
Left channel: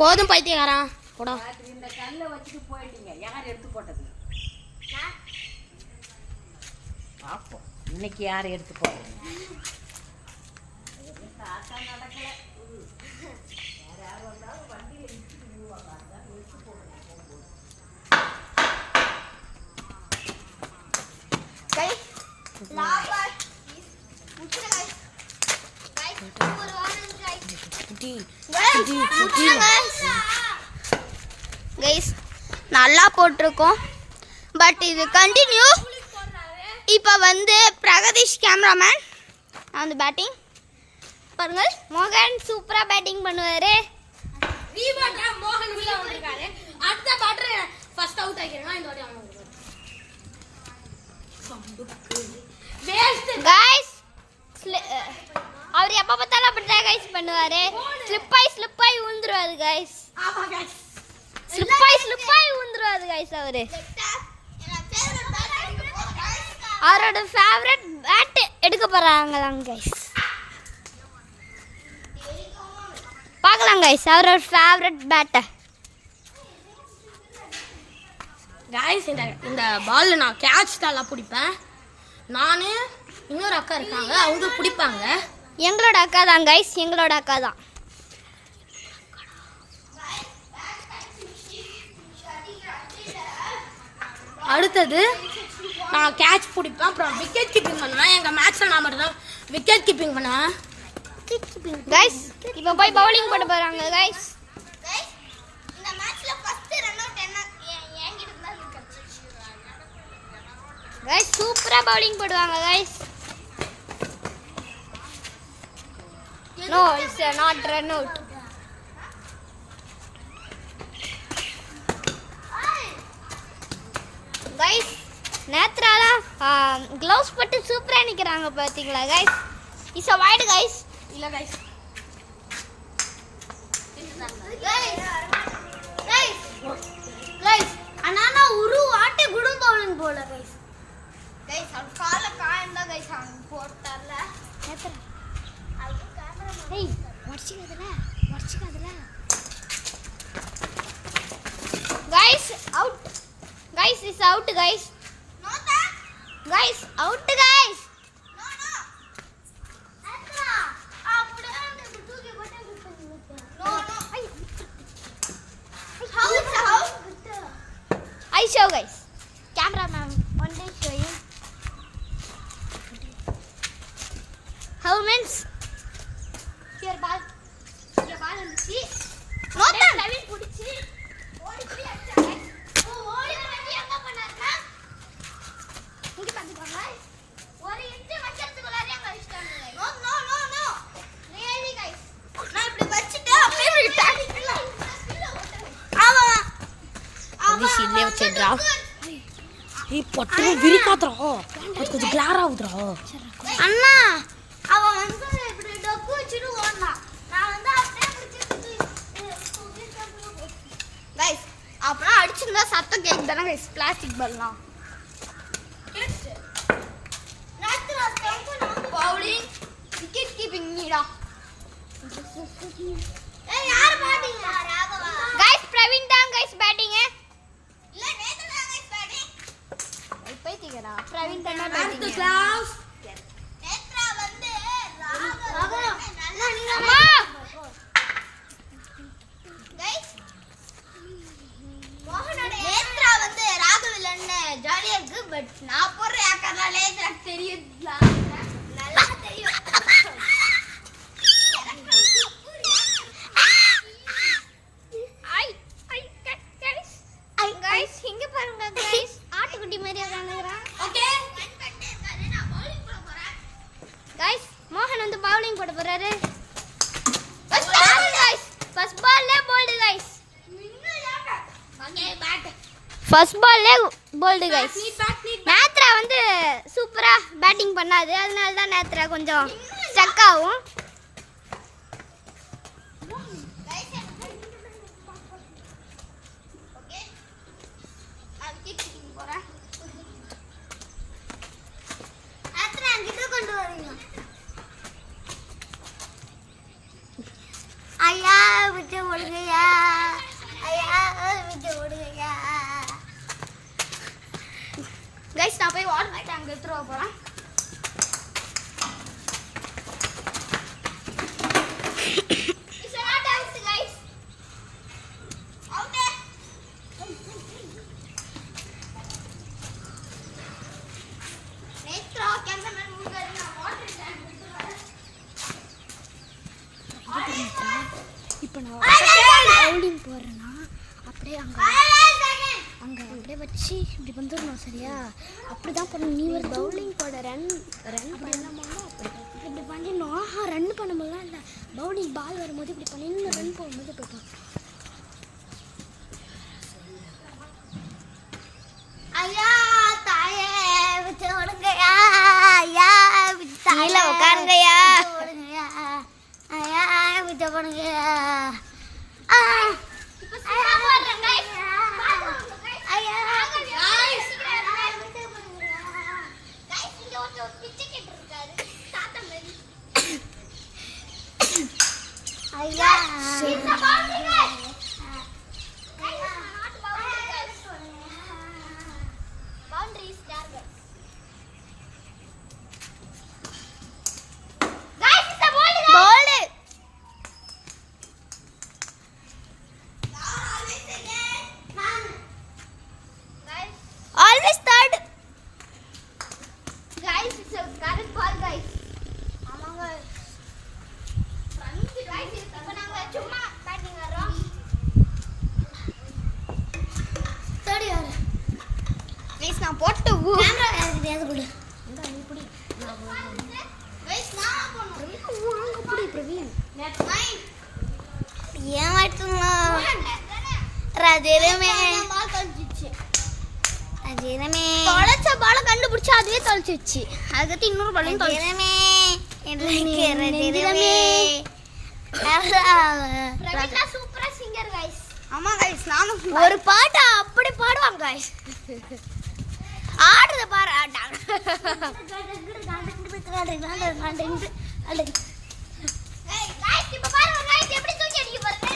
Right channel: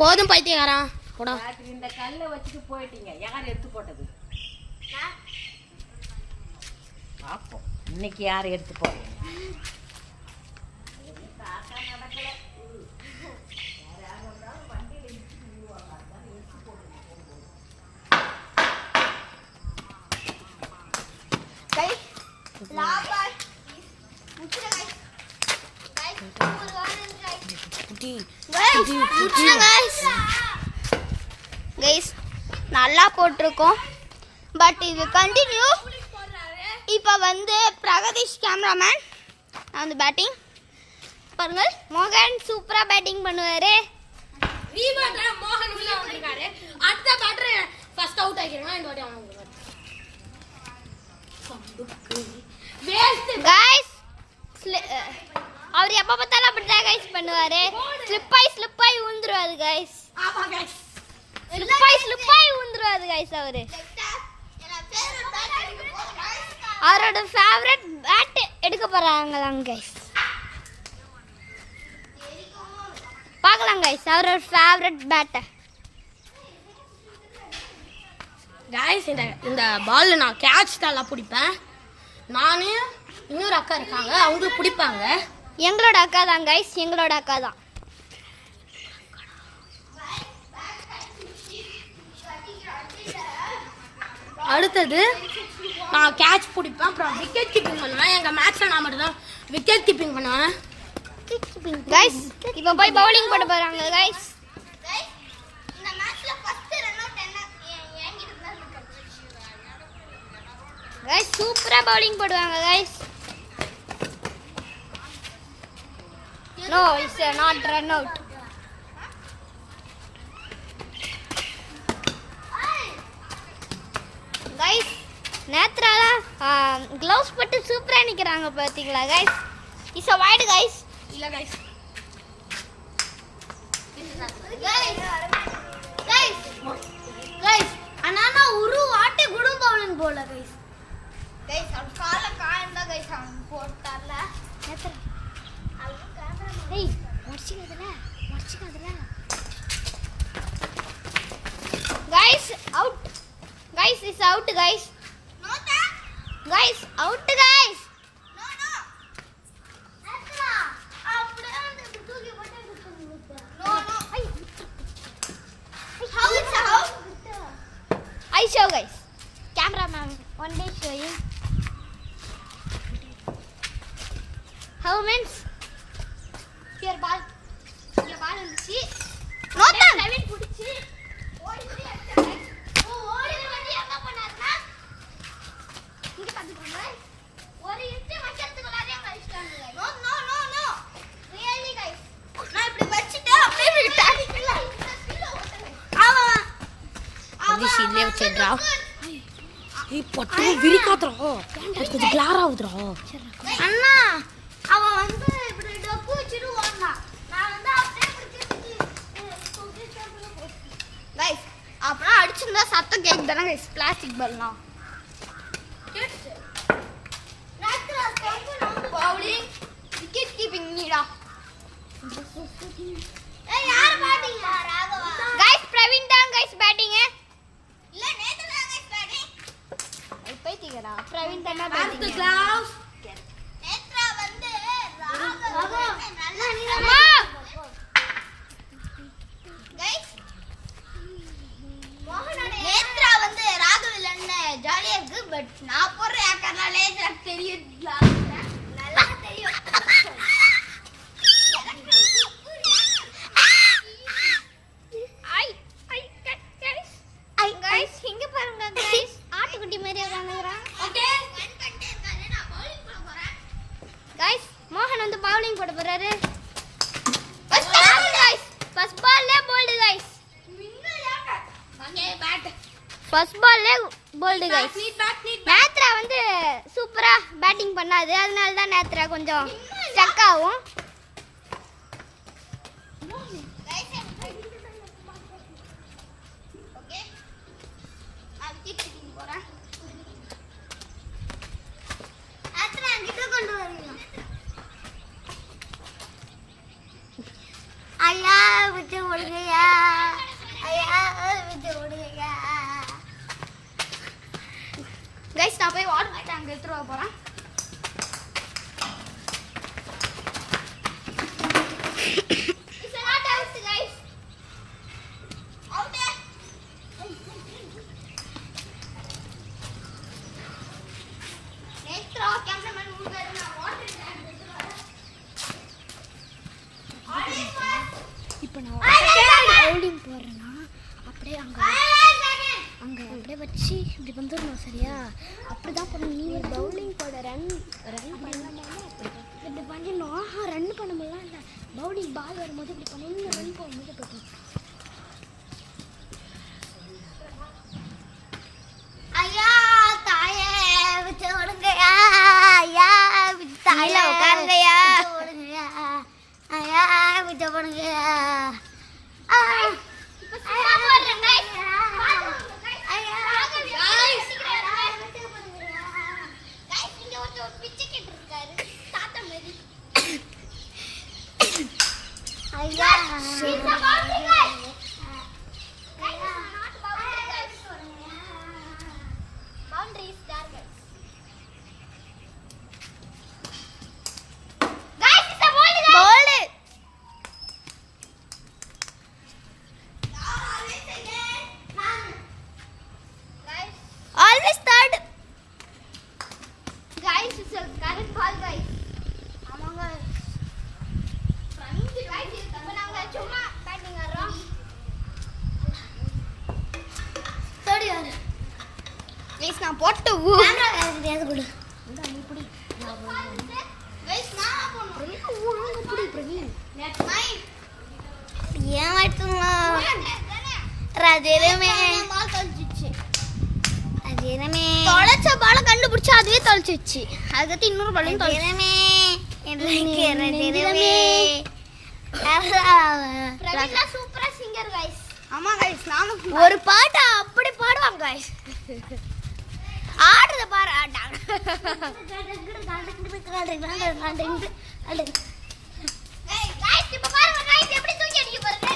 போதும் பைத்தியக்காரா. போடா. இந்த கல்லை வச்சுட்டு போயிட்டீங்க. யார் எடுத்து போட்டது? பார்ப்போம் இன்னைக்கு யார் எடுத்து போடுறது. guys, லாபர். முச்சுடா guys. Guys, ஒரு வாரம் guys. புடி கைஸ் நல்லா போட்டிருக்கோம். பட் இது கண்டினியூ. இப்போ வந்து பிரகதீஷ் கேமராமேன் நான் வந்து பேட்டிங் பாருங்க. மோகன் சூப்பராக பேட்டிங் பண்ணுவார். மோகன் உள்ள வந்திருக்காரு. அடுத்த பேட்டர் ஃபர்ஸ்ட் அவுட் ஆகிருங்க. இந்த வாட்டி அவங்க கைஸ் அவர் எப்போ பார்த்தாலும் அப்படிதான் கைஸ் பண்ணுவார். ஸ்லிப்பாய் விழுந்துருவாரு கைஸ். ஆமா गाइस. ஸ்லிப்பாய் விழுந்துருவாரு கைஸ். அவரோட ஃபேவரட் பேட் எடுக்க போறாங்களாம் கைஸ். பார்க்கலாம் கைஸ் அவரோட ஃபேவரட் பேட்டை. गाइस இந்த பால் நான் கேட்ச் தான் பிடிப்பேன். நானு இன்னொரு அக்கா இருக்காங்க. அவங்க பிடிப்பாங்க. எங்களோட அக்கா தான் கைஸ். எங்களோட அக்கா தான். அடுத்தது நான் கேட்ச் பிடிப்பேன். அப்புறம் விக்கெட் கீப்பிங் பண்ணுவேன். எங்கள் மேட்ச்சில் நான் மட்டும் தான் விக்கெட் கீப்பிங் பண்ணுவேன். கைஸ் இப்போ போய் பவுலிங் போட போகிறாங்க கைஸ். கைஸ் சூப்பராக பவுலிங் போடுவாங்க guys. No it's not run out. Guys நேத்ராலாம் க்ளவுஸ் போட்டு சூப்பராக நிற்கிறாங்க பார்த்தீங்களா guys. It's a wide guys. இல்லை கைஸ் அண்ணா உரு ஆட்டை குடும் பவுலிங் போல கைஸ். கைஸ் அவன் கால காயம் தான் கைஸ் அவன் போட்டார்ல. நேத்ரா ஏய் வச்சிக்காதல. Guys out. Guys is out guys. Guys out guys. I show guys. Cameraman, one day showing. How means here ball இங்க பால் இருந்துச்சு நோட்டா பிரவீன் புடிச்சு ஓடி போய் அடிச்சாங்க. ஓடி வந்து என்ன பண்ணாருன்னா இங்க பாத்துக்கோங்க ஒரு இன்ச் வைக்கிறதுக்குள்ளாரே அங்க அடிச்சிட்டாங்க. No no no no really guys நான் இப்படி வச்சிட்டு அப்படியே விட்டேன். ஆமா ரதீஷ் இல்லே வச்சிடுறா. ஏய் பட்டு விரிக்காதடா. அது கொஞ்சம் கிளார் ஆகுதுடா. அண்ணா அவன் வந்து இப்படி டொக்கு வச்சிட்டு ஓடுனான். நான் வந்து அப்படியே गाइस அப்புறம் அடிச்சிருந்தா சத்தம் கேக்குதானே गाइस பிளாஸ்டிக் பால்லாம் பவுலிங் விக்கெட் கீப்பிங் நீடா ஏய் யார் பேட்டிங் ராகவா गाइस பிரவீன் தான் गाइस பேட்டிங் இல்ல நேத்து தான் गाइस பேட்டிங் பைத்தியடா பிரவீன் தான் பேட்டிங் கிளாஸ் நேத்ரா வந்து ராகவா அம்மா गाइस நேத்ரா வந்து ராகவ் இல்லன்னு ஜாலியா இருக்கு பட் நான் போடுற ஏக்கர்னாலே எனக்கு தெரியுது நல்லா தெரியும் ஐ ஐ गाइस गाइस இங்க பாருங்க गाइस ஆட்டுக்குட்டி மாதிரி உட்கார்ந்துறான் ஓகே நான் பவுலிங் போட போறேன் गाइस மோகன் வந்து பவுலிங் போட போறாரு ஃபர்ஸ்ட் गाइस ஃபர்ஸ்ட் பால்ல bowled guys okay bad first பால்ல போல்ட் गाइस நேத்ரா வந்து சூப்பரா பேட்டிங் பண்ணாது அதனால தான் நேத்ரா கொஞ்சம் ஸ்டக் ஆகும் ஓகே நான் விக்கெட் கீப்பிங் போறேன் அத்தனை அங்கிட்டு கொண்டு வரீங்க ஐயா விட்டு ஓடுங்கய்யா ஐயா விட்டு ஓடுங்கய்யா गाइस நான் போய் வாட்டர் டேங்க் எடுத்துட்டு வர போறேன் It's not out, guys. Out there. Netra cameraman முன்னாடி நான் வாட்டர் டேங்க் எடுத்து வரேன். இப்போ நான் பவுலிங் போடுறேன்னா அப்படியே அப்படியே வச்சு இப்படி வந்துடணும் சரியா அப்படிதான் பண்ணணும் நீ ஒரு பவுலிங் போட ரன் பண்ணலாமா இப்படி பண்ணிடணும் ரன் பண்ணும்போதுலாம் இல்லை பவுலிங் பால் வரும்போது இப்படி பண்ணிடணும் ரன் போகும்போது இப்படி பண்ணணும். ஐயா தாயே விட்டு ஓடுங்கய்யா ஐயா விட்டு தாயில உட்காருங்கய்யா ஓடுங்கய்யா ஐயா விட்டு போடுங்கய்யா இப்போ சும்மா போடுறேன் guys. ஐயா guys இங்க ஒரு பிச்சைக்கிட்டு இருக்காரு தாத்தா மாதிரி ஐயா இந்த boundary guys guys not boundary guys boundary is there guys guys it's a ball always third guys it's a correct ball guys ஆமாங்க ஃப்ரண்ட் guys இப்ப நாங்க சும்மா பேட்டிங் ஆடுறோம் தேர்ட் யார் guys நான் போட்டு கேமரா தெரியாது குடு இந்த நீ புடி நான் போறேன் guys நான் போறேன் பிரவீன் வாங்க புடி பிரவீன் நெட் 9 ஏன் வாட்டுங்களா ராஜேரமே பால் தொலைச்சிச்சு ராஜேரமே தொலைச்ச பால கண்டுபிடிச்சு அதுவே தொலைச்சிச்சு அதுக்கு இன்னொரு பாலையும் தொலைச்சிரமே எனக்கு ராஜேரமே பிரவீன் சூப்பரா சிங்கர் गाइस ஆமா गाइस நானும் ஒரு பாட்டு அப்படி பாடுவாங்க गाइस ஆடுறத பாரு गाइस இப்ப பாருங்க गाइस எப்படி தூக்கி அடிக்க போறீங்க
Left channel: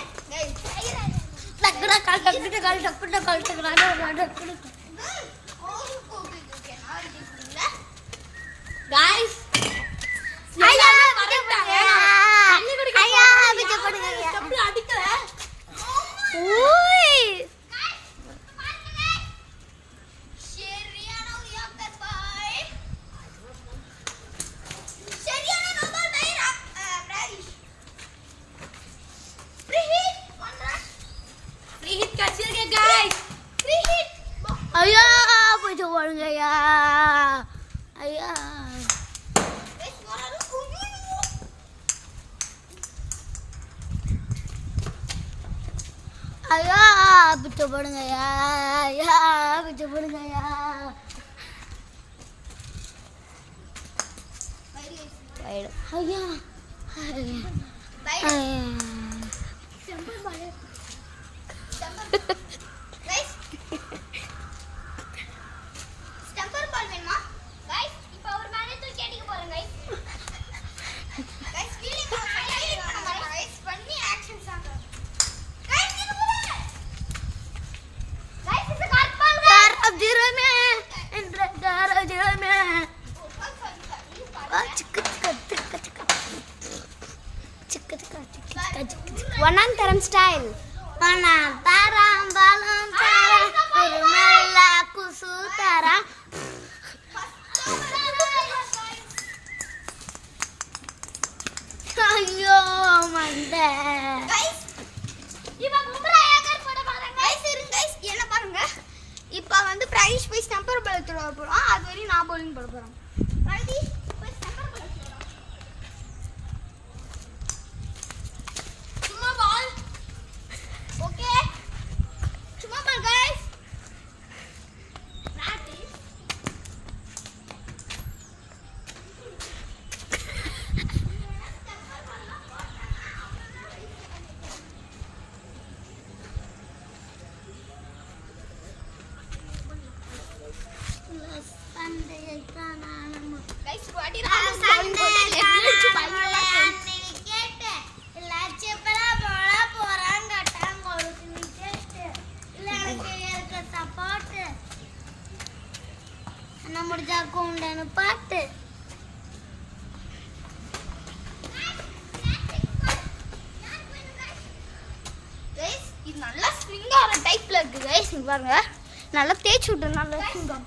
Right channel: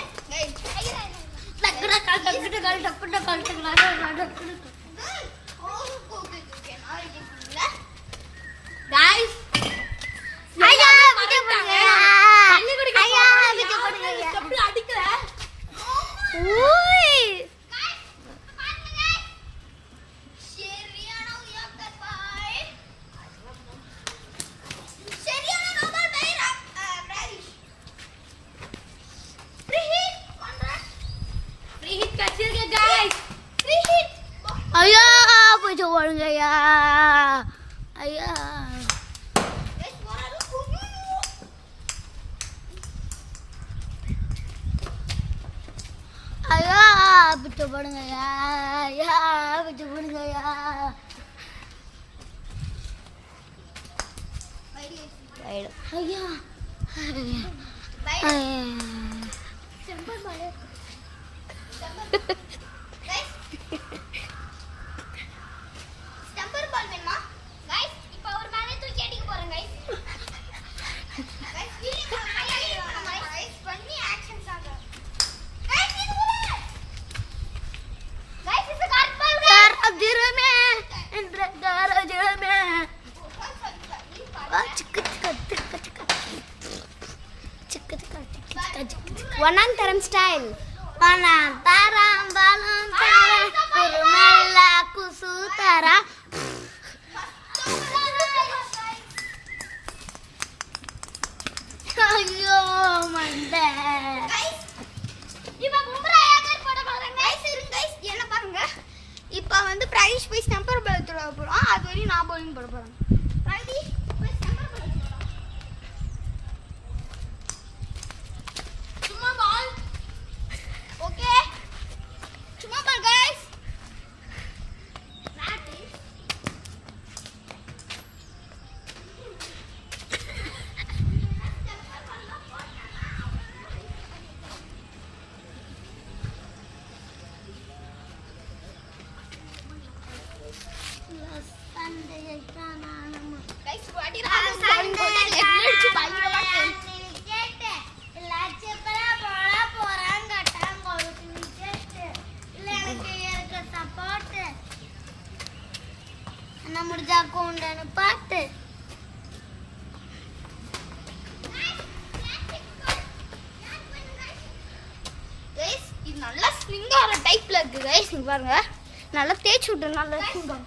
गाइस ஐயா மறந்துட்டாங்க தண்ணி குடிக்க ஐயா விட்டு போடுங்க ஸ்டெப்ல அடிக்கல ஓய் சரியான உயர்ந்த பாய் சரியான நோபல் பை பிராவிஷ் பிடிச்ச போடுங்கய்யா ஐயா ஐயா பிடிச்ச போடுங்கய்யா ஐயா பிடிச்ச போடுங்கய்யா ஐயா ஸ்டம்பர் பால் வேணுமா गाइस இப்போ ஒரு மேலே தூக்கி அடிக்க போறேன் गाइस गाइस ஃபீலிங் गाइस பண்ணி ஆக்ஷன் சாங்க गाइस இது போல गाइस இது காட்பால் கரஜிரமே என்ற கரஜிரமே சிக்கு சிக்கு சிக்கு சிக்கு சிக்கு வண்ணாந்தரம் ஸ்டைல் வண்ணாந்தரம் பாலம் தரம் ஒரு மெல்ல குசு தரம் ஐயோ மண்டே गाइस இப்போ பும்ரா யாக்கர் போட போறாங்க गाइस இருங்க गाइस என்ன பாருங்க இப்போ வந்து பிரைஸ் போய் ஸ்டம்பர் பால் தொட போறோம் அது வரையும் நான் bowling போட போறேன் பிரைஸ் போய் ஸ்டம்பர் பால் தொட சும்மா பால் ஓகே சும்மா பால் गाइस பிராக்டீஸ் गाइस वाटी रहा है bowling போட்டு லெஃப்ட் அடிச்சு பயங்கரமா கேட் லட்சப்பரா போடா போறாங்க டாங்க ஒரு கேட் இல்ல எனக்கு இருக்க சப்போர்ட் அண்ணா முடிஞ்சா கொண்டான பாட்டு गाइस இது நல்லா ஸ்ப்ரிங் ஆற டைப்ல இருக்கு गाइस இங்க பாருங்க நல்லா தேய்ச்சு விட்டு நல்லா சூடாம்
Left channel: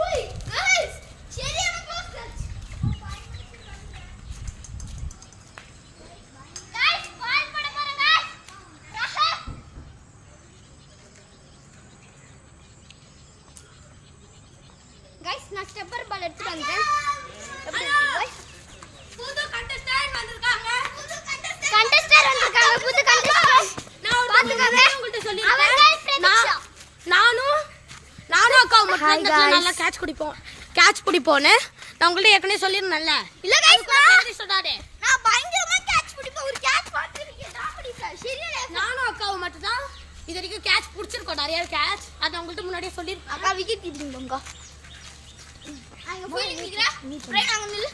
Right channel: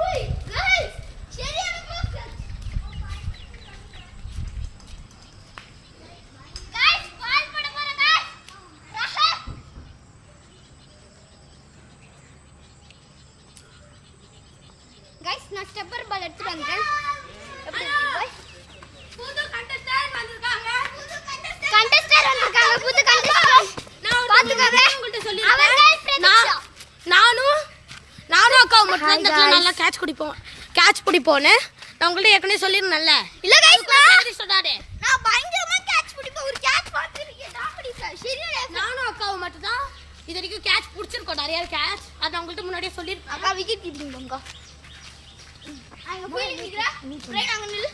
ஓய் गाइस சரியான க்ளோஸ் டச் गाइस பால் போட போறேன் गाइस நான் ஸ்டெப்பர் பால் எடுத்து வந்தேன் எப்படி இருக்கு गाइस புது கண்டஸ்டன்ட் வந்திருக்காங்க புது கண்டஸ்டன்ட் நான் உங்கள்கிட்ட சொல்லிருக்கேன் நானும் அக்காவும் மட்டும் இந்த இடத்துல நல்லா கேட்ச் பிடிப்போன்னு நான் உங்கள்ட்ட ஏற்கனவே சொல்லிருந்தேன்ல இல்ல गाइस சொன்னாரு நான் பயங்கரமா கேட்ச் பிடிப்பேன் ஒரு கேட்ச் பாத்துறீங்க நான் பிடிப்பேன் சரியா நானும் அக்காவும் மட்டும் தான் இது வரைக்கும் கேட்ச் பிடிச்சிருக்கோம் நிறைய கேட்ச் அதை உங்கள்கிட்ட முன்னாடியே சொல்லியிருக்கேன் அக்கா விக்கெட் கீப்பிங் பங்கா அங்க போய் நிக்கிறேன் ரைட் அங்க நில்லு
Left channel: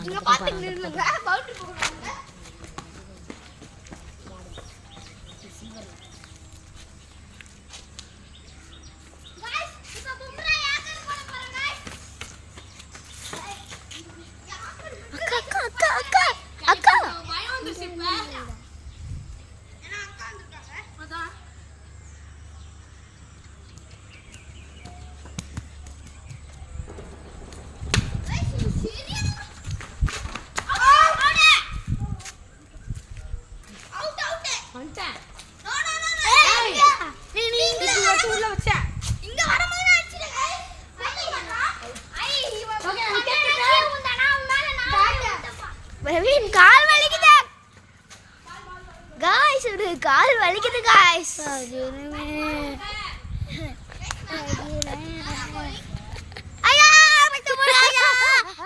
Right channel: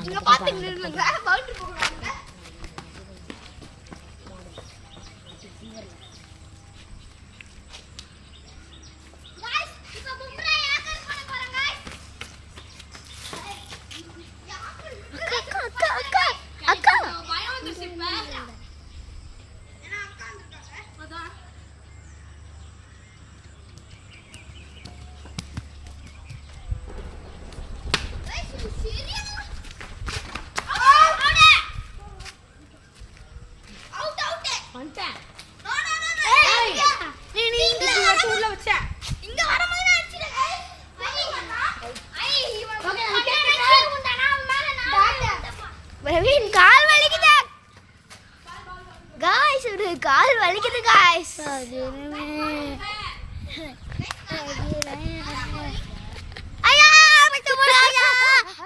இங்க பாத்து நில்லுங்க பவுண்டரி போடுறாங்க गाइस இப்போ பும்ரா யாக்கர் போட போறாங்க அக்கா பயம் வந்துருச்சு இப்ப ஏன்னா அக்கா வந்திருக்காங்க गाइस இது சரியா அவுட் வந்துட்டேன் நோ நோ நோ ஏய், நீ உள்ள வச்ச இங்க வரும்போது நான் அடிச்சிட்டேன் ஓகே நான் கேட்கிறேன் பிரவீன் கால் வலிக்குது गाइस ஒரு கால் வலிக்குது गाइस ஐயா விட்டு போடுங்க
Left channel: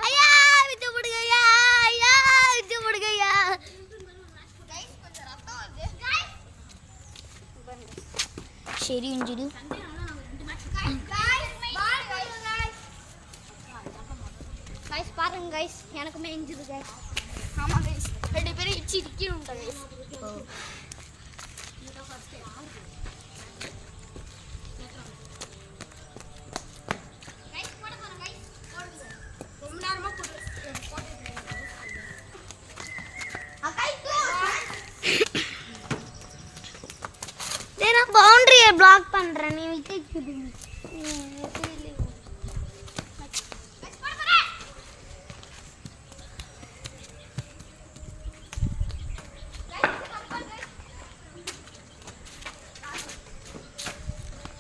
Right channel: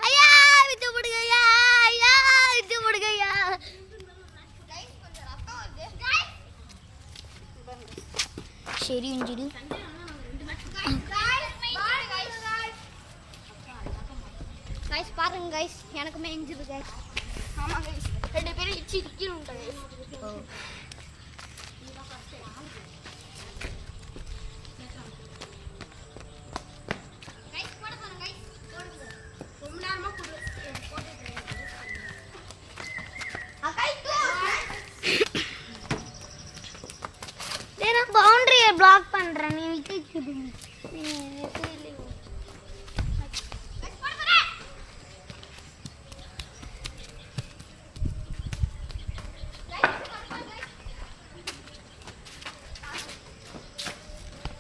ஐயா விட்டு போடுங்க ஐயா விட்டு போடுங்க சரி இன்ஜிடி गाइस பாருங்க गाइस எனக்குமே இன்ஜுரி गाइस ஆமா गाइस ரெண்டு பேரும் இச்சி இக்கி உண்டா गाइस गाइस போட போறேன் गाइस ரொம்ப நேரமா போடுறேன் அக்கா இப்போ நான் பவுண்டரியை பிளாக் பண்றேன் நீ விக்கெட் கீப்பிங்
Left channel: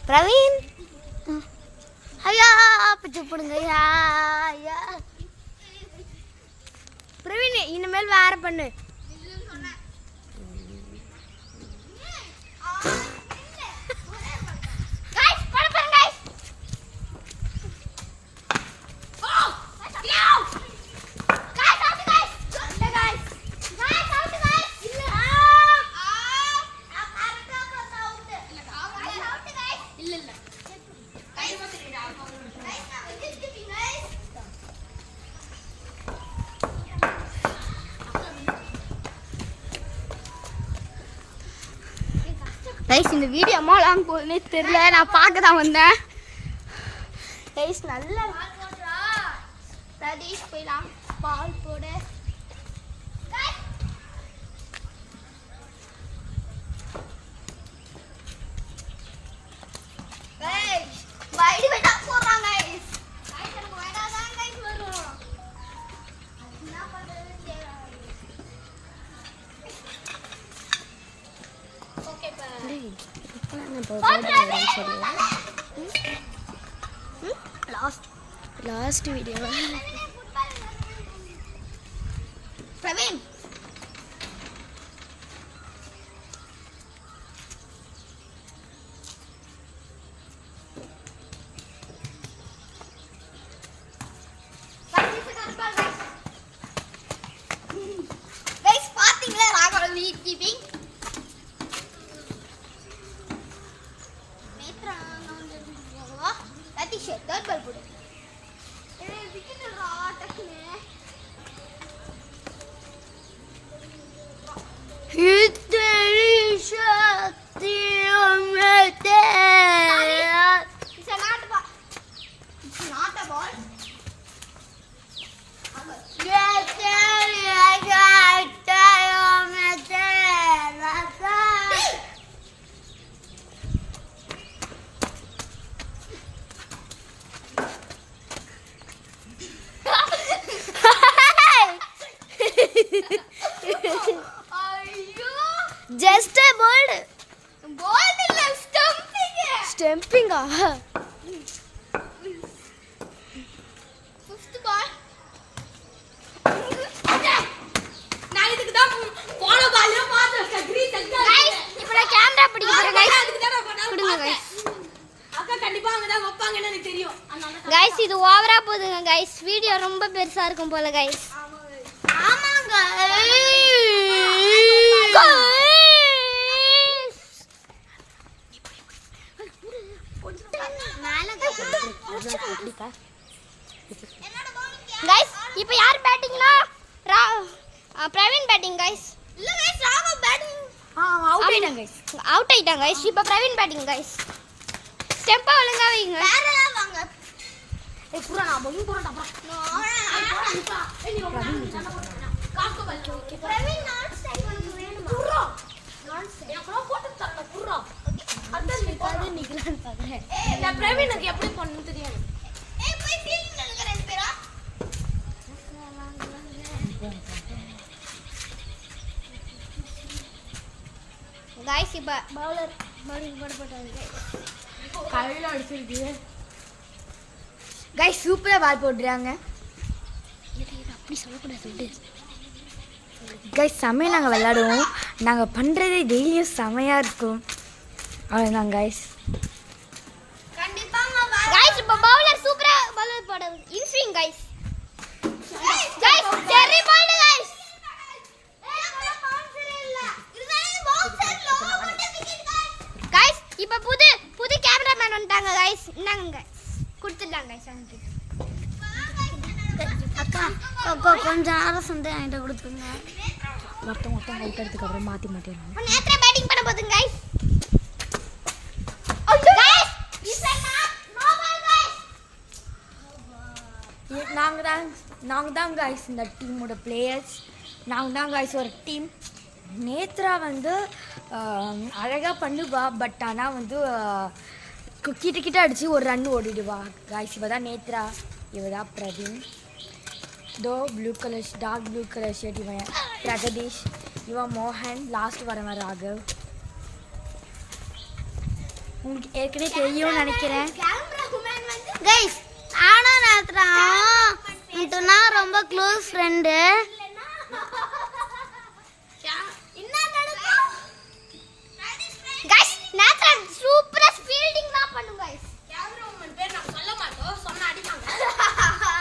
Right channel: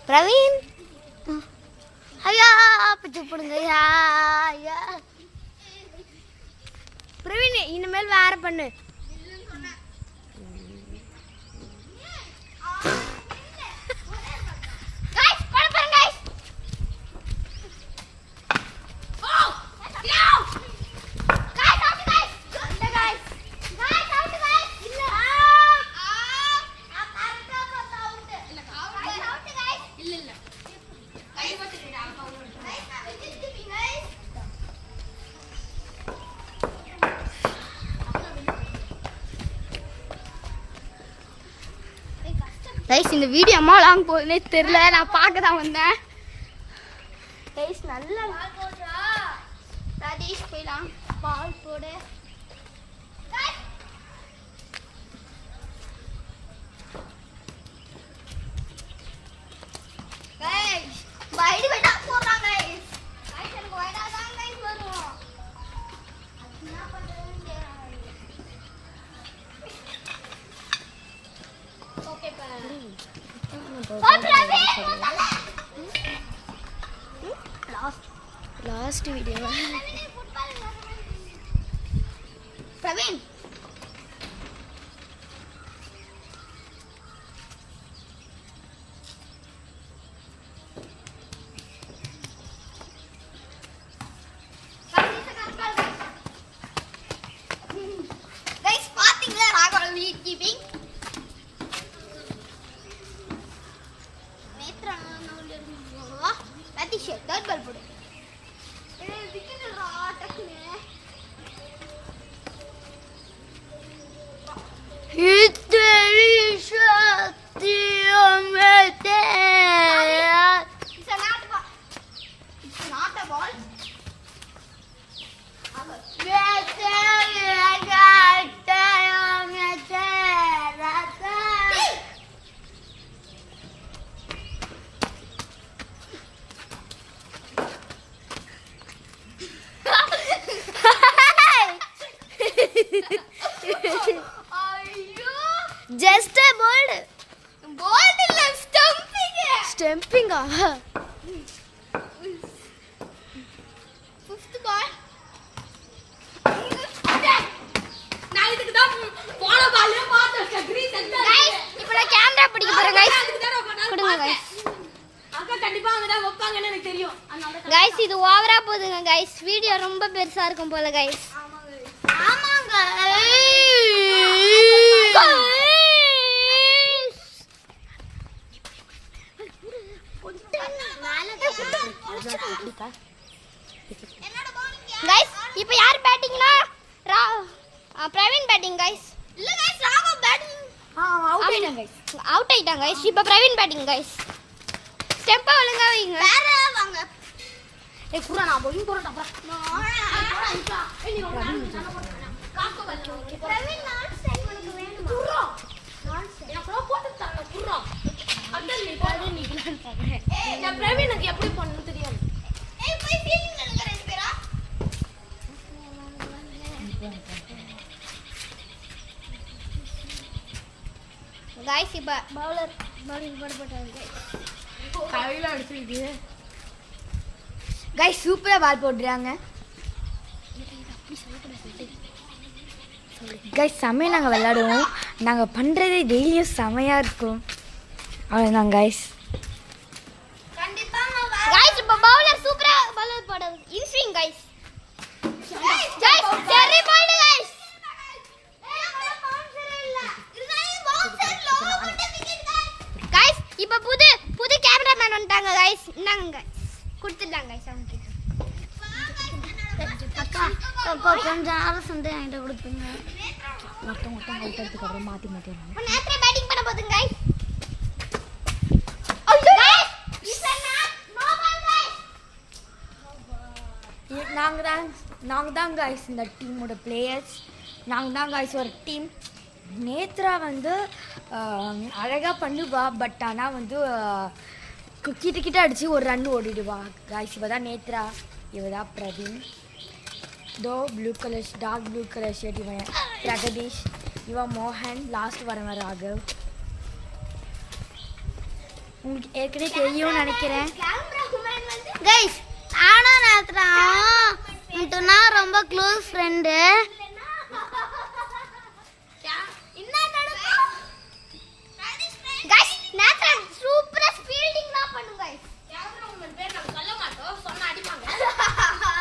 பிரவீன் ஐயா பிச்சு போடுங்க ஐயா பிரவீன் இனிமேல் வேற பண்ணு. கைஸ் இந்த வீடியோ அம்மா லாங் போகுதுன்னே தெரியல, நான் பார்க்க தான் வந்தேன். கைஸ் நல்ல பால் போடுறா ரதீஷ், போயிடலாம் பால் போடு. லாஸ்ட் வீடியோ பிரவீன் பாத்தீங்களா ராகவ் வீட் கீப்பிங் தேர்ட் பால் போடு. Just a bird. Bird இல்ல ஸ்டம்பிங். ஸ்டம்பிங்கா? Fifth ball. நான் இதுக்கு தான் போன பால்ல பார்த்தேன் கிரீன் சென்டர். गाइस இப்போ நான் கேமரா பிடிக்க போறேன் गाइस. கொடுங்க गाइस. அக்கா கண்டிப்பா அங்க தான் வைப்பாங்கன்னு எனக்கு தெரியும். गाइस இது ஓவரா போகுதுங்க गाइस. வீடியோ ரொம்ப பெருசா இருக்கும் போல गाइस. ஆமாங்க. गाइस இப்போ யார் பேட்டிங்னா பிரவீன் பேட்டிங் गाइस. இல்ல गाइस ராகவ் பேட்டிங். அவுட் ஆயிட்டாங்க गाइस. அவுட் ஆயிட்டாங்க गाइस. இப்போ பிரவீன் பேட்டிங் गाइस. ஸ்டெம்பா ஒழுங்கா வைங்க. வேற வாங்க. ஏய் புறா நான் போய் போறடா புறா. ஏய் நீ காக்கோ பல்ல ஓகே பிரவீன் நான் ஸ்டைல் வேணுமா? புறா நான் கூட போட்டு தரல புறா. அந்த நீ பாரு நீ கிளான் பாக்குறேன். நான் பிரவீனுக்கு எப்படி பண்ணனும் தெரியாது. ஏய் போய் ஃபீல்டிங்ல நிங்க ரெண்டு பேரா. गाइस இப்போ பவுலர் பவுலிங் போட்டாங்க गाइस. கையில அடிச்சிருக்கு. गाइस சூப்பரா பால் போடுறாங்க. गाइस செமையா நாங்க விளையாடுவோம். நாங்க பண்றதே டெய்லியும் செமையா இருக்கும். அவ்வளவுதான் गाइस. கண்டிப்பாங்க गाइस இப்போ பவுலர் சூப்பரா பவுலர் போட இன்ஸ்விங் गाइस. गाइस கேரி பால் गाइस. गाइस இப்போ புது கேமராமேன் வந்துட்டாங்க गाइस. இந்தாங்க கொடுத்துட்டாங்க गाइस அவங்க கிட்ட. அக்கா கொஞ்சம் அவசரம் தான் என்கிட்ட கொடுத்துங்க. ஒருத்தன் கைட் எடுத்துக்கறோம் மாத்தி மாத்தி. நேத்ரா பேட்டிங் பண்ண போதுங்க गाइस. ஐயோ guys is not no ball guys. நாங்க தான் गाइस இந்த டீமோட பிளேயர்ஸ். நாங்க தான் गाइस ஒரு டீம். நேத்ரா வந்து அழகா பண்ணுவா. பட் ஆனால் வந்து கிட்ட அடிச்சு ஒரு ரன் ஓடிடுவா गाइस. இவ தான் நேத்ரா, இவ தான் பிரவீன். दो blue colour dark blue colour shirt इवन प्रगदीश इवन मोहन लास्ट वरम राघव உங்களுக்கு ஏற்கனவே தெரியும்னு நினைக்கிறேன். கைஸ் ஆனா நேத்ரா ரொம்ப க்ளோஸ் ஃப்ரெண்டு. கைஸ் நேத்ரா சூப்பரா ஃபீல்டிங் தான் பண்ணுங்க கைஸ்.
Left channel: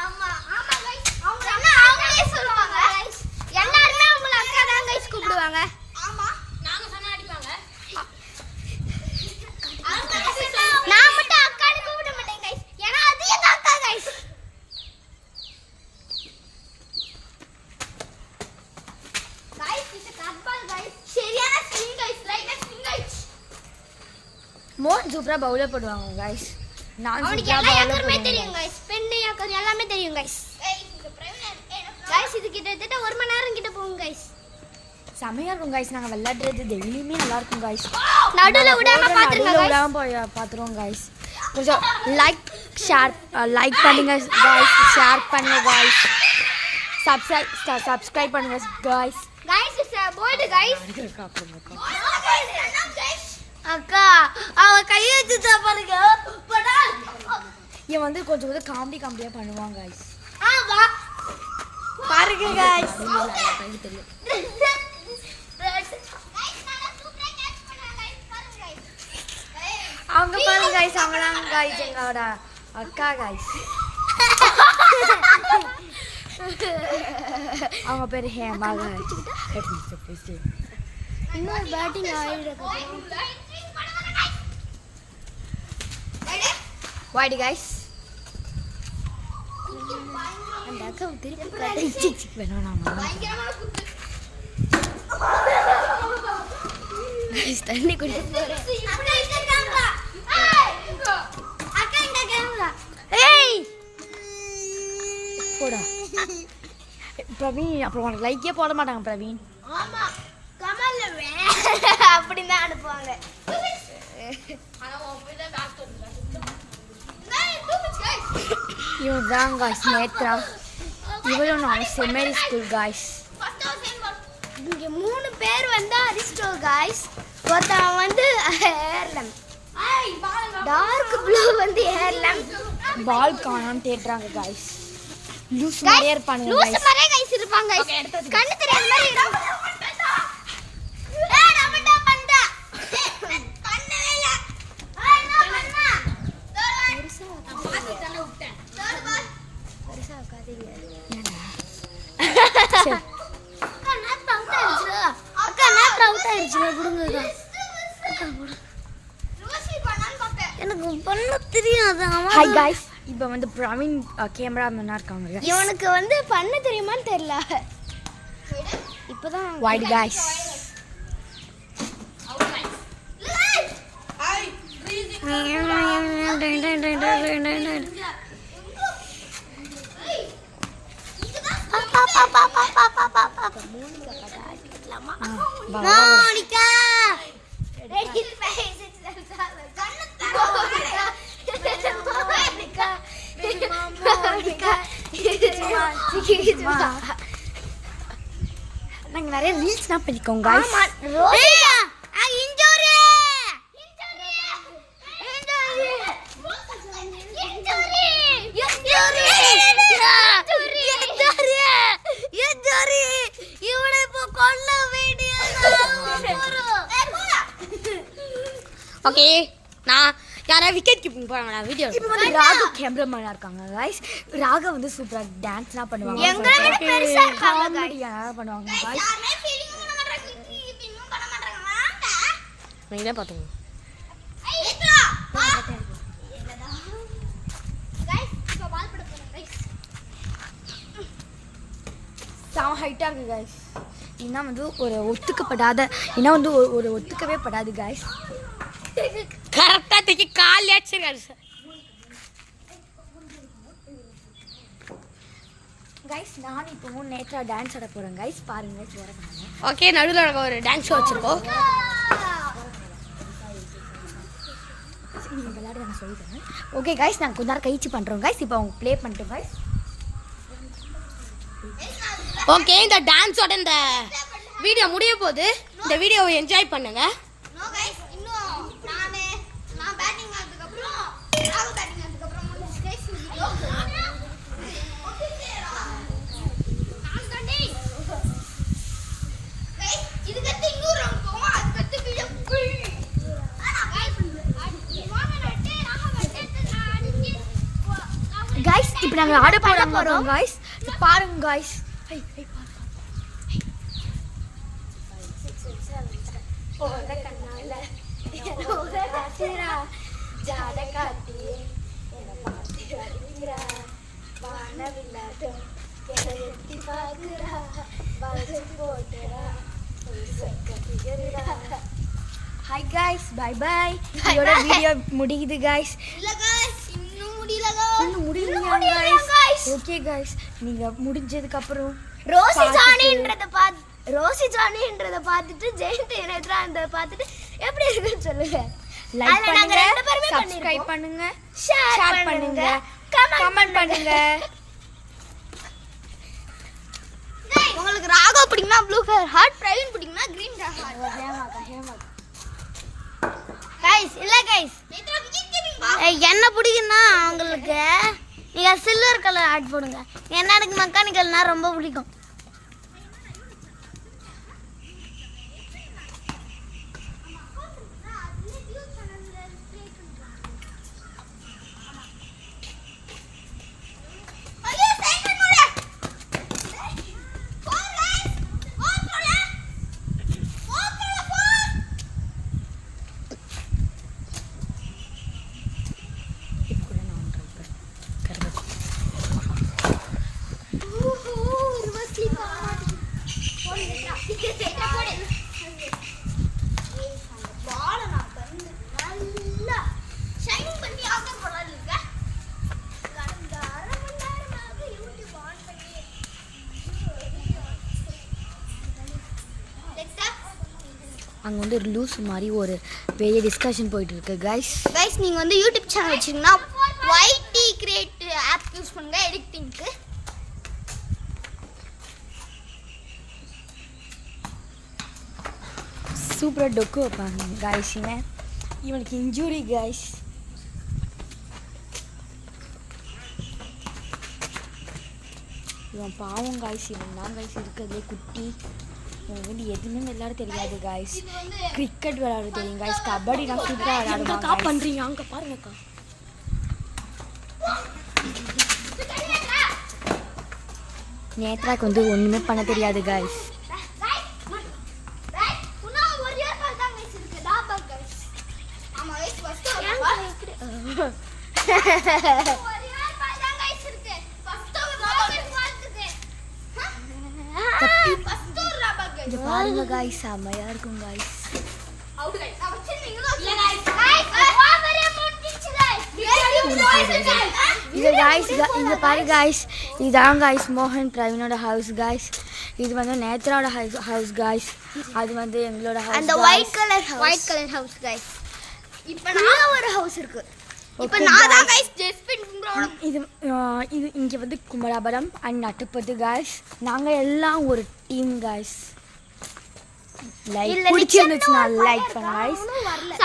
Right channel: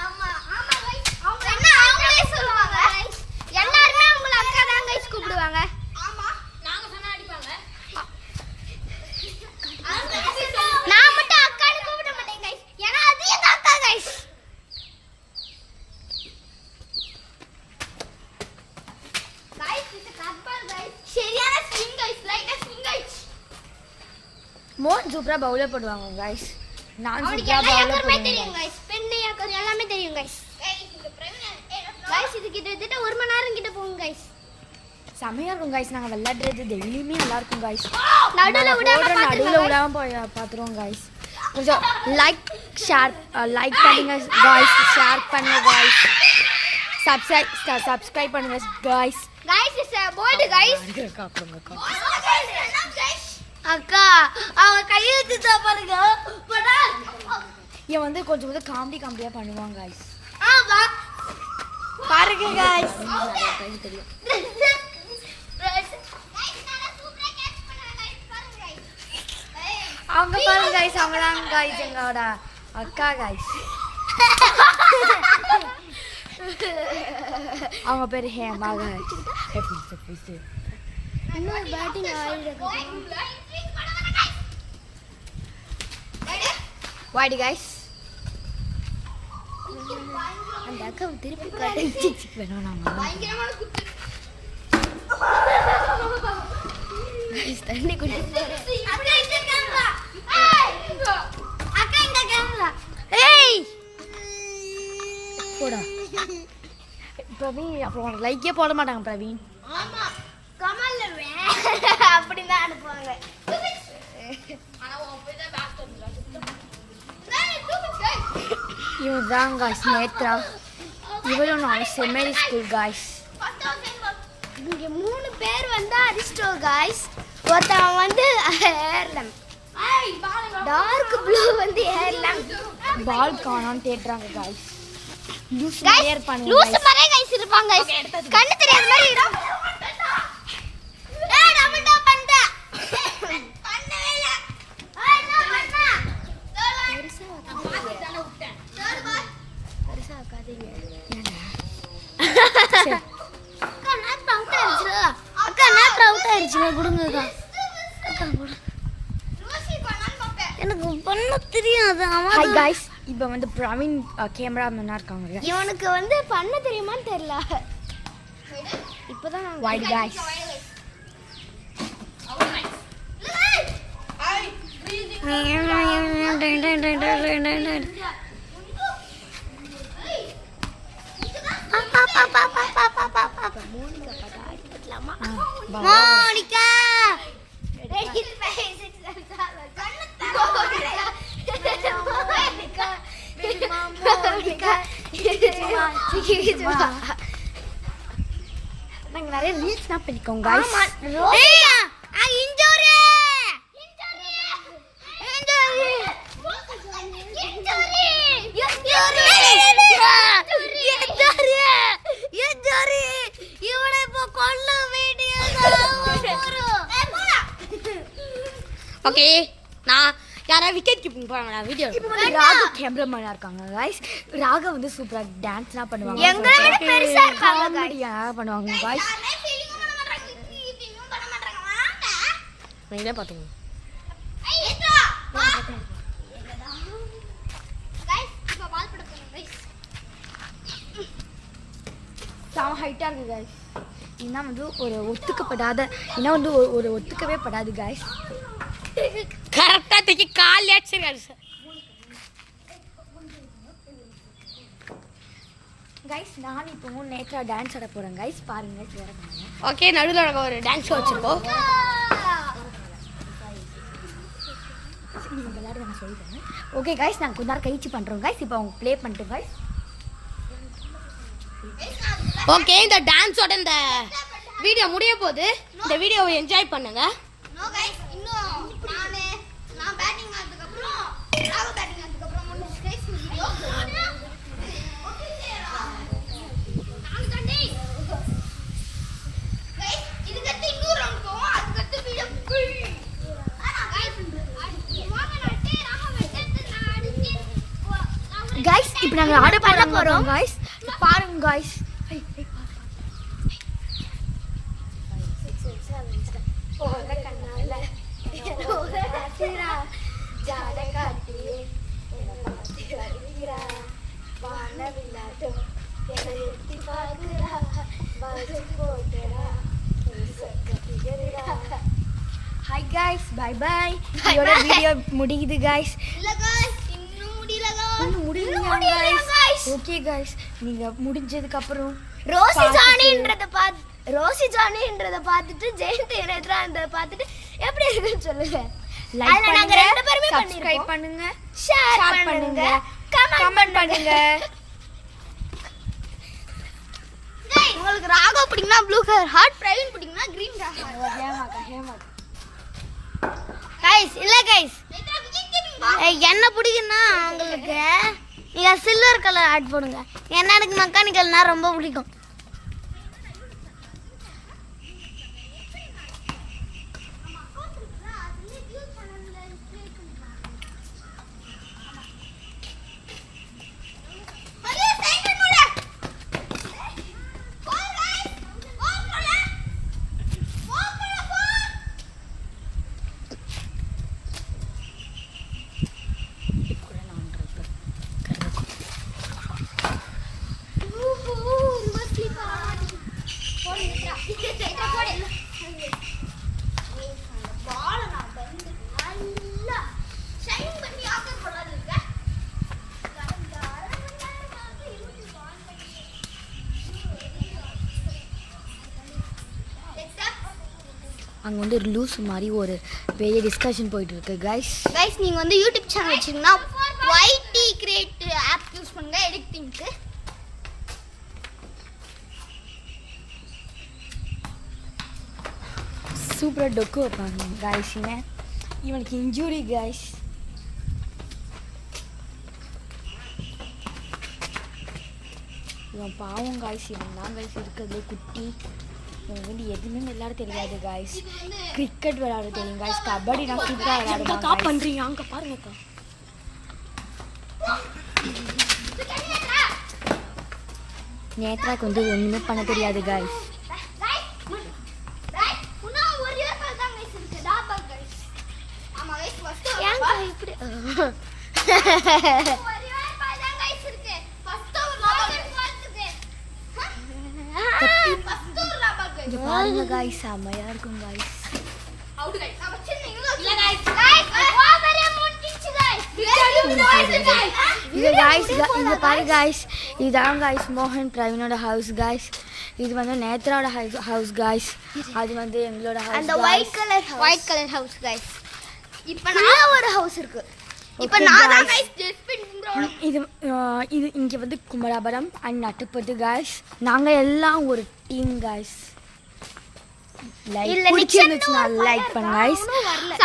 ஆமா ஆமா கைஸ் அவங்களே சொல்லுவாங்க கைஸ். எல்லாரும் அவங்கள அக்கா தான் கைஸ் கூப்பிடுவாங்க. ஆமா நாங்க சொன்னா அடிப்பாங்க. நான் மட்டும் அக்கான்னு கூப்பிட மாட்டேன் கைஸ். ஏன்னா அது எங்க அக்கா கைஸ். கைஸ் இது கட்பால் கைஸ். சரியான ஸ்விங் கைஸ். லைட்டா ஸ்விங் கைஸ். மோன் சூப்பரா பவுலர் போடுவாங்க கைஸ். நான் சூப்பரா பவுலர் போடுவேன் கைஸ். பெண்ணு யாக்கர் எல்லாமே தெரியும் கைஸ். கைஸ் இது கிட்டத்தட்ட 1 மணி நேரம் கிட்ட போகும் கைஸ். செமையா இருக்கும் கைஸ். நாங்க விளையாடுறது டெய்லியுமே நல்லா இருக்கும் கைஸ். நடுவுல விடாம போய் பாத்துருவோம் கைஸ். கொஞ்சம் லைக் பண்ணுங்க கைஸ். ஷேர் பண்ணுங்க கைஸ். சப்ஸ்கிரைப் பண்ணுங்க guys. Guys is board guys. அக்கா அவ கையை வச்சுட்டா பாருங்க. இவன் வந்து கொஞ்சம் காமெடியா பண்ணுவான் கைஸ். ஆமா பாருங்க கைஸ். தெரியும். அவங்க பாருங்க கைஸ். அவங்களாம் கைஸ் எங்களோட அக்கா கைஸ். அவங்க பேரு ஹேமா கைஸ். இன்னொரு பேட்டிங் ஆடுறது. வாடி கைஸ். அந்த அக்கா திருப்பி கட்டி வேணும் நாங்க தண்ணி குடி. ஏய் போடா பிரவீன். அப்புறம் உனக்கு லைக்கே போட மாட்டாங்க பிரவீன். ஆமா கமல்ல அப்படிதான் அனுப்புவாங்க. இவன் தான் கைஸ் நேத்ரா. இவளும் நான் செமரி ஸ்கூல் கைஸ். இங்க 3 பேர் வந்து அரிஸ்டோ கைஸ். ஒருத்தன் வந்து ஏர்லம். டார்க் ப்ளூ வந்து ஏர்லம். பால் காணான்னு தேடுறாங்க கைஸ். லூஸ் மாதிரியே இருப்பானுங்க லூஸ் guys. மாதிரியே கைஸ் இருப்பாங்க கைஸ். கண்ணு தெரியாத மாதிரி இடம். ஏய் நான் மட்டும் பண்ணா. கண்ணே இல்ல. ஏய் நான் பண்ணா. பெருசா விட்டேன். Third ball. பெருசா காதேவி. ஏன்டா? அக்கா நேத்ரா அவுட் ஆயிடுச்சு. குடுங்க எனக்கு பண்ண தெரியாது. Hi guys. இப்போ வந்து பிரவீன் கேமராமேனா இருக்காங்க. இவனுக்கு வந்து பண்ண தெரியுமான்னு தெரியல. இப்போதான் வாடி கைஸ். மோனிகா நாங்க நிறைய ரீல்ஸ்லாம் பண்ணிக்கோங்க கைஸ். ஓகே நான் யாராவது விக்கெட் கீப்பிங் போறாங்க வீடியோ. ராகு கேமராமேனா இருக்காங்க கைஸ். ராகா வந்து சூப்பரா டான்ஸ்லாம் பண்ணுவாங்க. எங்களை விட பெருசா இருக்காங்க காமெடியா பண்ணுவாங்க கைஸ். நீங்க பாத்துங்க. செம ஹைட்டா இருக்கு கைஸ். இன்னும் வந்து ஒரு ஒத்துக்கப்படாத இன்னும் வந்து ஒரு ஒத்துக்கவே படாது கைஸ். கரெக்டா தூக்கி கால் ஏச்சிருக்காரு கைஸ். நான் இப்போ நேத்ரா டான்ஸ் ஆட போறேன் கைஸ். பாருங்க கைஸ் வரதுனால. ஓகே நடுவுல நம்ம ஒரு டான்ஸ் வச்சிருக்கோம். நீங்க விளையாட நான் சொல்றேன். ஓகே கைஸ் நான் கொஞ்ச நேரம் கழிச்சு பண்றோம் கைஸ். இப்போ அவங்க ப்ளே பண்ணிட்டோம் கைஸ். ஓகே இந்த டான்ஸோட இந்த வீடியோ முடிய போகுது. இந்த வீடியோவை என்ஜாய் பண்ணுங்க. இன்னும் நான் गाइस இப்போ நாங்க ஆட போறோம் गाइस பாருங்க गाइस போற கண்ணால என்னோட காத்திரா ஜாட காட்டி என்ன பாத்தி வரிரா வானவில்லாதோ என்ன எட்டி பாக்குறா பாஜி போட்டடா ஹாய் गाइस பை பை இதோட வீடியோ முடியுது गाइस இல்ல गाइस இன்னும் முடியல गाइस இன்னும் முடியலையா गाइस ஓகே गाइस நீங்க முடிஞ்சதுக்கு அப்புறம் ரோசி ஜானின்றத பார்த்துட்டு ஜெயந்தி என்னன்றத பார்த்துட்டு எப்படி இருக்குன்னு சொல்லுங்க லைக் பண்ணுங்க சப்ஸ்கிரைப் பண்ணுங்க ஷேர் பண்ணுங்க கமெண்ட் பண்ணுங்க உங்களுக்கு ராகவ் பிடிக்கும்னா ப்ளூ கலர் ஹார்ட் பிரவீன் பிடிக்கும்னா கிரீன் கலர் गाइस இல்ல गाइस என்ன பிடிக்கும்னா உங்களுக்கு நீங்க சில்வர் கலர் ஆட் பண்ணுங்க ஏன்னா எனக்கு மெக்கானிக்கல்னா ரொம்ப பிடிக்கும் அங்க வந்து ஒரு லூஸ் மாதிரி ஒரு பெரிய டிஸ்கஷன் போயிட்டு இருக்கு गाइस நீங்க வந்து யூடியூப் சேனல் வச்சீங்கன்னா YT கிரியேட் ஆப் யூஸ் பண்ணுங்க எடிட்டிங்க்கு சூப்பர் டொக்கு வைப்பாங்க गाइस இவனுக்கு இன்ஜூரி गाइस இவன் பாவம் गाइस இவன் தான் गाइस இருக்கிறதுலே குட்டி இவனுக்கு வந்து எதுவுமே விளையாட தெரியாது गाइस கிரிக்கெட் விளையாட தெரியும் गाइस கபடி நான் சூப்பரா விளையாடுவேன் கா பண்றீங்க அங்க பாருங்கக்கா நேத்ராக்கு வந்து ஒண்ணுமே பண்ண தெரியாது गाइस இங்க பாருங்க गाइस செமையா இருக்கும் गाइस இது गाइस இங்க பாரு गाइस இதான் गाइस மோகன் பிரவீனோட ஹவுஸ் गाइस இது வந்து நேத்ராவோட ஹவுஸ் गाइस அது வந்து எங்களோட ஹவுஸ் அந்த ஒயிட் கலர் ஹவுஸ் गाइस இப்போ நான் ஒரு ஹவுஸ் இருக்கு இப்போ நான் தான் गाइस ஜெஸ்பின் இது இது இங்க வந்து குமராபுரம் அண்ட் நட்டுப்பட்டு गाइस நாங்க எல்லாம் ஒரு டீம் गाइस லைக் பிடிச்சிருந்துச்சுன்னா லைக் பண்ணுங்க गाइस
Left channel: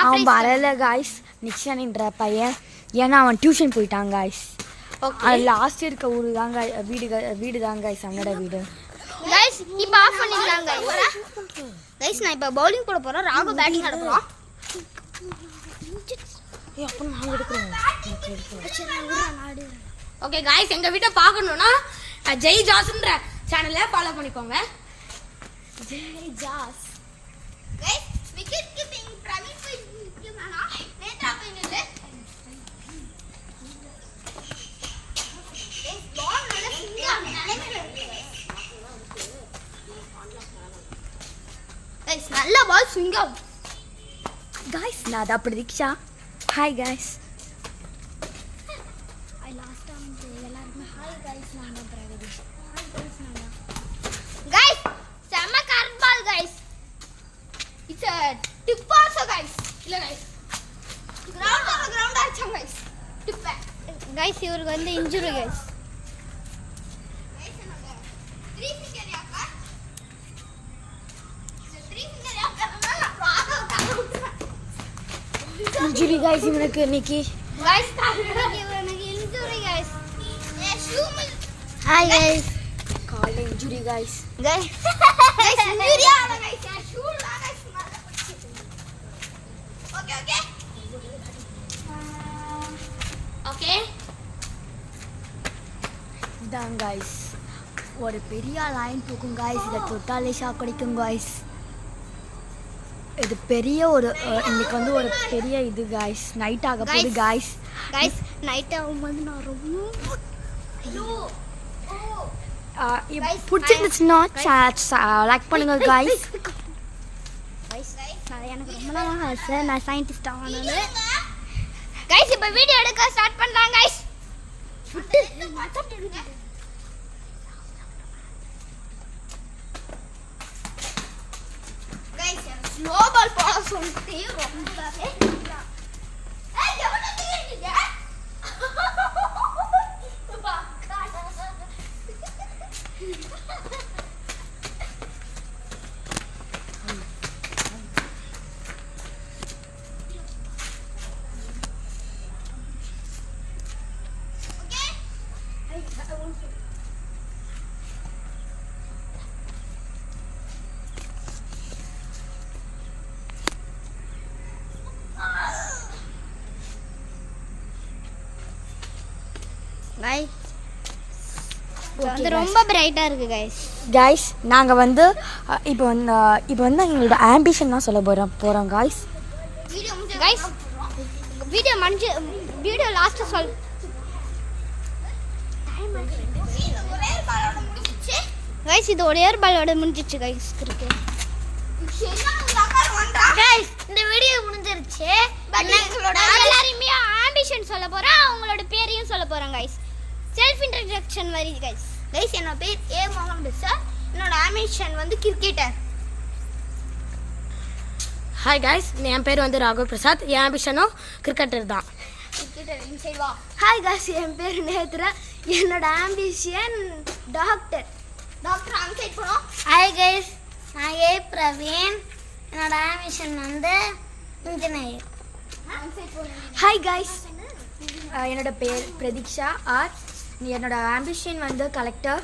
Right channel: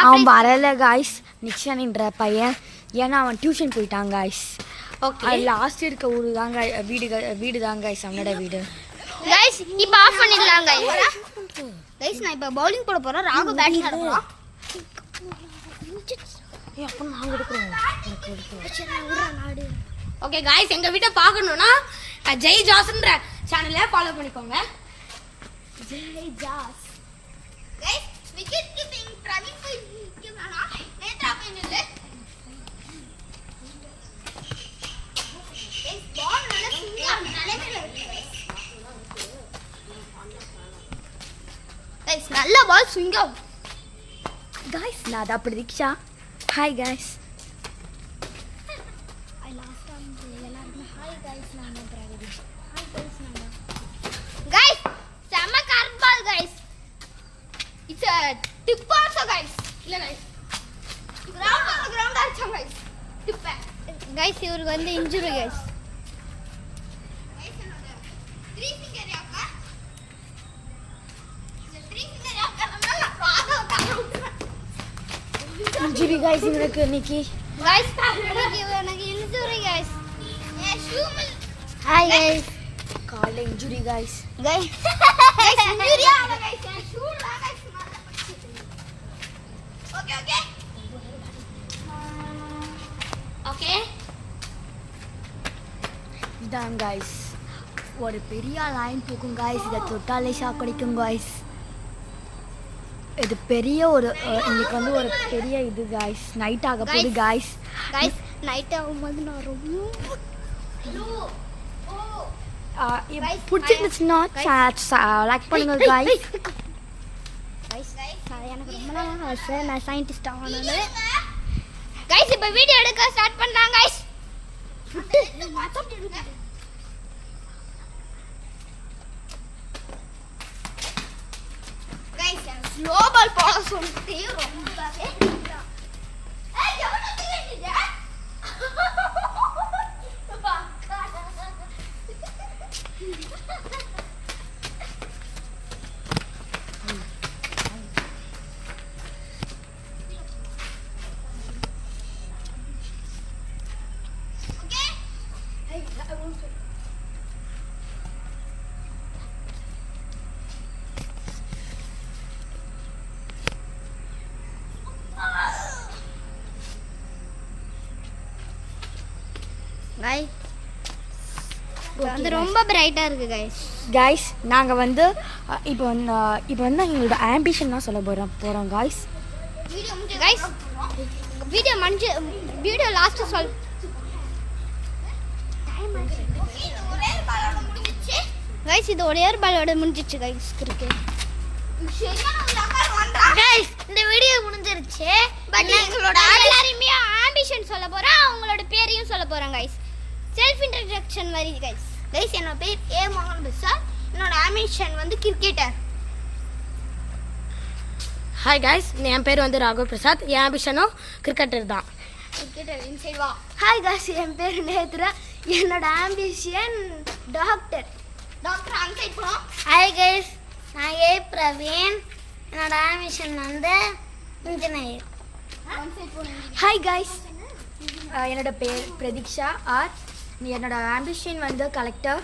அவன் வரல गाइस நிக்ஷன்ன்ற பையன் ஏன்னா அவன் டியூஷன் போயிட்டான் गाइस ஓகே லாஸ்ட் இருக்க ஊரு தான் வீடு தான் गाइस அவனோட வீடு गाइस இப்போ ஆஃப் பண்ணிடலாம் गाइस நான் இப்போ பவுலிங் போட போறோம் ராகு பேட்டிங் ஆட போறோம் ஏய் அப்ப நாங்க எடுக்கறோம் சரி நான் விடுறேன் நாடு ஓகே गाइस எங்க வீட்டை பார்க்கணும்னா ஜெய் ஜாஸ்ன்ற சேனலை ஃபாலோ பண்ணிக்கோங்க ஜெய் ஜாஸ் गाइस விக்கெட் கீப்பிங் பிரவீன் போய் கேமரா நேத்ரா பைனல் गाइस பால் நல்ல சிங்கிள் நிலைமையில இருக்கு गाइस நல்ல பால் சிங்கிள் गाइस நான் தான் Pratheeksha hi guys I last time எல்லாரும் ஹாய் गाइस நான் தான் பிரகதீஷ் ஹாய் गाइस நான் தான் गाइस செம correct ball guys it's a tip also guys இல்ல गाइस கிரவுண்ட் அடிச்சோம் गाइस டிப் गाइस இவருக்கு வந்து இன்ஜூரி गाइस गाइस என்னோட 3 ஃபிங்கர் யாக்கா இந்த 3 ஃபிங்கர் யாக்கா நம்ம ராகவ் காவுட்றேன் இன்ஜூரி गाइस இவனுக்கு இன்னைக்கு गाइस எனக்கு இன்ஜூரி गाइस ஏ ஷூமல் ஹாய் गाइस கால்ல இன்ஜூரி गाइस गाइस இன்ஜூரி ஆல गाइस ஷூல் ஆ गाइस ஓகே ஓகே இதுதான் கைஸ், ஒரு பெரிய லைன் தூக்கும் கைஸ். இதை தொட்டாலே ஷாக் அடிக்கும் கைஸ். இது பெரிய ஒரு இன்னைக்கு வந்து ஒரு பெரிய இது கைஸ். நைட் ஆக போகுது கைஸ். கைஸ் நைட் ஆகும்போது நான் ரொம்ப பிடிச்சிருந்துச்சுன்னா லைக் பண்ணுங்க கைஸ். எனக்கு ரொம்ப நாள் ஆசை நான் சயின்டிஸ்ட் ஆகணும்னு. கைஸ் இப்போ வீடியோ எடுக்க ஸ்டார்ட் பண்றாங்க கைஸ். கைஸ் குளோபல் போட சொல்லிட்டு ரொம்ப கைஸ் வந்து ரொம்ப பிரைட்டா இருக்கு கைஸ். கைஸ் நாங்கள் வந்து இப்போ வந்து எங்களோட ஆம்பிஷன் சொல்ல போகிறோம் கைஸ். கைஸ் வீடியோ லாஸ்ட் சொல். கைஸ் இது ஒரு ஏர் பாலோட முடிஞ்சிச்சு கைஸ். இருக்கு கைஸ் இந்த வீடியோ முடிஞ்சிருச்சு. பட் எங்களோட எல்லாரையுமே ஆம்பிஷன் சொல்ல போறேன், அவங்களோட பேரையும் சொல்ல போறேன் கைஸ். செல்ஃப் இன்ட்ரோடக்ஷன் மாதிரி கைஸ். கைஸ் என்னோட பேர் ஏ மோகன் பிரசாத். என்னோட ஆம்பிஷன் வந்து கிரிக்கெட்டர். ஹாய் கைஸ், என் பேர் வந்து ராகவ் பிரசாத். என் ஆம்பிஷனும் கிரிக்கெட்டர் தான். கிரிக்கெட்டர் இன்சைட் வா. ஹாய் கைஸ், என் பேர் நேத்ரா. என்னோட ஆம்பிஷன் டாக்டர். டாக்டர் அன்சைட் போறோம். ஹாய் கைஸ், நான் ஏ பிரவீன். என்னோட ஆம்பிஷன் வந்து இன்ஜினியர். அன்சைட் போறோம். ஹாய் கைஸ், என்னோட பேர் பிரதீக்ஷா ஆர். என்னோட ஆம்பிஷன் வந்து கலெக்டர்.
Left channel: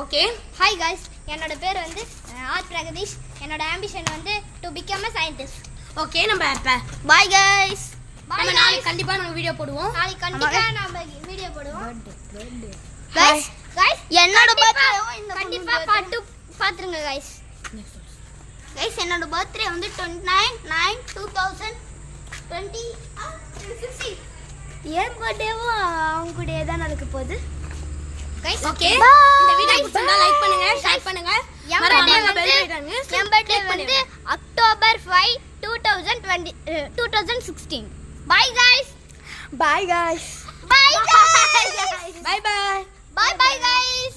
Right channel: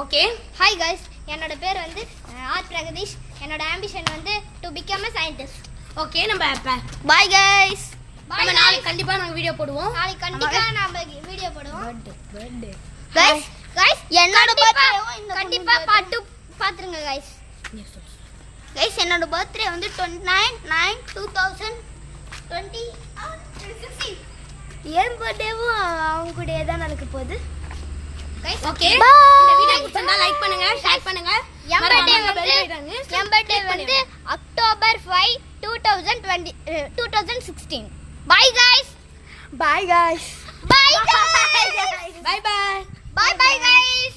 ஓகே. ஹாய் கைஸ், என்னோட பேர் வந்து ஆர் பிரகதீஷ். என்னோட ஆம்பிஷன் வந்து to become a scientist. Okay, நம்ம இப்போ பாய் கைஸ். நம்ம நாளைக்கு கண்டிப்பாக நாங்கள் வீடியோ போடுவோம். நாளைக்கு கண்டிப்பா நம்ம வீடியோ போடுவோம். கைஸ் என்னோட பர்த்டே கண்டிப்பா பாட்டு பாத்துருங்க கைஸ். கைஸ் என்னோட பர்த்டே வந்து 29/9/2016. என் பர்த்டேவும் அவங்க கூடயே தான் நடக்க போகுது. ஓகே, இந்த வீடியோ பிடிச்சிருந்தா லைக் பண்ணுங்க, ஷேர் பண்ணுங்க. என் பர்த்டே வந்து October 5, 2016. Bye guys. Bye guys. Bye guys. Bye bye. Bye bye guys.